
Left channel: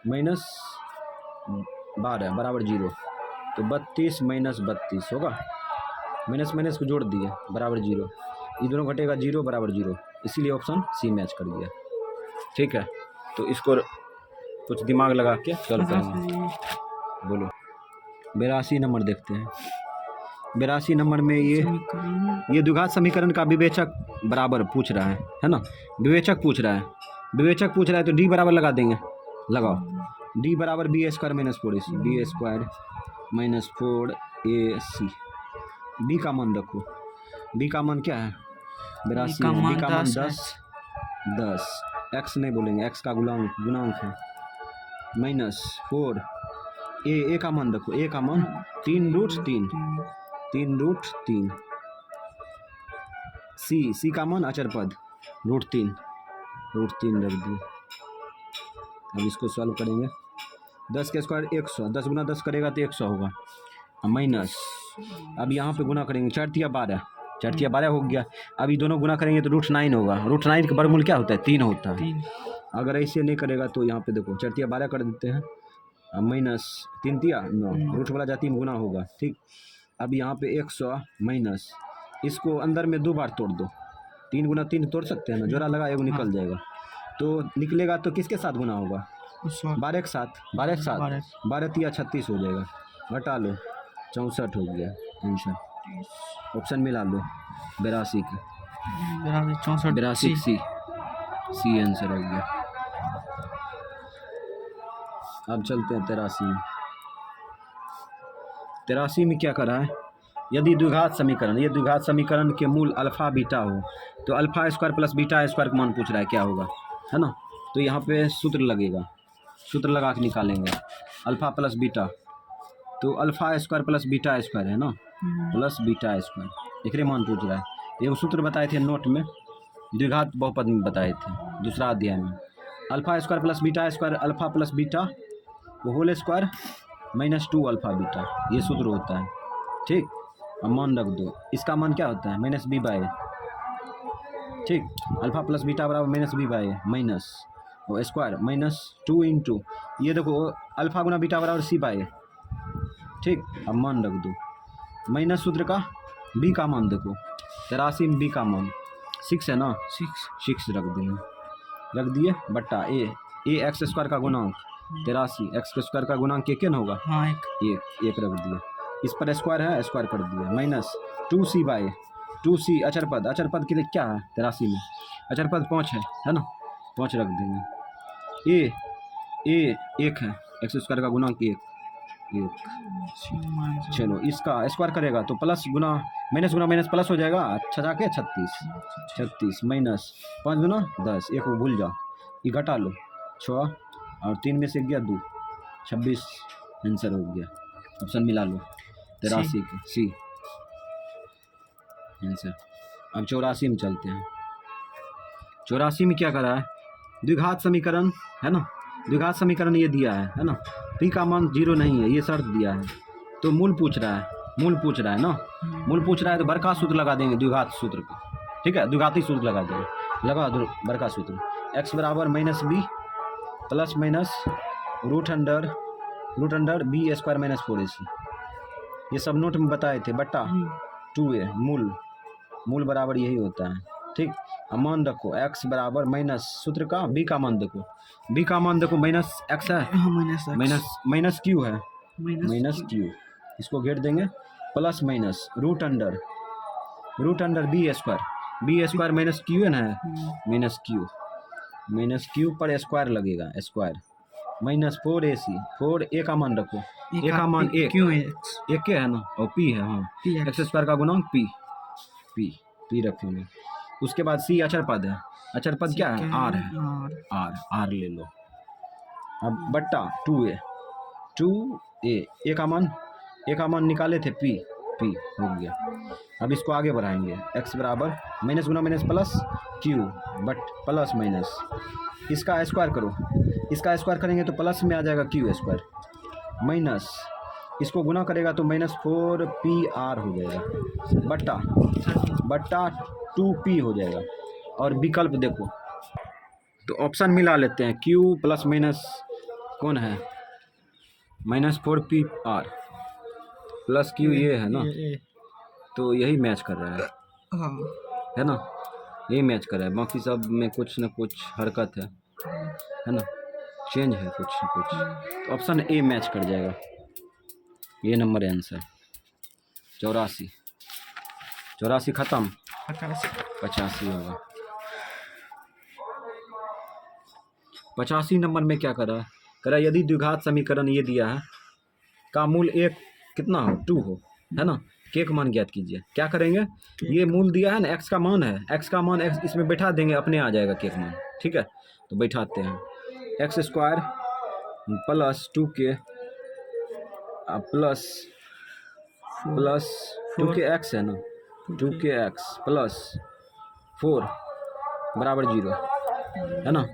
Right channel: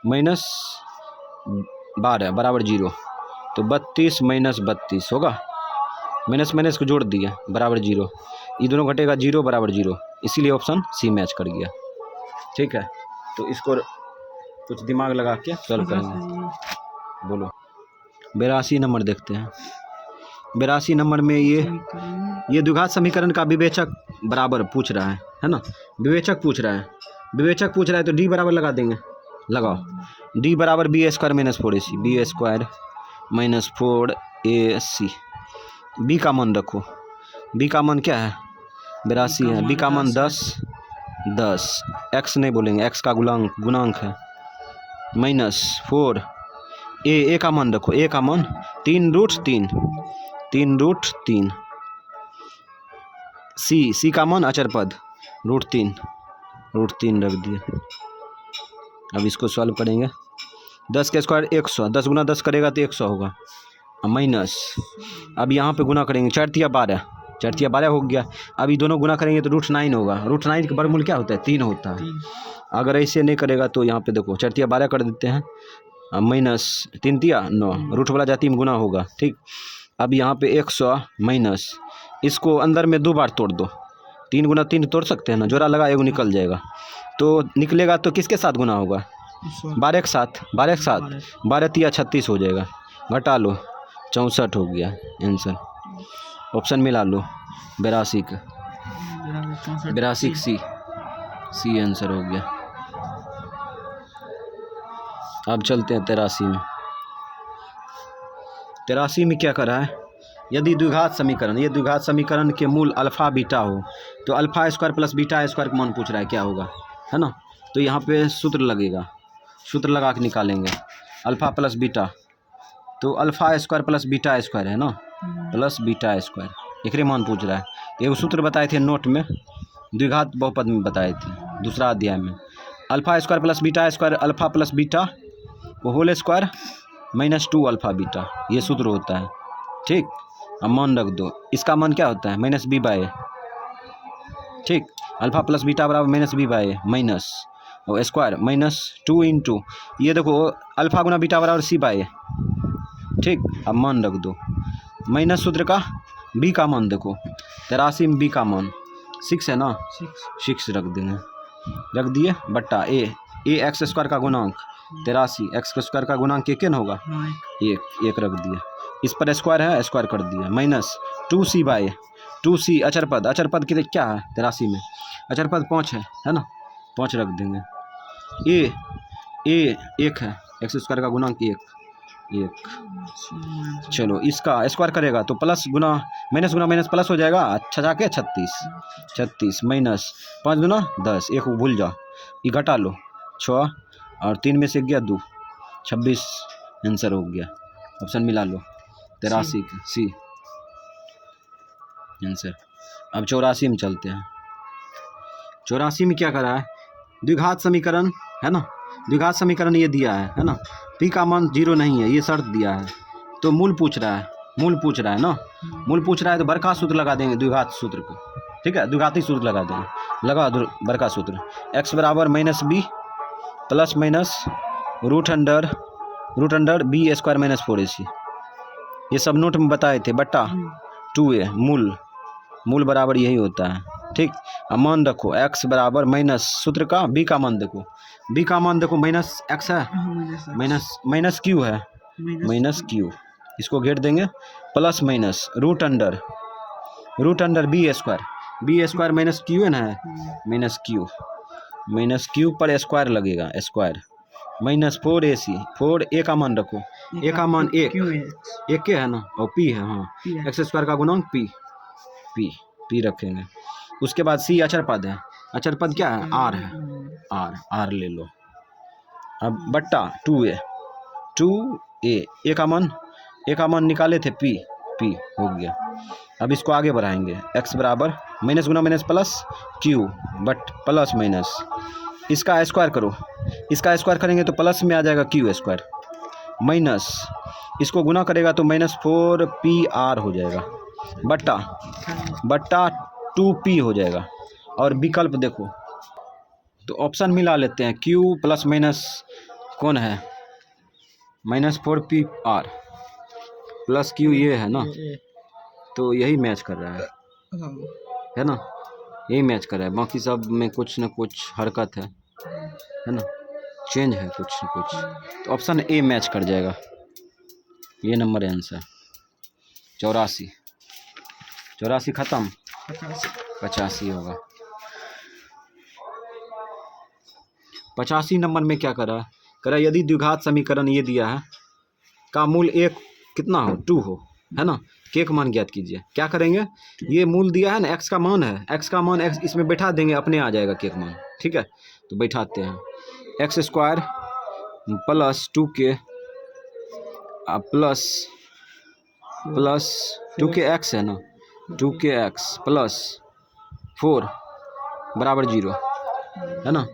-12 बराबर 0। तो 32 -32 होगा, माइनस माइनस को जोड़ दिया बराबर 0। ये दोनों घटेगा 0 बराबर 0, इसीलिए ऑप्शन सी मैच कर गया। ठीक है, तो इसको कुछ दिमाग लगा के सॉल्व करेंगे। बोलो 82 नंबर देखते हैं। 82 नंबर में ये द्विघात समीकरण का विवेचक बराबर पूछ रहा है ना, विवेचक पूछ रहा है। विवेचक पूछ रहा है तो डी बराबर लगा देंगे, लगाओ डी बराबर B square -4ac, B square -4ac। B का मान रखो, बी का मान क्या है 82 है, बी का मान 10 एक्स नहीं बोलेंगे, एक्स का गुणांक है -4। ए का मान रखो, ए का मान 3√3 सी का मान अचर पद √3 रख दिए। अब इसको सॉल्व करेंगे। 10 के स्क्वायर 100, 10 गुना 10 करेगा तो 100 होगा माइनस। अब यहाँ पे गुना करेंगे 4 तिया 12 हो गया। अब ये दोनों गुना करेंगे तो √9 होगा। √9 का वर्गमूल क्या होता है 3 होता है। अगर ऐसे नहीं करेगा तो यहाँ पे देखो 4 तिया 12 कर देते हैं माइनस 3 तिया 9, रूट वाला जाति में गुना होगा। ठीक, अब यहाँ पे 100 माइनस, इसको अंदर में 2 बार तोड़ दो, 3 गुना 3 तोड़ सकते हैं ना, जोड़ा लगा एगो निकल जाएगा। तो निकलेगा तो किसके साथ गुना होगा 12 के साथ, 12 तिया 36 हो जाएगा, घटा लो 64 हो गया आंसर। ऑप्शन मिला लो 82 का, 82 सी आंसर हो गया। अब चलते हैं 83 में। 83 में क्या करा है, यदि द्विघात समीकरण, ये द्विघात समीकरण के मूल अल्फा बीटा हो तो alpha square plus beta square का मान पूछ रहा है क्या होगा, है ना। तो यहाँ पे सूत्र लगेगा, सूत्र लगा के निकालेंगे अल्फा प्लस बीटा। तो alpha square plus beta square है ना, प्लस बीटा स्क्वायर, एक मान पूछ रहा है। एक सूत्र बताए थे नोट में, द्विघात बहुपद में बताए थे दूसरा अध्याय में। Alpha square plus beta square alpha plus beta वो होल स्क्वायर -2 अल्फा बीटा, ये सूत्र होता है। ठीक, अब मान रख दो, इसका मान क्या होता है -b/a। ठीक, अल्फा प्लस बीटा बराबर -b/a माइनस और स्क्वायर -2 इंटू ये देखो अल्फा गुना बीटा बराबर c/a। ठीक, अब मान रख दो, माइनस सूत्र का b का मान देखो 83 में b का मान 6 है ना, 6 रख देंगे, रख दिए बट्टा ए एक्स स्क्वायर का गुणांक 83, एक्स के स्क्वायर का गुणांक एक न होगा, एक रख दिया, इस पर स्क्वायर है स्क्वायर कर दिया, -2c/a 2c अचर पद के लिए क्या है 83 में अचर पद 5 है ना, 5 रख देंगे। ए 1 है, एक्स स्क्वायर का गुणांक 1। चलो इसका स्क्वायर करेगा तो प्लस गुना माइनस प्लस हो जाएगा, अच्छा जाके 36 माइनस 5 गुना 10, एक को भूल जाओ, ये घटा लो 6 और 3 में से गया 2, 26 आंसर हो गया। ऑप्शन मिला लो 83 का सी आंसर। अब 84 में चलते हैं। 84 में क्या करा है, द्विघात समीकरण है ना, द्विघात समीकरण ये दिया है ना, पी का मान 0 नहीं है, ये शर्त दिया है। तो मूल पूछ रहा है ना, मूल पूछ रहा है तो बड़का सूत्र लगा देंगे द्विघात सूत्र को। ठीक है, द्विघाती सूत्र लगा देंगे, लगा बड़का सूत्र x बराबर -b plus minus root under b square -4ac, ये सब नोट में बताए थे, बट्टा 2a मूल बराबर यही होता है। ठीक, अब मान रखो x बराबर माइनस सूत्र का b का मान देखो, -x है, माइनस q है, -q, इसको घेर देंगे, plus minus root under b square -q है ना, -q पर स्क्वायर लगेगा, स्क्वायर माइनस 4ac, 4a का मान रखो, a का मान एक, क्यू एक्स एक के है ना, और p है, हाँ पी एक्स स्क्वायर का गुणांक p रखेंगे। उसके बाद c अचर पद है, अचर पद क्या है, r है, r ले लो। अब बट्टा 2a, a का मान निकाले थे p हो गया। अब इसको आगे बढ़ाएंगे, x बराबर minus Guna minus plus q but plus minus, इसका स्क्वायर करो, इसका स्क्वायर करेंगे तो प्लस में आ जाएगा q स्क्वायर, माइनस इसको गुना करेगा तो माइनस 4pr हो जाएगा, बट्टा 2p हो जाएगा। और विकल्प देखो तो ऑप्शन मिला लेते हैं, q प्लस माइनस कौन है, माइनस 4pr प्लस q ये है ना, तो यही मैच कर रहा है ना, यही मैच कर रहा है, बाकी सब में कुछ न कुछ हरकत है ना, चेंज है कुछ न कुछ, तो ऑप्शन ए मैच कर जाएगा, ये नंबर है आंसर। 84 खत्म, 85 होगा। 85 नंबर में क्या कर रहा है, यदि द्विघात समीकरण ये दिया है का मूल एक कितना हो, 2 हो, है ना, के का मान ज्ञात कीजिए। क्या करेंगे, ये मूल दिया है ना, x का मान है, x का मान x इसमें बैठा देंगे, अपने आ जाएगा के का मान, ठीक है। तो बैठाते हैं, x square plus 2k plus 2kx है ना, 2kx प्लस 4 बराबर 0, है ना।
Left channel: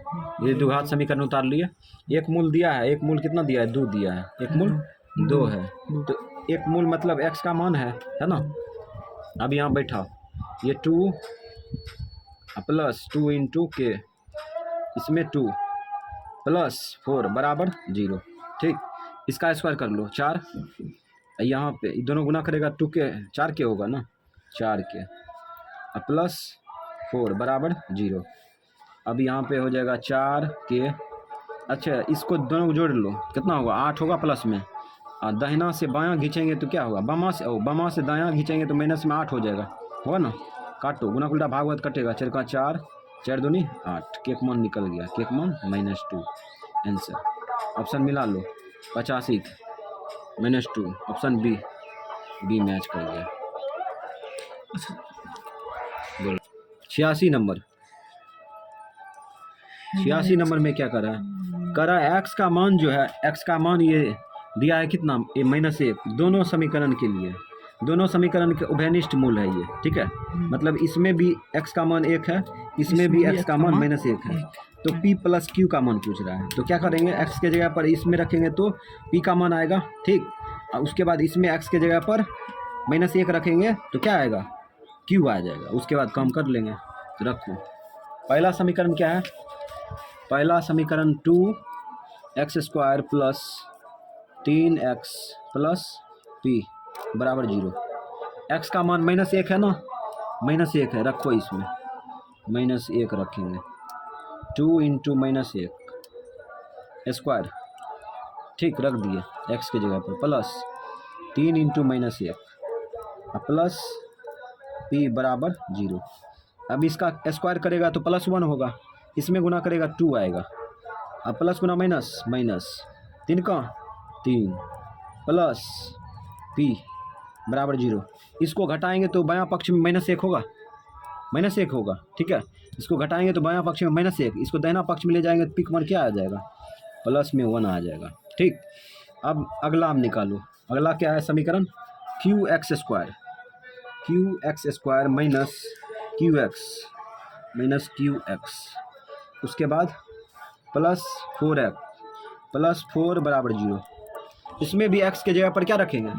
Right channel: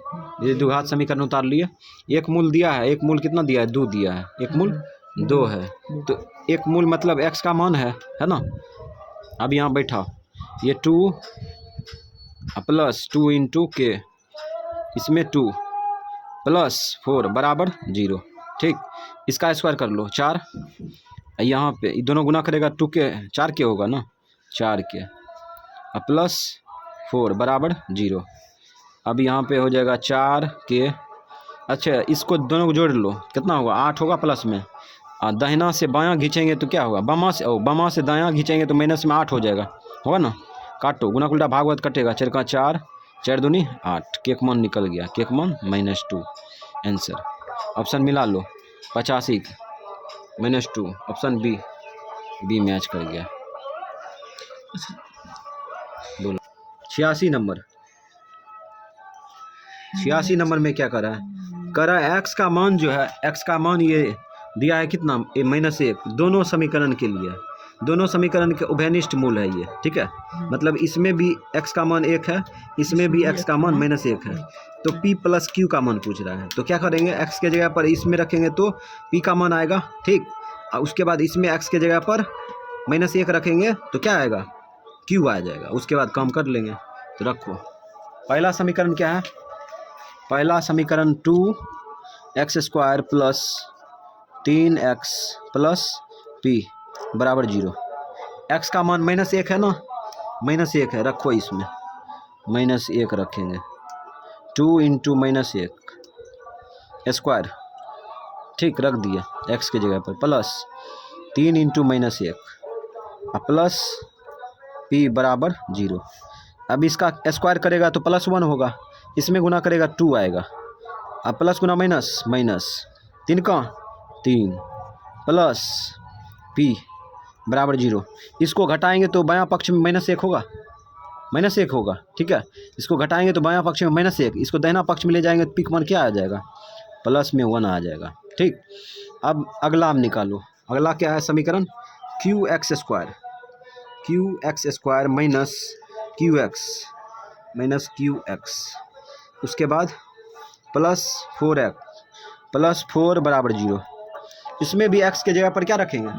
ये द्विघात समीकरण उतार लिए, एक मूल दिया है, एक मूल कितना दिया है, 2 दिया है, एक मूल 2 है, तो एक मूल मतलब x का मान है ना। अब यहाँ बैठा, ये 2 प्लस 2 इंटू के, इसमें 2 प्लस 4 बराबर 0, ठीक। इसका स्क्वायर कर लो 4, यहाँ पे दोनों गुना करेगा 2 के 4 के होगा ना, 4 के प्लस 4 बराबर 0। अब यहाँ पे हो जाएगा 4 के, अच्छा इसको दोनों को जोड़ लो, कितना होगा 8 होगा प्लस में, दाहिना से बायां खींचेंगे तो क्या होगा, बामा से दायां खींचेंगे तो माइनस में 8 हो जाएगा, होगा ना। काटो, गुना उल्टा भागवत कटेगा, 4 का 4, 4 दूनी 8, केक मान निकल गया, केक मान -2 आंसर। ऑप्शन मिला लो, 85 -2, ऑप्शन बी मैच कर गया। बोलो 86 नंबर, 86 नंबर में क्या करा है, करा एक्स का मान जो है, एक्स का मान ये दिया है कितना, -1, दोनों समीकरण के लिए, दोनों समीकरण के उभयनिष्ठ मूल है ये, ठीक है। मतलब इसमें भी x का मान 1 है, इसमें भी x का मान -1 है, तो p प्लस q का मान पूछ रहा है, तो क्या करेंगे, x के जगह पर इसमें रखेंगे तो p का मान आएगा, ठीक। और उसके बाद इसमें x के जगह पर -1 रखेंगे तो क्या आएगा, q आ जाएगा, उसके बाद काम कर लेंगे। तो रखो, पहला समीकरण क्या है, पहला समीकरण 2x² plus 3x plus p बराबर 0, x का मान -1 है ना, -1 है, रखो इसमें -1 रखेंगे, 2 इंटू -1 स्क्वायर, ठीक, रख दिए x के जगह पर, प्लस 3 इंटू -1 प्लस p बराबर 0। अब इसका स्क्वायर करेगा तो +1 होगा, इसमें गुना करेगा 2 आएगा, अब प्लस गुना माइनस 3 का 3 प्लस p बराबर 0। इसको घटाएंगे तो बायां पक्ष में -1 होगा, -1 होगा, ठीक है। इसको घटाएंगे तो बायां पक्ष में -1, इसको दाहिना पक्ष में ले जाएंगे तो p का मान क्या आ जाएगा, +1 आ जाएगा, ठीक। अब अगला हम निकालो, अगला क्या है समीकरण, qx² माइनस qx, उसके बाद प्लस 4 बराबर 0, इसमें भी x के जगह पर क्या रखेंगे,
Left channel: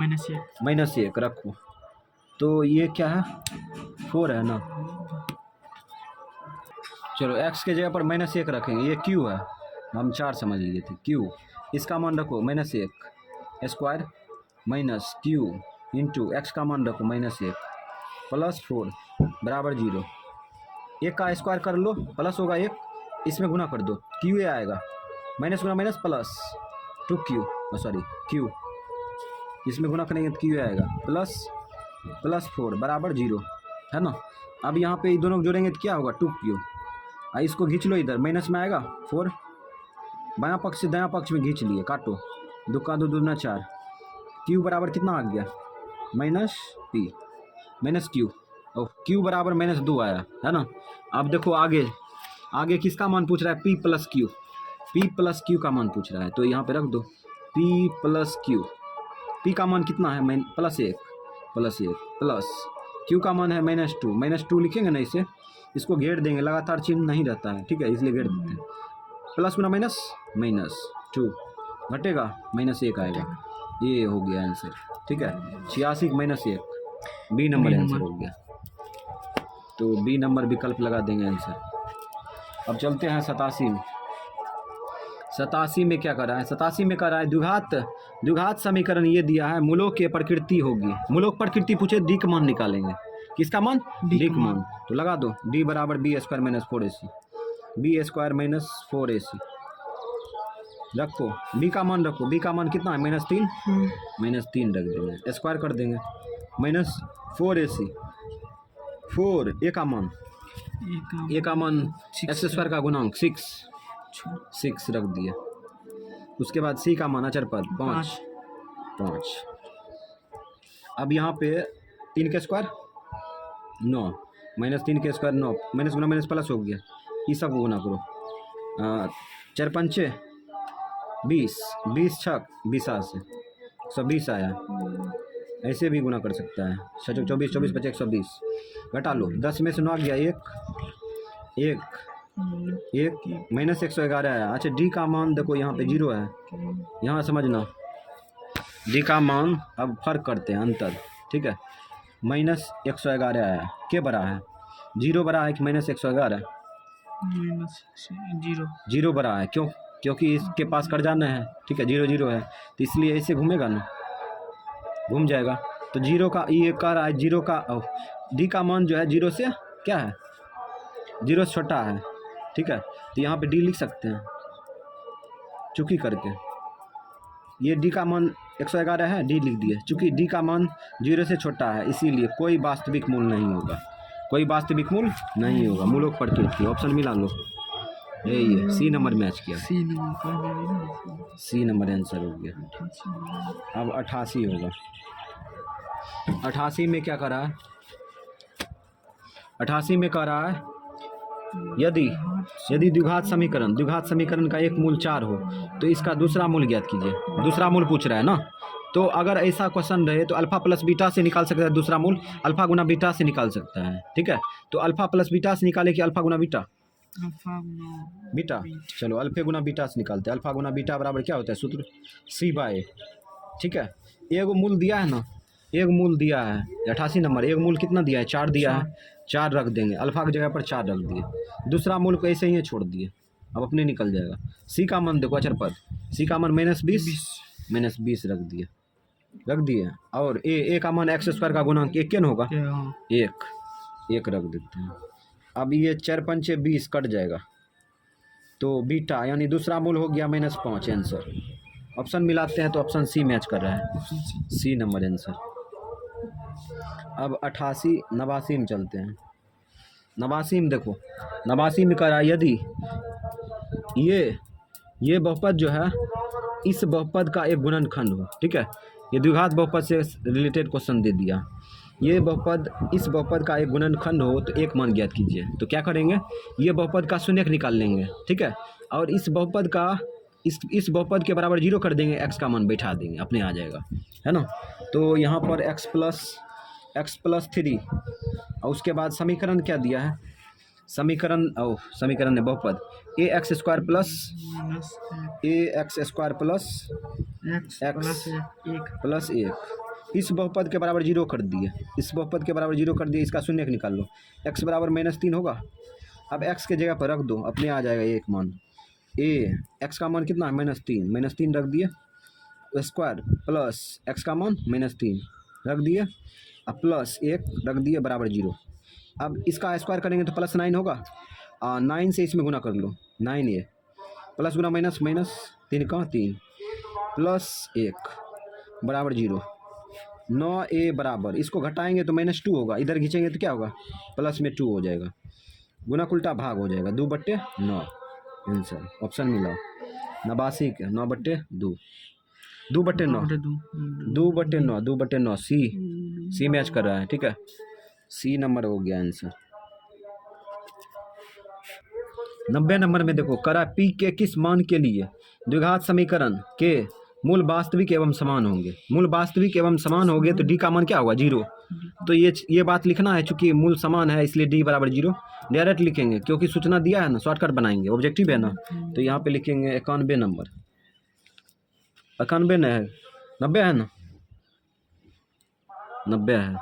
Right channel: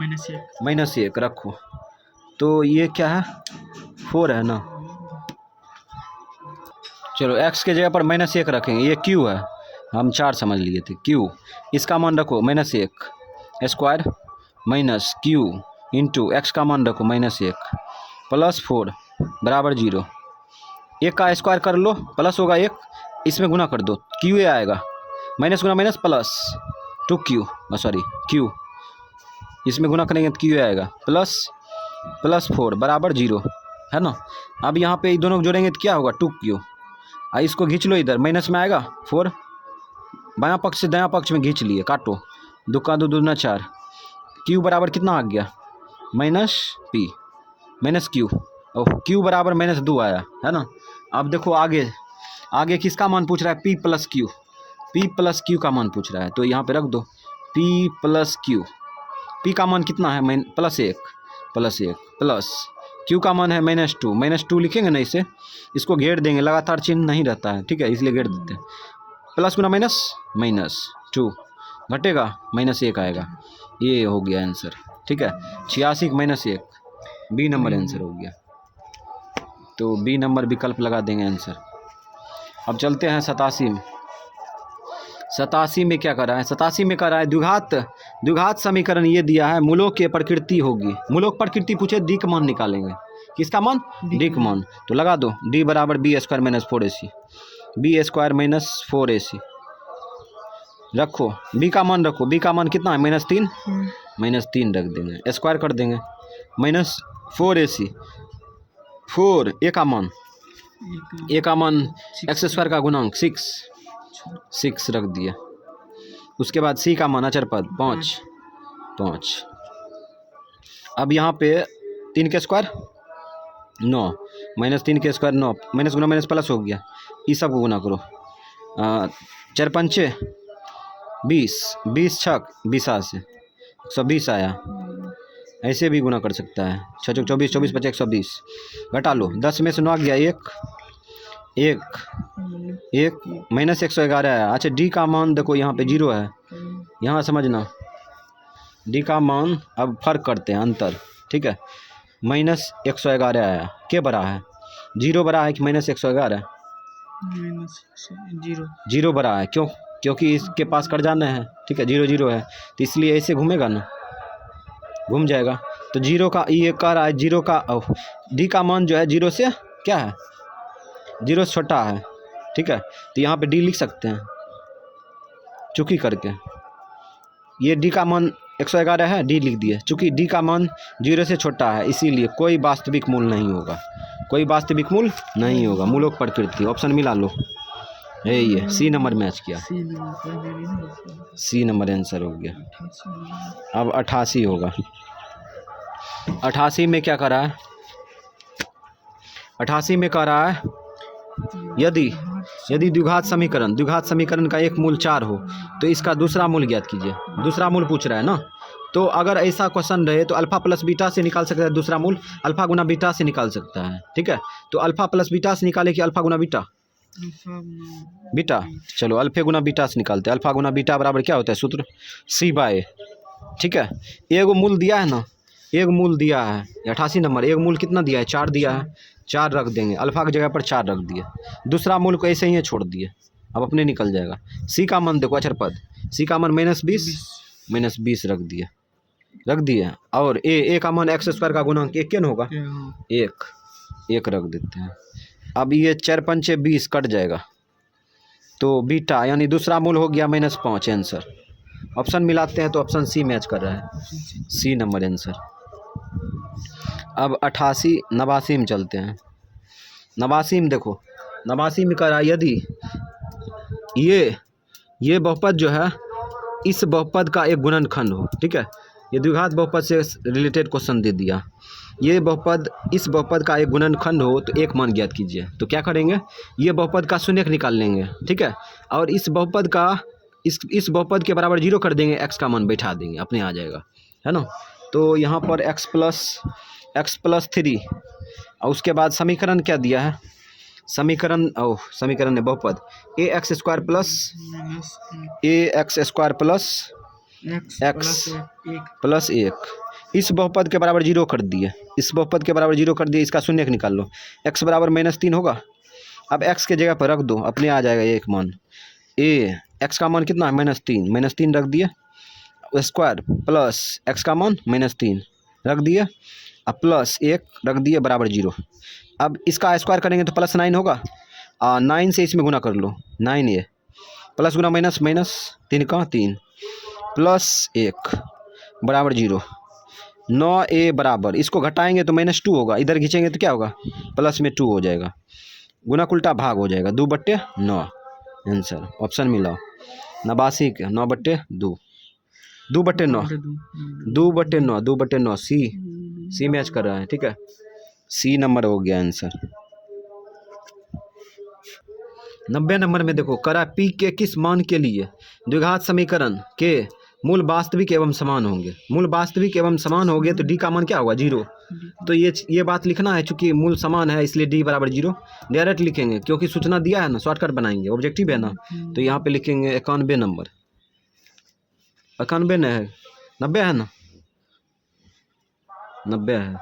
-1 रखो, तो ये क्या है 4 है ना, चलो x के जगह पर -1 रखेंगे, ये q है, हम 4 समझ लिए थे, q, इसका मान रखो -1 square minus q into x का मान रखो -1 प्लस 4 बराबर 0, 1 का स्क्वायर कर लो, प्लस होगा 1, इसमें गुना कर दो, q आएगा, माइनस गुना माइनस प्लस 2q, q, इसमें गुना करेंगे तो q आएगा, प्लस 4 बराबर 0, है ना। अब यहाँ पे दोनों जोड़ेंगे तो क्या होगा 2q, इसको खींच लो इधर, माइनस में आएगा 4, बायां पक्ष से दायां पक्ष में खींच लिए, काटो, दुक्का दो दूना 4, क्यू बराबर कितना आ गया माइनस पी माइनस क्यू, ओह क्यू बराबर माइनस 2 आया है ना। अब देखो आगे किसका मान पूछ रहा है, पी प्लस क्यू का मान पूछ रहा है, तो यहाँ पे रख दो पी प्लस क्यू। पी का मान कितना है +1 प्लस क्यू का मान है -2 लिखेंगे ना, इसे इसको घेर देंगे, लगातार चिन्ह नहीं रहता है, ठीक है, इसलिए घेर देते हैं। प्लस गुना -2 घटेगा -1 आएगा, ये हो गया आंसर, ठीक है। 86 -1 बी नंबर आंसर हो गया, तो बी नंबर विकल्प लगा देंगे आंसर। अब चलते हैं 87 में। 87 में क्या कर रहा है, 87 में कर रहा है द्विघात समीकरण ये दिया है, मूलों की प्रकृति होगी, मूलों की प्रकृति पूछे, डी का मान निकालेंगे, किसका मान, डी का मान, तो लगा दो डी बराबर B square minus 4ac, B square minus 4ac रखो, बी का मान रखो, बी का मान कितना है -3 रख देंगे, स्क्वायर कर देंगे, -4ac 4 ए का मान एक्स स्क्वायर का गुणांक 6 रख दिया, उसके बाद सी का मान अचर पद 5। अब यहाँ पे 3 के स्क्वायर 9 -3 के स्क्वायर 9, माइनस गुना माइनस प्लस हो गया, ये सब को गुना करो, 4 पंचे 20 छक 20 से 120 आया, ऐसे भी गुना कर सकता है, 6 चौक 24 24 5 120 घटा लो, 10 में से 9 गया 1 -111 आया। अच्छा डी का मान देखो यहाँ पे 0 है, यहाँ समझना, डी का मान अब फर्क करते हैं अंतर, ठीक है, -111 आया, क्या बड़ा है, 0 बड़ा है कि -111, 0 बड़ा है, क्योंकि इसके पास कर जाना है, ठीक है, 0 है, तो इसलिए ऐसे घूमेगा ना, घूम जाएगा, तो 0 का ये कह रहा है, 0 का डी का मान जो है 0 से क्या है, 0 से छोटा है, ठीक है, तो यहाँ पे डी लिख सकते हैं चुकी करके, ये डी का मान 111 है, डी लिख दिए, चूँकि डी का मान 0 से छोटा है, इसीलिए कोई वास्तविक मूल नहीं होगा, मूलों की प्रकृति, ऑप्शन मिला लो, ये सी नंबर मैच किया, सी नंबर आंसर हो गया। अब 88 होगा, 88 में क्या कर रहा है, 88 में कह रहा है यदि द्विघात समीकरण का एक मूल 4 हो तो इसका दूसरा मूल ज्ञात कीजिए, दूसरा मूल पूछ रहा है ना, तो अगर ऐसा क्वेश्चन रहे तो अल्फा प्लस बीटा से निकाल सकता है, दूसरा मूल अल्फा गुना बीटा से निकाल सकता है, ठीक है, तो अल्फा प्लस बीटा से निकाले कि अल्फा गुना बीटा, चलो अल्फा गुना बीटा से निकालते हैं, अल्फा गुना बीटा बराबर क्या होता है, सूत्र C/A, ठीक है, एक मूल दिया है ना, एक मूल दिया है 88 नंबर, एक मूल कितना दिया है, 4 दिया है, 4 रख देंगे, अल्फा की जगह पर 4 रख दिए, दूसरा मूल को ऐसे ही छोड़ दिए, अब अपने निकल जाएगा, सी का मान देखो अचर पद, सी का मान -20 रख दिए, और ए का मान एक्स स्क्वायर का गुणांक 1 क्या होगा, 1 रख देते हैं। अब ये 4 पंचे 20 कट जाएगा, तो बीटा यानी दूसरा मूल हो गया -5 आंसर, ऑप्शन मिलाते हैं तो ऑप्शन सी मैच कर रहा है, सी नंबर आंसर। अब 89 में चलते हैं, 89 में देखो, 89 में कह रहा है यदि ये बहुपद जो है इस बहुपद का एक गुणनखंड हो, ठीक है, ये द्विघात बहुपद से रिलेटेड क्वेश्चन दे दिया, ये बहुपद इस बहुपद का एक गुणनखंड हो तो एक मान ज्ञात कीजिए, तो क्या करेंगे, ये बहुपद का शून्यक निकाल लेंगे, ठीक है, और इस बहुपद का इस बहुपद के बराबर 0 कर देंगे, x का मान बैठा देंगे, अपने आ जाएगा, है ना, तो यहाँ पर x + 3 और उसके बाद समीकरण क्या दिया है, समीकरण ने बहुपद ax² + x इस बहुपद के बराबर 0 कर दिए, इसका शून्यक निकाल लो, x बराबर -3 होगा, अब x के जगह पर रख दो, अपने आ जाएगा एक मान, x का मान कितना है -3 रख दिए, स्क्वायर प्लस x का मान -3 रख दिए, अब +1 रख दिए बराबर 0, अब इसका स्क्वायर करेंगे तो +9 होगा, 9 से इसमें गुना कर लो, 9a प्लस गुना माइनस 3 का 3 +1 बराबर 0, 9a बराबर, इसको घटाएंगे तो -2 होगा, इधर खींचेंगे तो क्या होगा, +2 हो जाएगा, गुना उल्टा भाग हो जाएगा, 2/9 आंसर, ऑप्शन मिलाओ, 89 के 9/2 2/9 2 2/9 2/9 सी मैच कर रहा है, ठीक है। सी नंबर हो गया आंसर। 90 नंबर में देखो करा पी के किस मान के लिए द्विघात समीकरण के मूल वास्तविक एवं समान होंगे। मूल वास्तविक एवं समान होंगे तो डी का मान क्या होगा 0। तो ये बात लिखना है, चूंकि मूल समान है इसलिए डी बराबर 0 डायरेक्ट लिखेंगे, क्योंकि सूचना दिया है ना, शॉर्टकट बनाएंगे, ऑब्जेक्टिव है ना। तो यहाँ पे लिखेंगे 91 नंबर। 91 न है, 90 है ना, 90 है,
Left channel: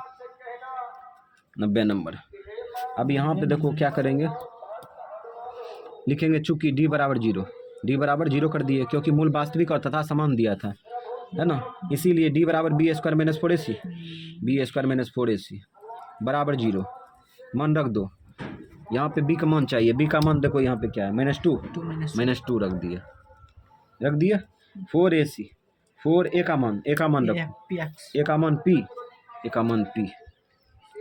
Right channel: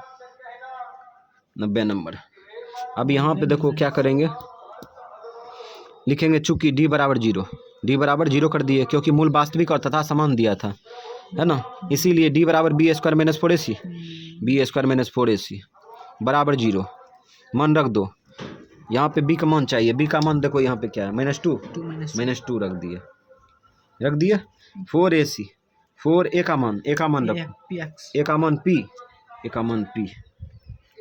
90 नंबर। अब यहाँ पे देखो क्या करेंगे, लिखेंगे चूंकि डी बराबर 0, डी बराबर 0 कर दिए, क्योंकि मूल वास्तविक और तथा समान दिया था, है ना, इसीलिए डी बराबर B square minus 4ac, B square minus 4ac बराबर 0 मान रख दो। यहाँ पे बी का मान चाहिए, बी का मान देखो यहाँ पे क्या है -2 रख दिए 4ac 4 ए का मान रखो, ए का मान पी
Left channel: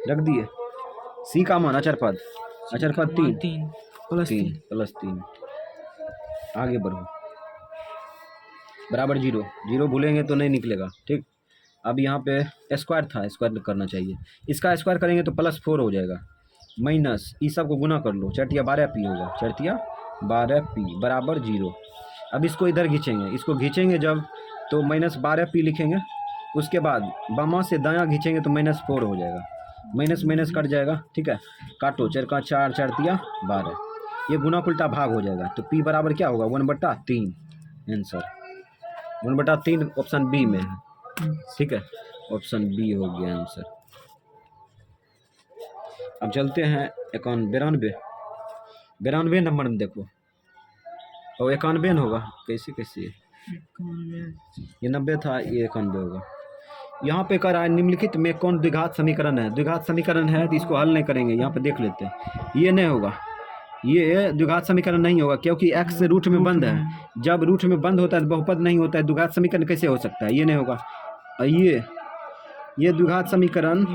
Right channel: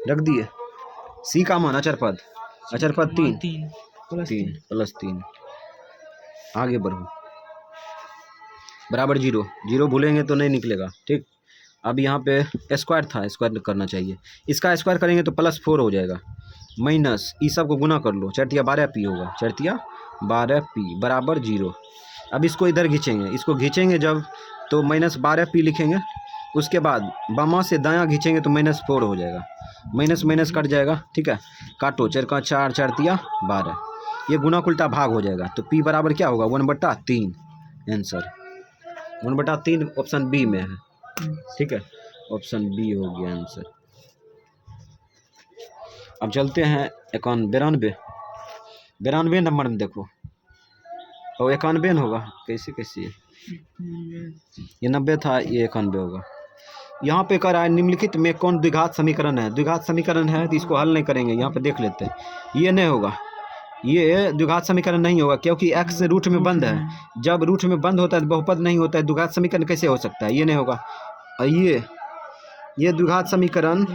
रख दिए। सी का मान अचर पद 3 +3 आगे बढ़ो बराबर 0 भूलेंगे तो नहीं निकलेगा, ठीक। अब यहाँ पे स्क्वायर था, स्क्वायर करना चाहिए, इसका स्क्वायर करेंगे तो +4 हो जाएगा, माइनस ई सब को गुना कर लो, 4 12 पी होगा, 4 12 पी बराबर 0। अब इसको इधर खींचेंगे जब तो -12 पी लिखेंगे, उसके बाद बामा से दायां खींचेंगे तो -4 हो जाएगा, माइनस कट जाएगा, ठीक है। काटो 4 का 4 4 तिया 12, ये गुना उल्टा भाग हो जाएगा, तो पी बराबर क्या होगा 1/3 आंसर 1/3 ऑप्शन बी में है, ठीक है, ऑप्शन बी हो गया आंसर। अब चलते हैं 92 नंबर में देखो, और 91 होगा, कैसे ये 90 था, ये 91 होगा। यहाँ पे कह रहा है निम्नलिखित में कौन द्विघात समीकरण है। द्विघात समीकरण है तो इसको हल नहीं करेंगे, यहाँ पे देख लेते हैं, ये नहीं होगा, ये द्विघात समीकरण नहीं होगा, क्योंकि x रूट में बंद है, जब रूट में बंद होता है तो बहुपद नहीं होता है, द्विघात समीकरण कैसे हो सकता है, ये नहीं होगा। ये द्विघात समीकरण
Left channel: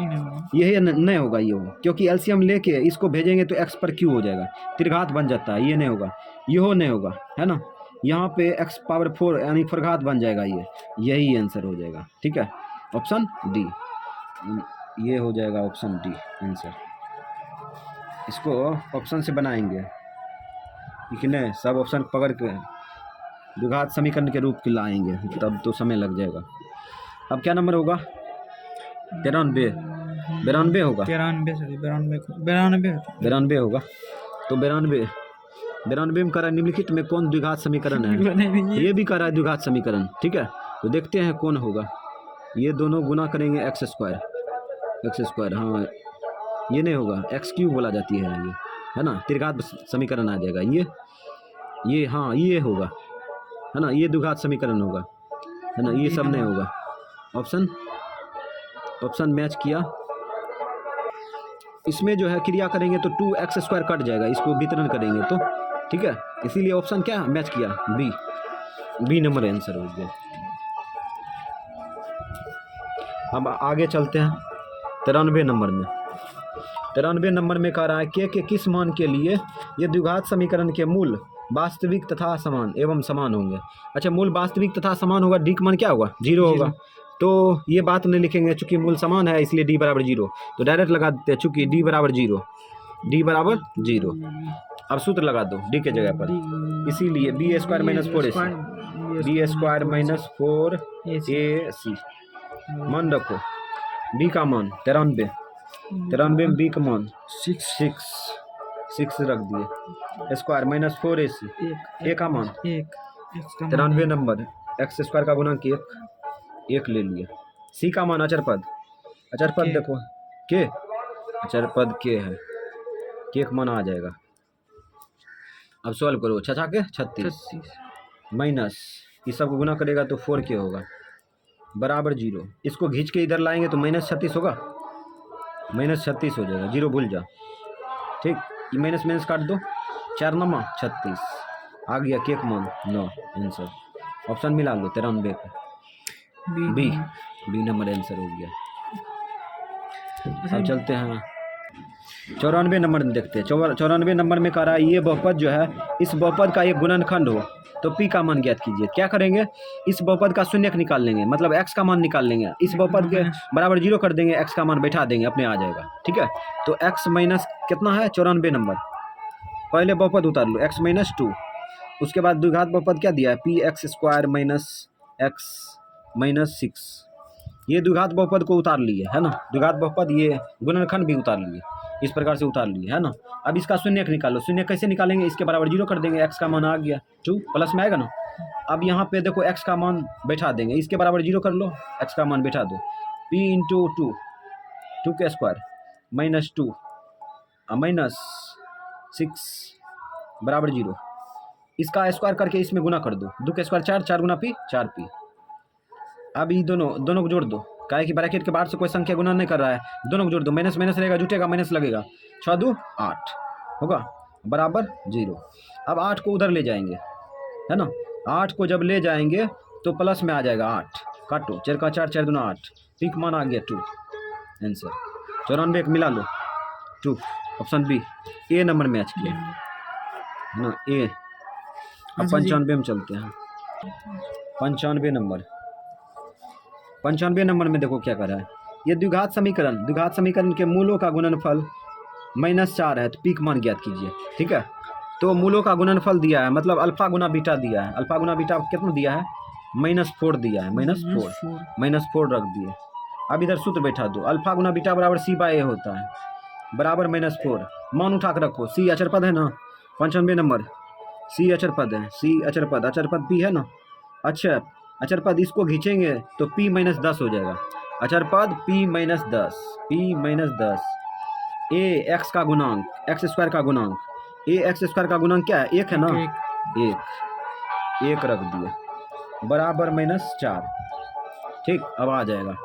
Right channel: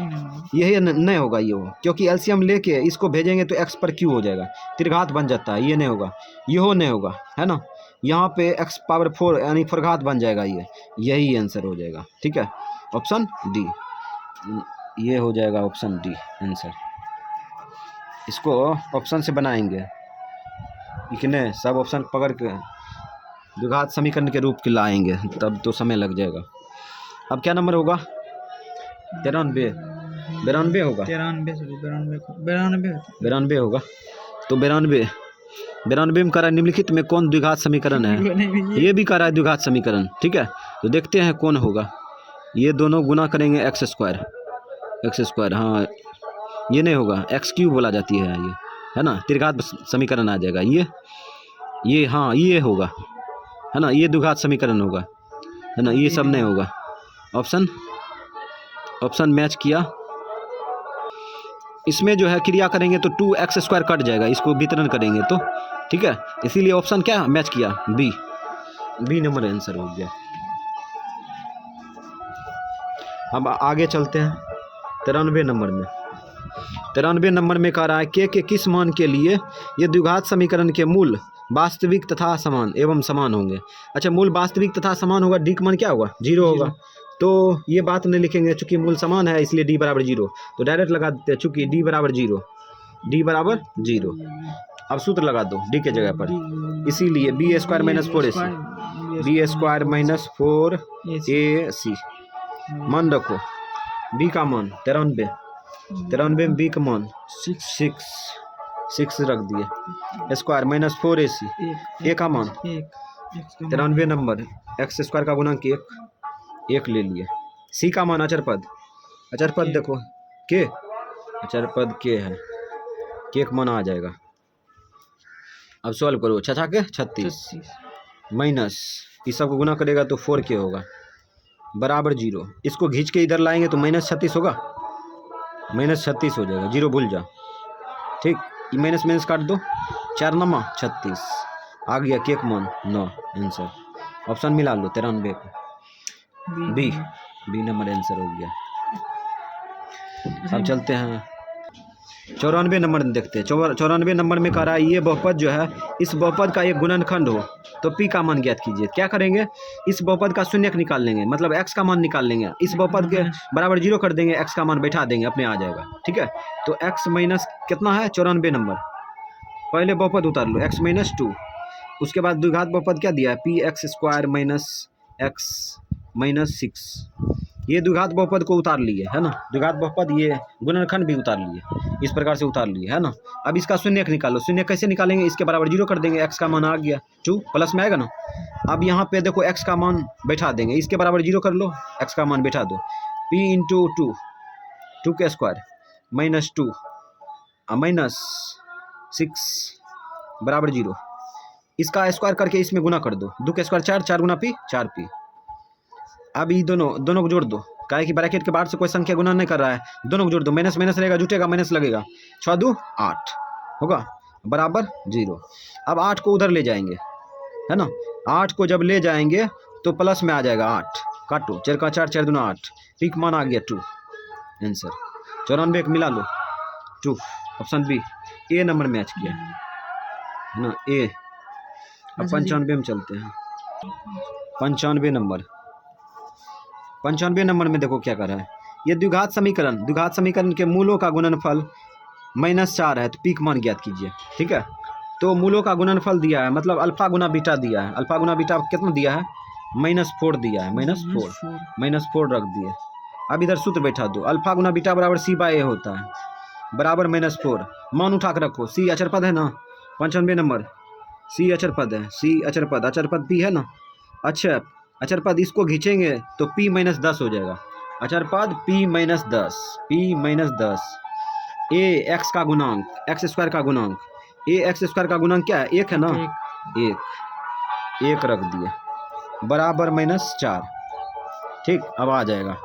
यही नहीं होगा, ये हो, क्योंकि एलसीएम लेके इसको भेजेंगे तो x पर q हो जाएगा, त्रिघात बन जाता है, ये नहीं होगा, यहो नहीं होगा, है ना। यहाँ पे x पावर 4 यानी फोरघात बन जाएगा, यही आंसर हो जाएगा, ठीक है, ऑप्शन डी, ये हो जाएगा ऑप्शन डी आंसर। इसको ऑप्शन से बनाएंगे, इतने सब ऑप्शन पकड़ के द्विघात समीकरण के रूप के लाएंगे, तब तो समय लग जाएगा। अब क्या नंबर होगा 92 होगा, 92 होगा। तो 92 में कह रहा है निम्नलिखित में कौन द्विघात समीकरण है, ये भी कह रहा है द्विघात समीकरण, ठीक है। तो देखते हैं कौन होगा, ये दोनों गुना करेंगे x स्क्वायर, हाँ ये नहीं होगा, x³ बोला जाती है ये, है ना, त्रिघात समीकरण आ जाएगा, ये हाँ ये होगा, है ना, ये द्विघात समीकरण होगा, है ना, ये सब नहीं होगा। ऑप्शन मैच किया, इसमें जो है क्रिया करेंगे तो 2x² कट जाएगा, इसको वितरण करेंगे तो, ठीक है, इसीलिए ऑप्शन क्या मैच किया, बी नंबर आंसर हो गया। अब आगे चलते हैं 93 नंबर में कह रहा है के किस मान के लिए ये द्विघात समीकरण के मूल वास्तविक तथा समान एवं समान होंगे। अच्छा, मूल वास्तविक तथा समान होगा, डी का मान क्या होगा 0 होगा, तो ये बात नहीं लिखेंगे, चूंकि मूल समान है इसलिए डी बराबर 0, तो डायरेक्ट लगा देते हैं, चूंकि डी बराबर 0। अब सूत्र लगा दो डी के जगह पर, इसीलिए बी स्क्वायर माइनस 4ac मान रखो, बी का मान 93 में बी का मान 6 रख दिए, स्क्वायर माइनस 4ac, ए का मान 93 नंबर, x स्क्वायर का गुणांक 1 ले लिए, सी का मान अचर पद देखो के, अचर पद के है, के का मान आ जाएगा। अब सॉल्व करो, 6 के 36 माइनस इस सब को गुना करेगा तो 4k होगा बराबर 0, इसको खींच के इधर लाएंगे तो -36 होगा, -36 हो जाएगा, 0 भूल जा, ठीक, माइनस काट दो, 4 9 36 आ गया, केक मान 9 आंसर, ऑप्शन मिला लो 93 का, बी नंबर आंसर हो गया। अब चलते हैं 94 नंबर में देखते हैं। 94 नंबर में कह रहा है ये बहुपद जो है इस बहुपद का एक गुणनखंड हो तो p का मान ज्ञात कीजिए। क्या करेंगे, इस बहुपद का शून्यक निकाल लेंगे, मतलब x का मान निकाल लेंगे, इस बहुपद के बराबर 0 कर देंगे, x का मान बैठा देंगे, अपने आ जाएगा। ठीक है, तो x माइनस कितना है 94 नंबर, पहले बहुपद उतार लो x माइनस 2, उसके बाद द्विघात बहुपद क्या दिया है P x square minus x minus 6, ये द्विघात बहुपद को उतार लिए है ना, द्विघात बहुपद ये गुणनखंड भी उतार लिए, इस प्रकार से उतार लिए है ना। अब इसका शून्यक निकालो, शून्य कैसे निकालेंगे, इसके बराबर 0 कर देंगे, x का मान आ गया 2 प्लस में आएगा ना। अब यहाँ पे देखो x का मान बैठा देंगे, इसके बराबर 0 कर लो, x का मान बैठा दो, p इंटू 2 के स्क्वायर माइनस 2 माइनस 6 बराबर 0, इसका स्क्वायर करके इसमें गुना कर दो, 2 के स्क्वायर 4, 4 गुना p 4p। अब ये दोनों को जोड़ दो, काहे कि ब्रैकेट के बाहर से कोई संख्या गुना नहीं कर रहा है, दोनों को जोड़ दो, माइनस माइनस रहेगा जुटेगा, माइनस लगेगा, 6 2 8 होगा बराबर 0। अब 8 को उधर ले जाएंगे है ना, 8 को जब ले जाएंगे तो प्लस में आ जाएगा 8, काटो 4 का 4 4 दूना 8, पीक मान आ गया 2, आंसर 94 मिला लो 2, ऑप्शन बी ए नंबर मैच किया है ना, ए। अब 95 में चलते हैं, 95 नंबर, 95 नंबर में देखो क्या कर रहा है, ये द्विघात समीकरण के मूलों का गुणनफल -4 है, तो पीक मान ज्ञात कीजिए। ठीक है, तो मूलों का गुणनफल दिया है, मतलब अल्फा गुना बीटा दिया है, अल्फा गुना बीटा कितना दिया है -4 दिया है, -4 रख दिए। अब इधर सूत्र बैठा दो, अल्फा गुना बीटा बराबर c/a होता है, बराबर -4, मान उठा कर रखो, c अचर पद है ना, 95 नंबर c अचर पद है, c अचर पद p है ना, अच्छा अचर पद इसको खींचेंगे तो p माइनस 10 हो जाएगा, अचर पद p माइनस 10, a x का गुणांक x स्क्वायर का गुणांक, a x स्क्वायर का गुणांक क्या है 1 है ना, 1 रख दिए बराबर -4। ठीक, अब आ जाएगा,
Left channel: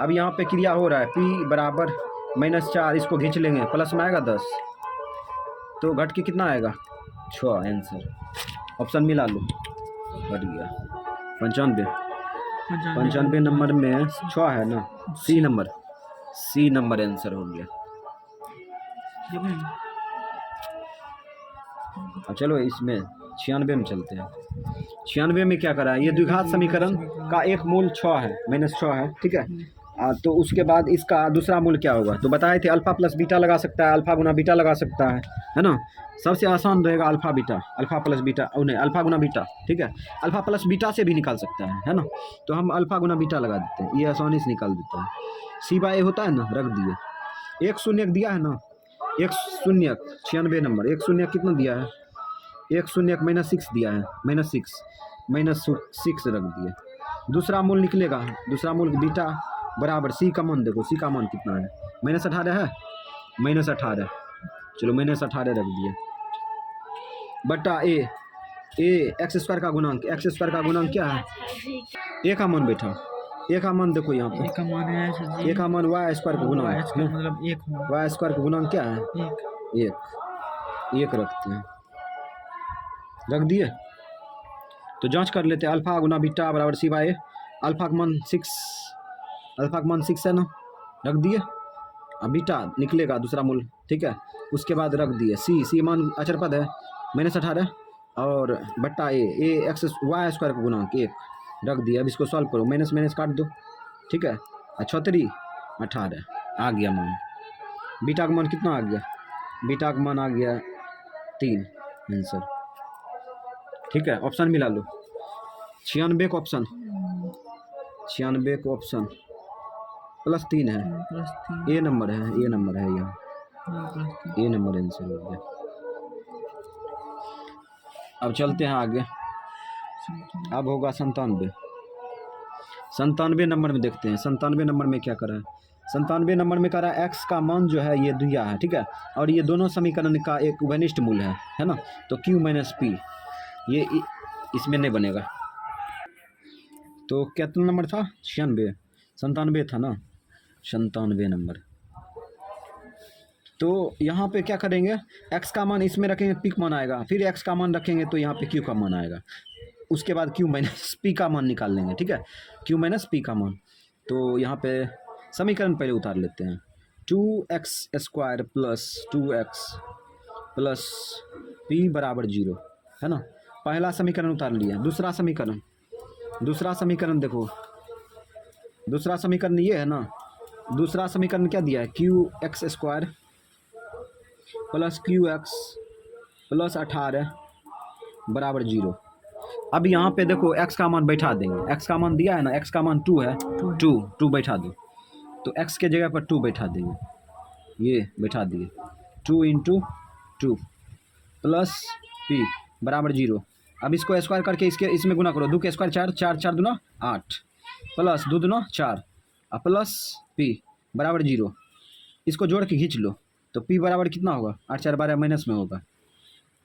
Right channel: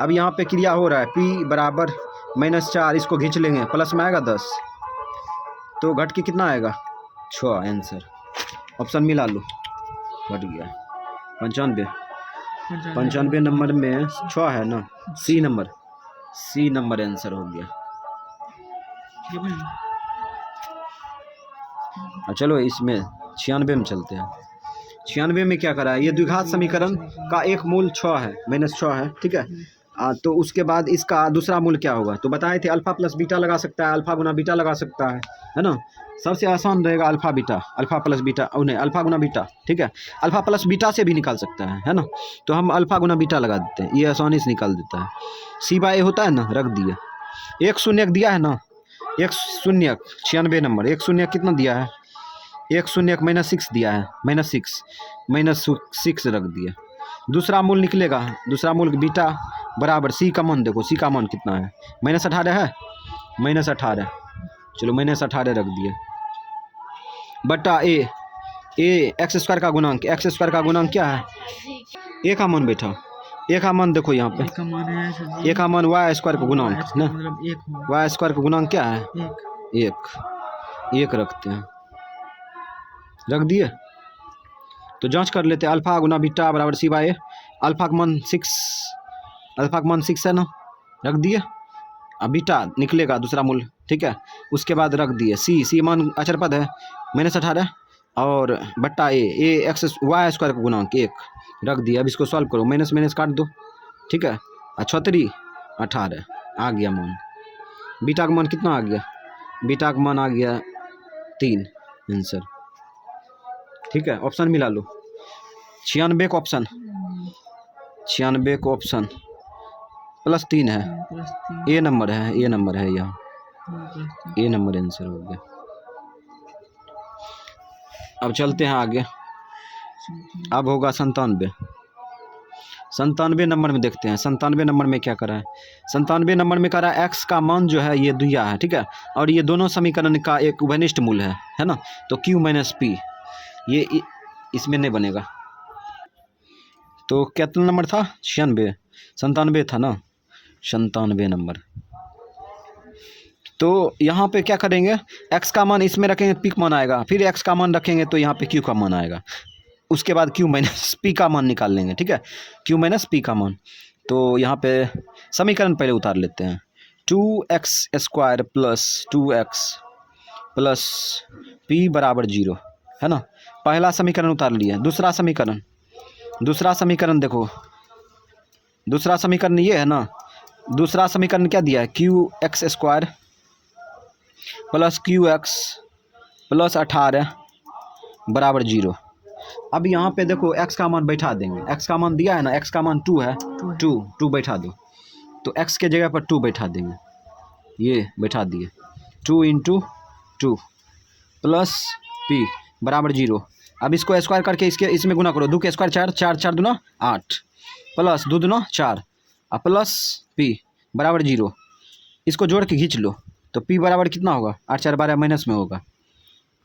अब यहाँ पे क्रिया हो रहा है p बराबर -4, इसको खींच लेंगे, प्लस में आएगा 10, तो घट के कितना आएगा 6, आंसर ऑप्शन मिला लो, घट गया 95 नंबर में 6 है ना, सी नंबर आंसर हो गया। चलो इसमें 96 में चलते हैं, 96 में क्या करा है, ये द्विघात समीकरण का एक मूल 6 है, -6 है। ठीक है, तो उसके बाद इसका दूसरा मूल क्या होगा, तो बताए थे अल्फा प्लस बीटा लगा सकता है, अल्फा गुना बीटा लगा सकता है ना, सबसे आसान रहेगा अल्फा प्लस बीटा, नहीं अल्फा गुना बीटा। ठीक है, अल्फा प्लस बीटा से भी निकाल सकता है ना, तो हम अल्फा गुना बीटा लगा देते हैं, ये आसानी से निकाल देता है, c/a होता है ना, रख दिए, एक शून्यक दिया है ना, एक शून्यक 96 नंबर, एक शून्यक कितना दिया है, एक शून्यक -6 दिया है, -6 रख दिया, दूसरा मूल निकलेगा, दूसरा मूल बीटा बराबर c का मान देखो, c का मान कितना है -18 है, -18, चलो -18 रख दिए, बटा a एक्स स्क्वायर का गुणांक, एक्स स्क्वायर का गुणांक क्या है, a का मान बैठा, a का मान देखो यहाँ पे, एक का मान है a का मान y स्क्वायर का गुणांक ना, मतलब 1 हो, y स्क्वायर का गुणांक क्या है 1 रखते हैं, रख दिए, तो जांच कर लेते हैं, अल्फा गुना बीटा बराबर c/a, अल्फा का मान 6 है ना, रख दिए, अब बीटा निकलेगा दूसरा मूल। ठीक है, उसके बाद रख दिए c मान अचर पद है -18 और बट्टा a एक्स y स्क्वायर का गुणांक 1 रख दिया। अब इसको सॉल्व करो, माइनस माइनस काट दो। ठीक है, 36 18 आ गया मान, बीटा का मान कितना आ गया, बीटा का मान आ गया 3, आंसर। ठीक है, ऑप्शन मिला लो, 96 का ऑप्शन, 96 का ऑप्शन +3 है, ए नंबर है, यहाँ ए नंबर आंसर हो गया। अब चलते हैं आगे, अब होगा 97 नंबर में देखते हैं, 97 नंबर में क्या करा है, 97 नंबर में करा x का मान जो है ये दिया है। ठीक है, और ये दोनों समीकरण का एक उभयनिष्ठ मूल है ना, तो q माइनस p ये इसमें नहीं बनेगा, तो कितना नंबर था 97 था ना, 97 नंबर। तो यहाँ पे क्या करेंगे, x का मान इसमें रखेंगे, p मान आएगा, फिर x का मान रखेंगे तो यहाँ पे q का मान आएगा, उसके बाद q माइनस p का मान निकाल लेंगे। ठीक है, q माइनस p का मान, तो यहाँ पे समीकरण पहले उतार लेते हैं, 2x² plus 2x plus p बराबर 0 है ना। पहला समीकरण उतार लिया। दूसरा समीकरण देखो, दूसरा समीकरण ये है ना। दूसरा समीकरण क्या दिया है, qx² प्लस qx प्लस 18 बराबर 0। अब यहाँ पे देखो x का मान बैठा देंगे। x का मान दिया है ना, x का मान 2 है, 2 बैठा दो। तो x के जगह पर 2 बैठा देंगे, ये बैठा दिए। 2 × 2 प्लस p बराबर 0। अब इसको स्क्वायर करके इसमें गुना करो। 2 के स्क्वायर 4, 4 4 दूना 8 प्लस 2 दूना 4 और प्लस p बराबर 0। इसको जोड़ के खींच लो तो p बराबर कितना होगा, 8 4 12 माइनस में होगा।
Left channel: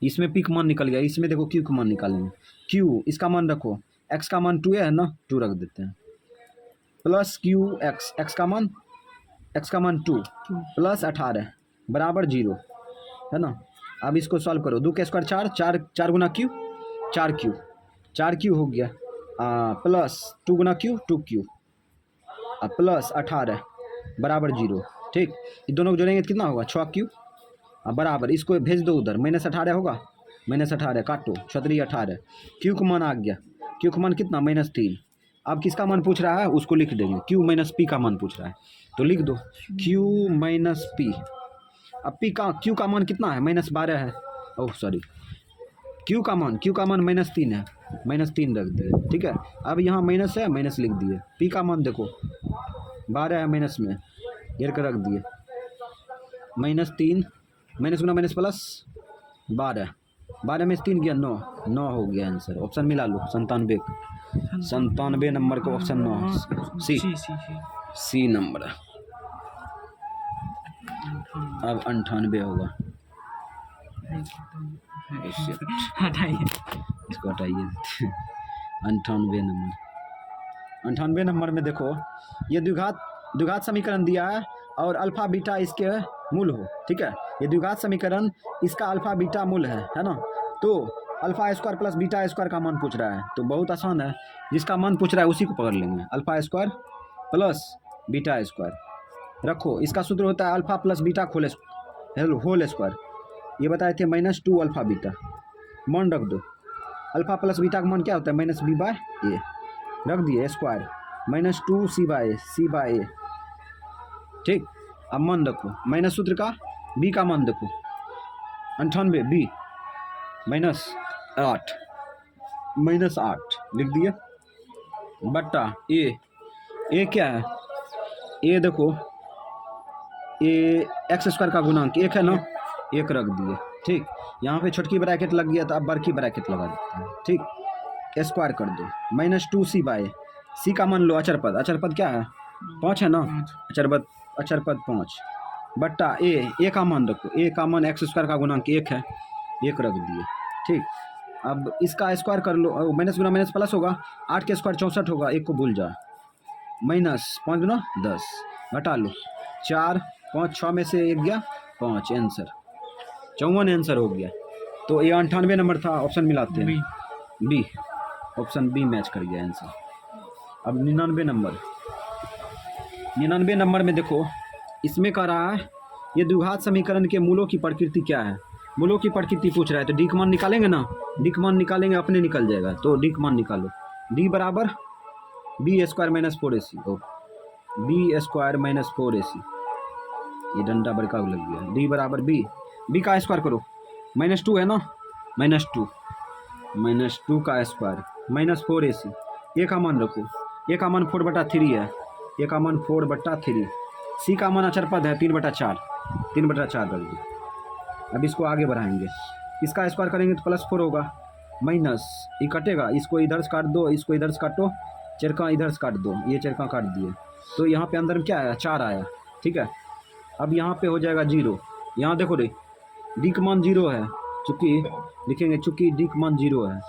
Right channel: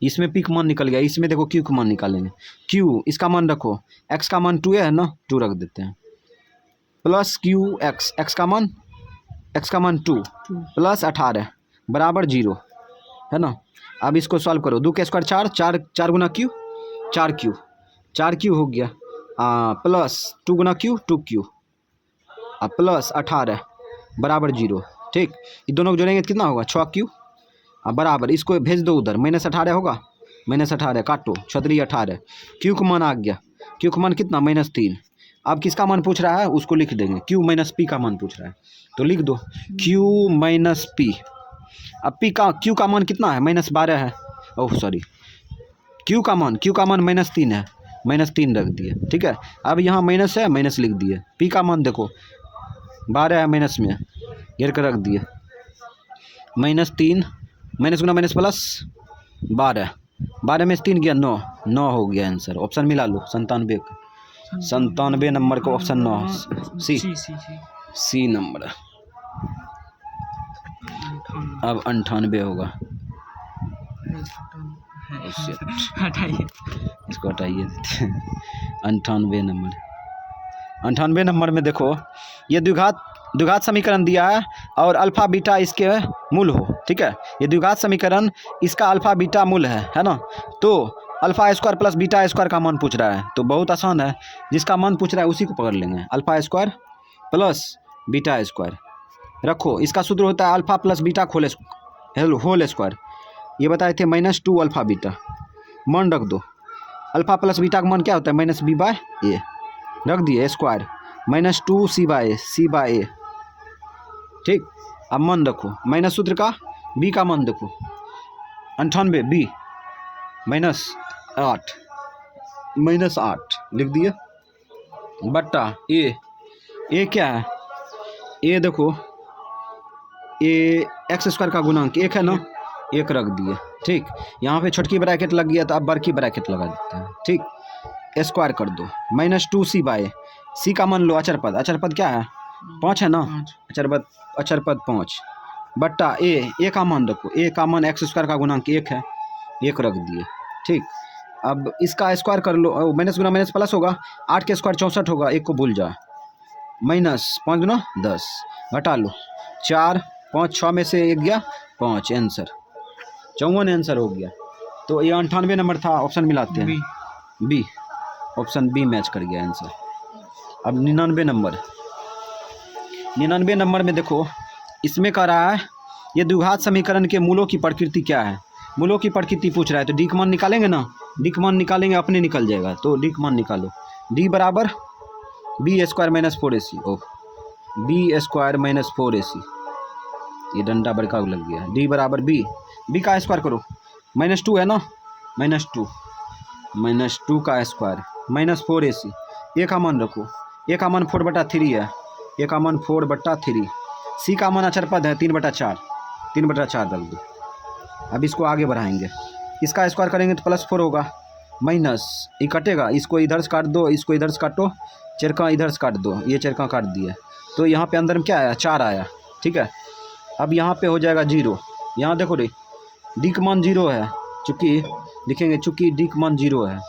इसमें p का मान निकल गया। इसमें देखो q का मान निकालेंगे। q इसका मान रखो, x का मान 2 है ना, 2 रख देते हैं प्लस qx, x का मान 2 प्लस 18 बराबर 0 है ना। अब इसको सॉल्व करो। 2 के स्क्वायर 4, 4 4 गुना q 4q हो गया, प्लस 2 गुना q 2q प्लस 18 बराबर 0। ठीक, ये दोनों को जोड़ेंगे तो कितना होगा, 6q बराबर, इसको भेज दो उधर, -18 होगा, -18 काटो, 6 18। q का मान आ गया। q का मान कितना, -3। अब किसका मान पूछ रहा है उसको लिख देंगे। q माइनस p का मान पूछ रहा है तो लिख दो q माइनस p। अब q का मान कितना है, -12 है। ओह सॉरी, q का मान -3 है, -3 रख दिए। ठीक है, अब यहाँ माइनस है, माइनस लिख दिए। p का मान देखो 12 है, माइनस में घेर कर रख दिए। -3 माइनस गुना माइनस प्लस 12, 12 में से 3 गया 9 हो गया आंसर। ऑप्शन मिला लो 97 नंबर का ऑप्शन 9 सी नंबर। अब 98 होगा, हटाइए, इसको हटाइए। 98 नंबर में देखो, ये द्विघात समीकरण दिया है और अल्फा बीटा इसके मूल हो। ठीक है, ये द्विघात समीकरण, इसका अल्फा बीटा मूल है ना। तो alpha square plus beta square का मान पूछ रहा है, तो बहुत आसान है, जिसका मान पूछ रहा है उसी को पकड़ लेंगे। Alpha square plus beta square रखो, इसका सूत्र होता है alpha plus beta whole square. ये बताए थे -2 अल्फा बीटा, मान रख दो। अल्फा प्लस बीटा का मान क्या होता है, -b/a रख दिए स्क्वायर, -2 c/a। ठीक, अब मान रखो, माइनस सूत्र का b का मान देखो, 98 b -8 लिख दिए बट्टा a क्या है, a देखो a x² का गुणांक 1 है ना, 1 रख दिए। ठीक, यहाँ पे छोटकी ब्रैकेट लग गया तो अब बड़की ब्रैकेट लगा देते हैं। ठीक, स्क्वायर कर दो, -2 c/a। c का मान लो अचरपद क्या है, 5 है ना, अचरपद 5 बट्टा a का मान रखो, a का मान x² का गुणांक 1 है, 1 रख दिए। ठीक, अब इसका स्क्वायर कर लो, माइनस गुना माइनस प्लस होगा, 8 के स्क्वायर 64 होगा, 1 को भूल जा, -5 गुना 10 घटा लो, 4 5 6 में से 1 गया 5, आंसर 54 आंसर हो गया। तो ये 98 नंबर था, ऑप्शन मिलाते हैं बी, ऑप्शन बी मैच कर गया आंसर। अब 99 नंबर में देखो, इसमें कह रहा है ये द्विघात समीकरण के मूलों की प्रकृति क्या है। मूलों की प्रकृति पूछ रहा है, तो डी का मान निकालेंगे ना, डी का मान निकालेंगे, अपने निकल जाएगा। तो डी का मान निकालो, डी बराबर b² - 4ac, ओह b² - 4ac, ये डंडा बड़का लग गया। डी बराबर b का स्क्वायर करो, -2 है ना, -2 का स्क्वायर -4ac। a का मान रखो, a का मान 4/3 है, a का मान 4/3। c का मान अचरपद है 3/4 रख दो। अब इसको आगे बढ़ाएंगे, इसका स्क्वायर करेंगे तो +4 होगा, माइनस ये कटेगा, इसको इधर से काट दो, इसको इधर से काटो, चरका इधर से काट दो, ये चरका काट दिया। तो यहाँ पे अंदर में क्या आया, 4 आया। ठीक है, अब यहाँ पे हो जाएगा 0। यहाँ देखो रे, डी का मान 0 है, चूँकि लिखेंगे चूँकि डी का मान 0 है,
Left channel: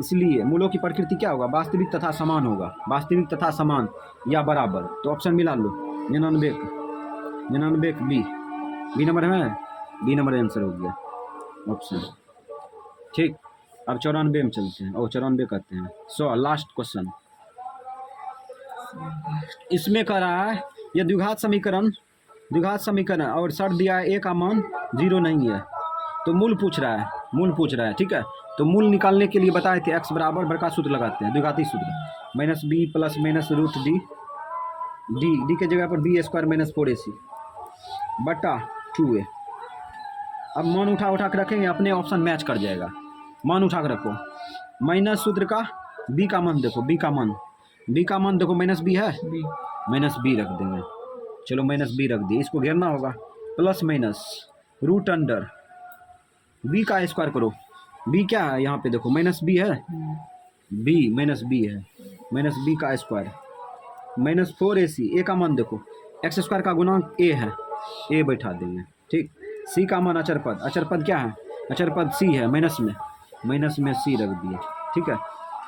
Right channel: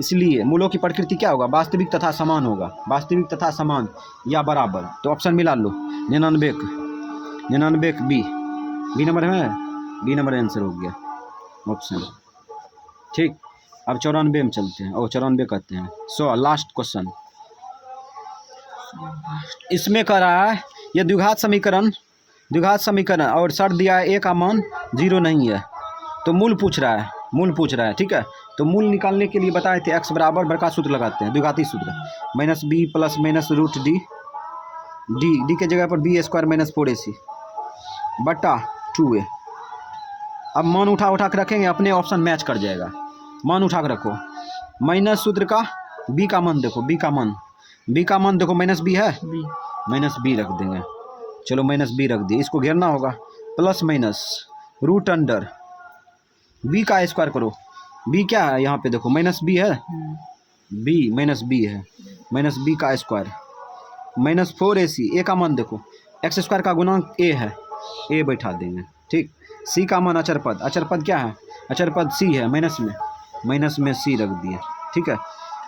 इसलिए मूलों की प्रकृति क्या होगा, वास्तविक तथा समान होगा, वास्तविक तथा समान या बराबर। तो ऑप्शन मिला लो, 99 बी नंबर है, बी नंबर आंसर हो गया ऑप्शन। ठीक, अब 94 में चलते हैं, और 94 कहते हैं। सो लास्ट क्वेश्चन, इसमें कह रहा है यह द्विघात समीकरण द्विघात समीकरण और शर्त दिया है ए का मान 0 नहीं है, तो मूल पूछ रहा है, मूल पूछ रहा है, ठीक है। तो मूल निकालने के लिए बताए थे x बराबर बड़का सूत्र लगाते हैं, द्विघाती सूत्र, minus b plus minus root D, D के जगह पर बी स्क्वायर माइनस 4ac बटा 2a। अब मान उठा के रखेंगे, अपने ऑप्शन मैच कर जाएगा। मान उठा के रखो, माइनस सूत्र का b का मान देखो, b का मान देखो माइनस b है, बी माइनस b रख देंगे। चलो माइनस b रख दिए, इसको घेरना होगा, plus minus root under b का स्क्वायर करो, b क्या है यहाँ पे देखो, माइनस b है, b माइनस b है, माइनस b का स्क्वायर माइनस 4ac, a का मान देखो, एक्स स्क्वायर का गुणांक a है, a बैठा देंगे, ठीक। c का मान अचर पद क्या है, अचर पद c है, माइनस में c रख दिए, ठीक है,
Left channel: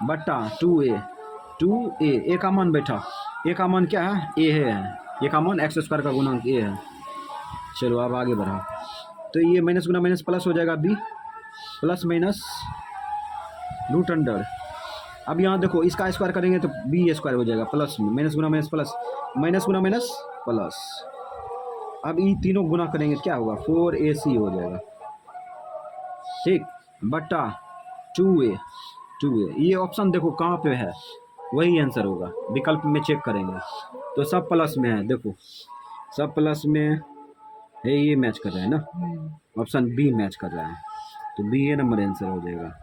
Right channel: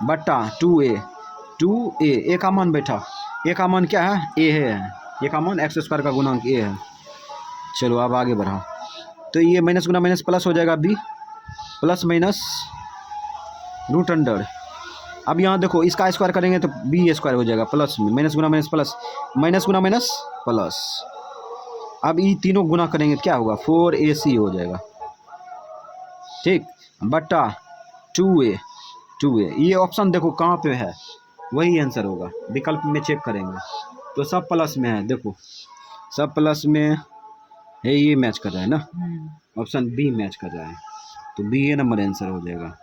बट्टा 2a, a का मान बैठा, a का मान क्या है, a है, a का मान एक्स स्क्वायर का गुणांक a है। चलो अब आगे बढ़ाओ, तो ये माइनस गुना माइनस प्लस हो जाएगा, b plus minus root under, अब यहाँ देखो इसका स्क्वायर करेंगे तो बी स्क्वायर हो जाएगा, प्लस में माइनस गुना माइनस प्लस, माइनस गुना माइनस प्लस, अब ये तीनों गुना करेंगे तो क्या होगा, 4ac हो जाएगा, ठीक, बट्टा 2a, ये ऑप्शन देखो कहाँ पे है, वही आंसर होगा, विकल्प में चेक करेंगे तो सब प्लस में है, देखो सब प्लस में है, ये मैच कर रहा है ना, ऑप्शन बी मैच कर रहा है, तो बी ए नंबर आंसर हो जाएगा,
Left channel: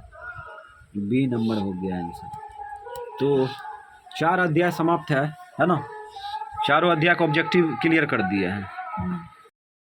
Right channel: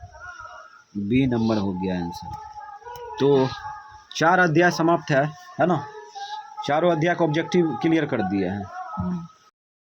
बी नंबर हो गया आंसर। तो 4 अध्याय समाप्त है ना, चारों अध्याय का ऑब्जेक्टिव क्लियर कर दिया है।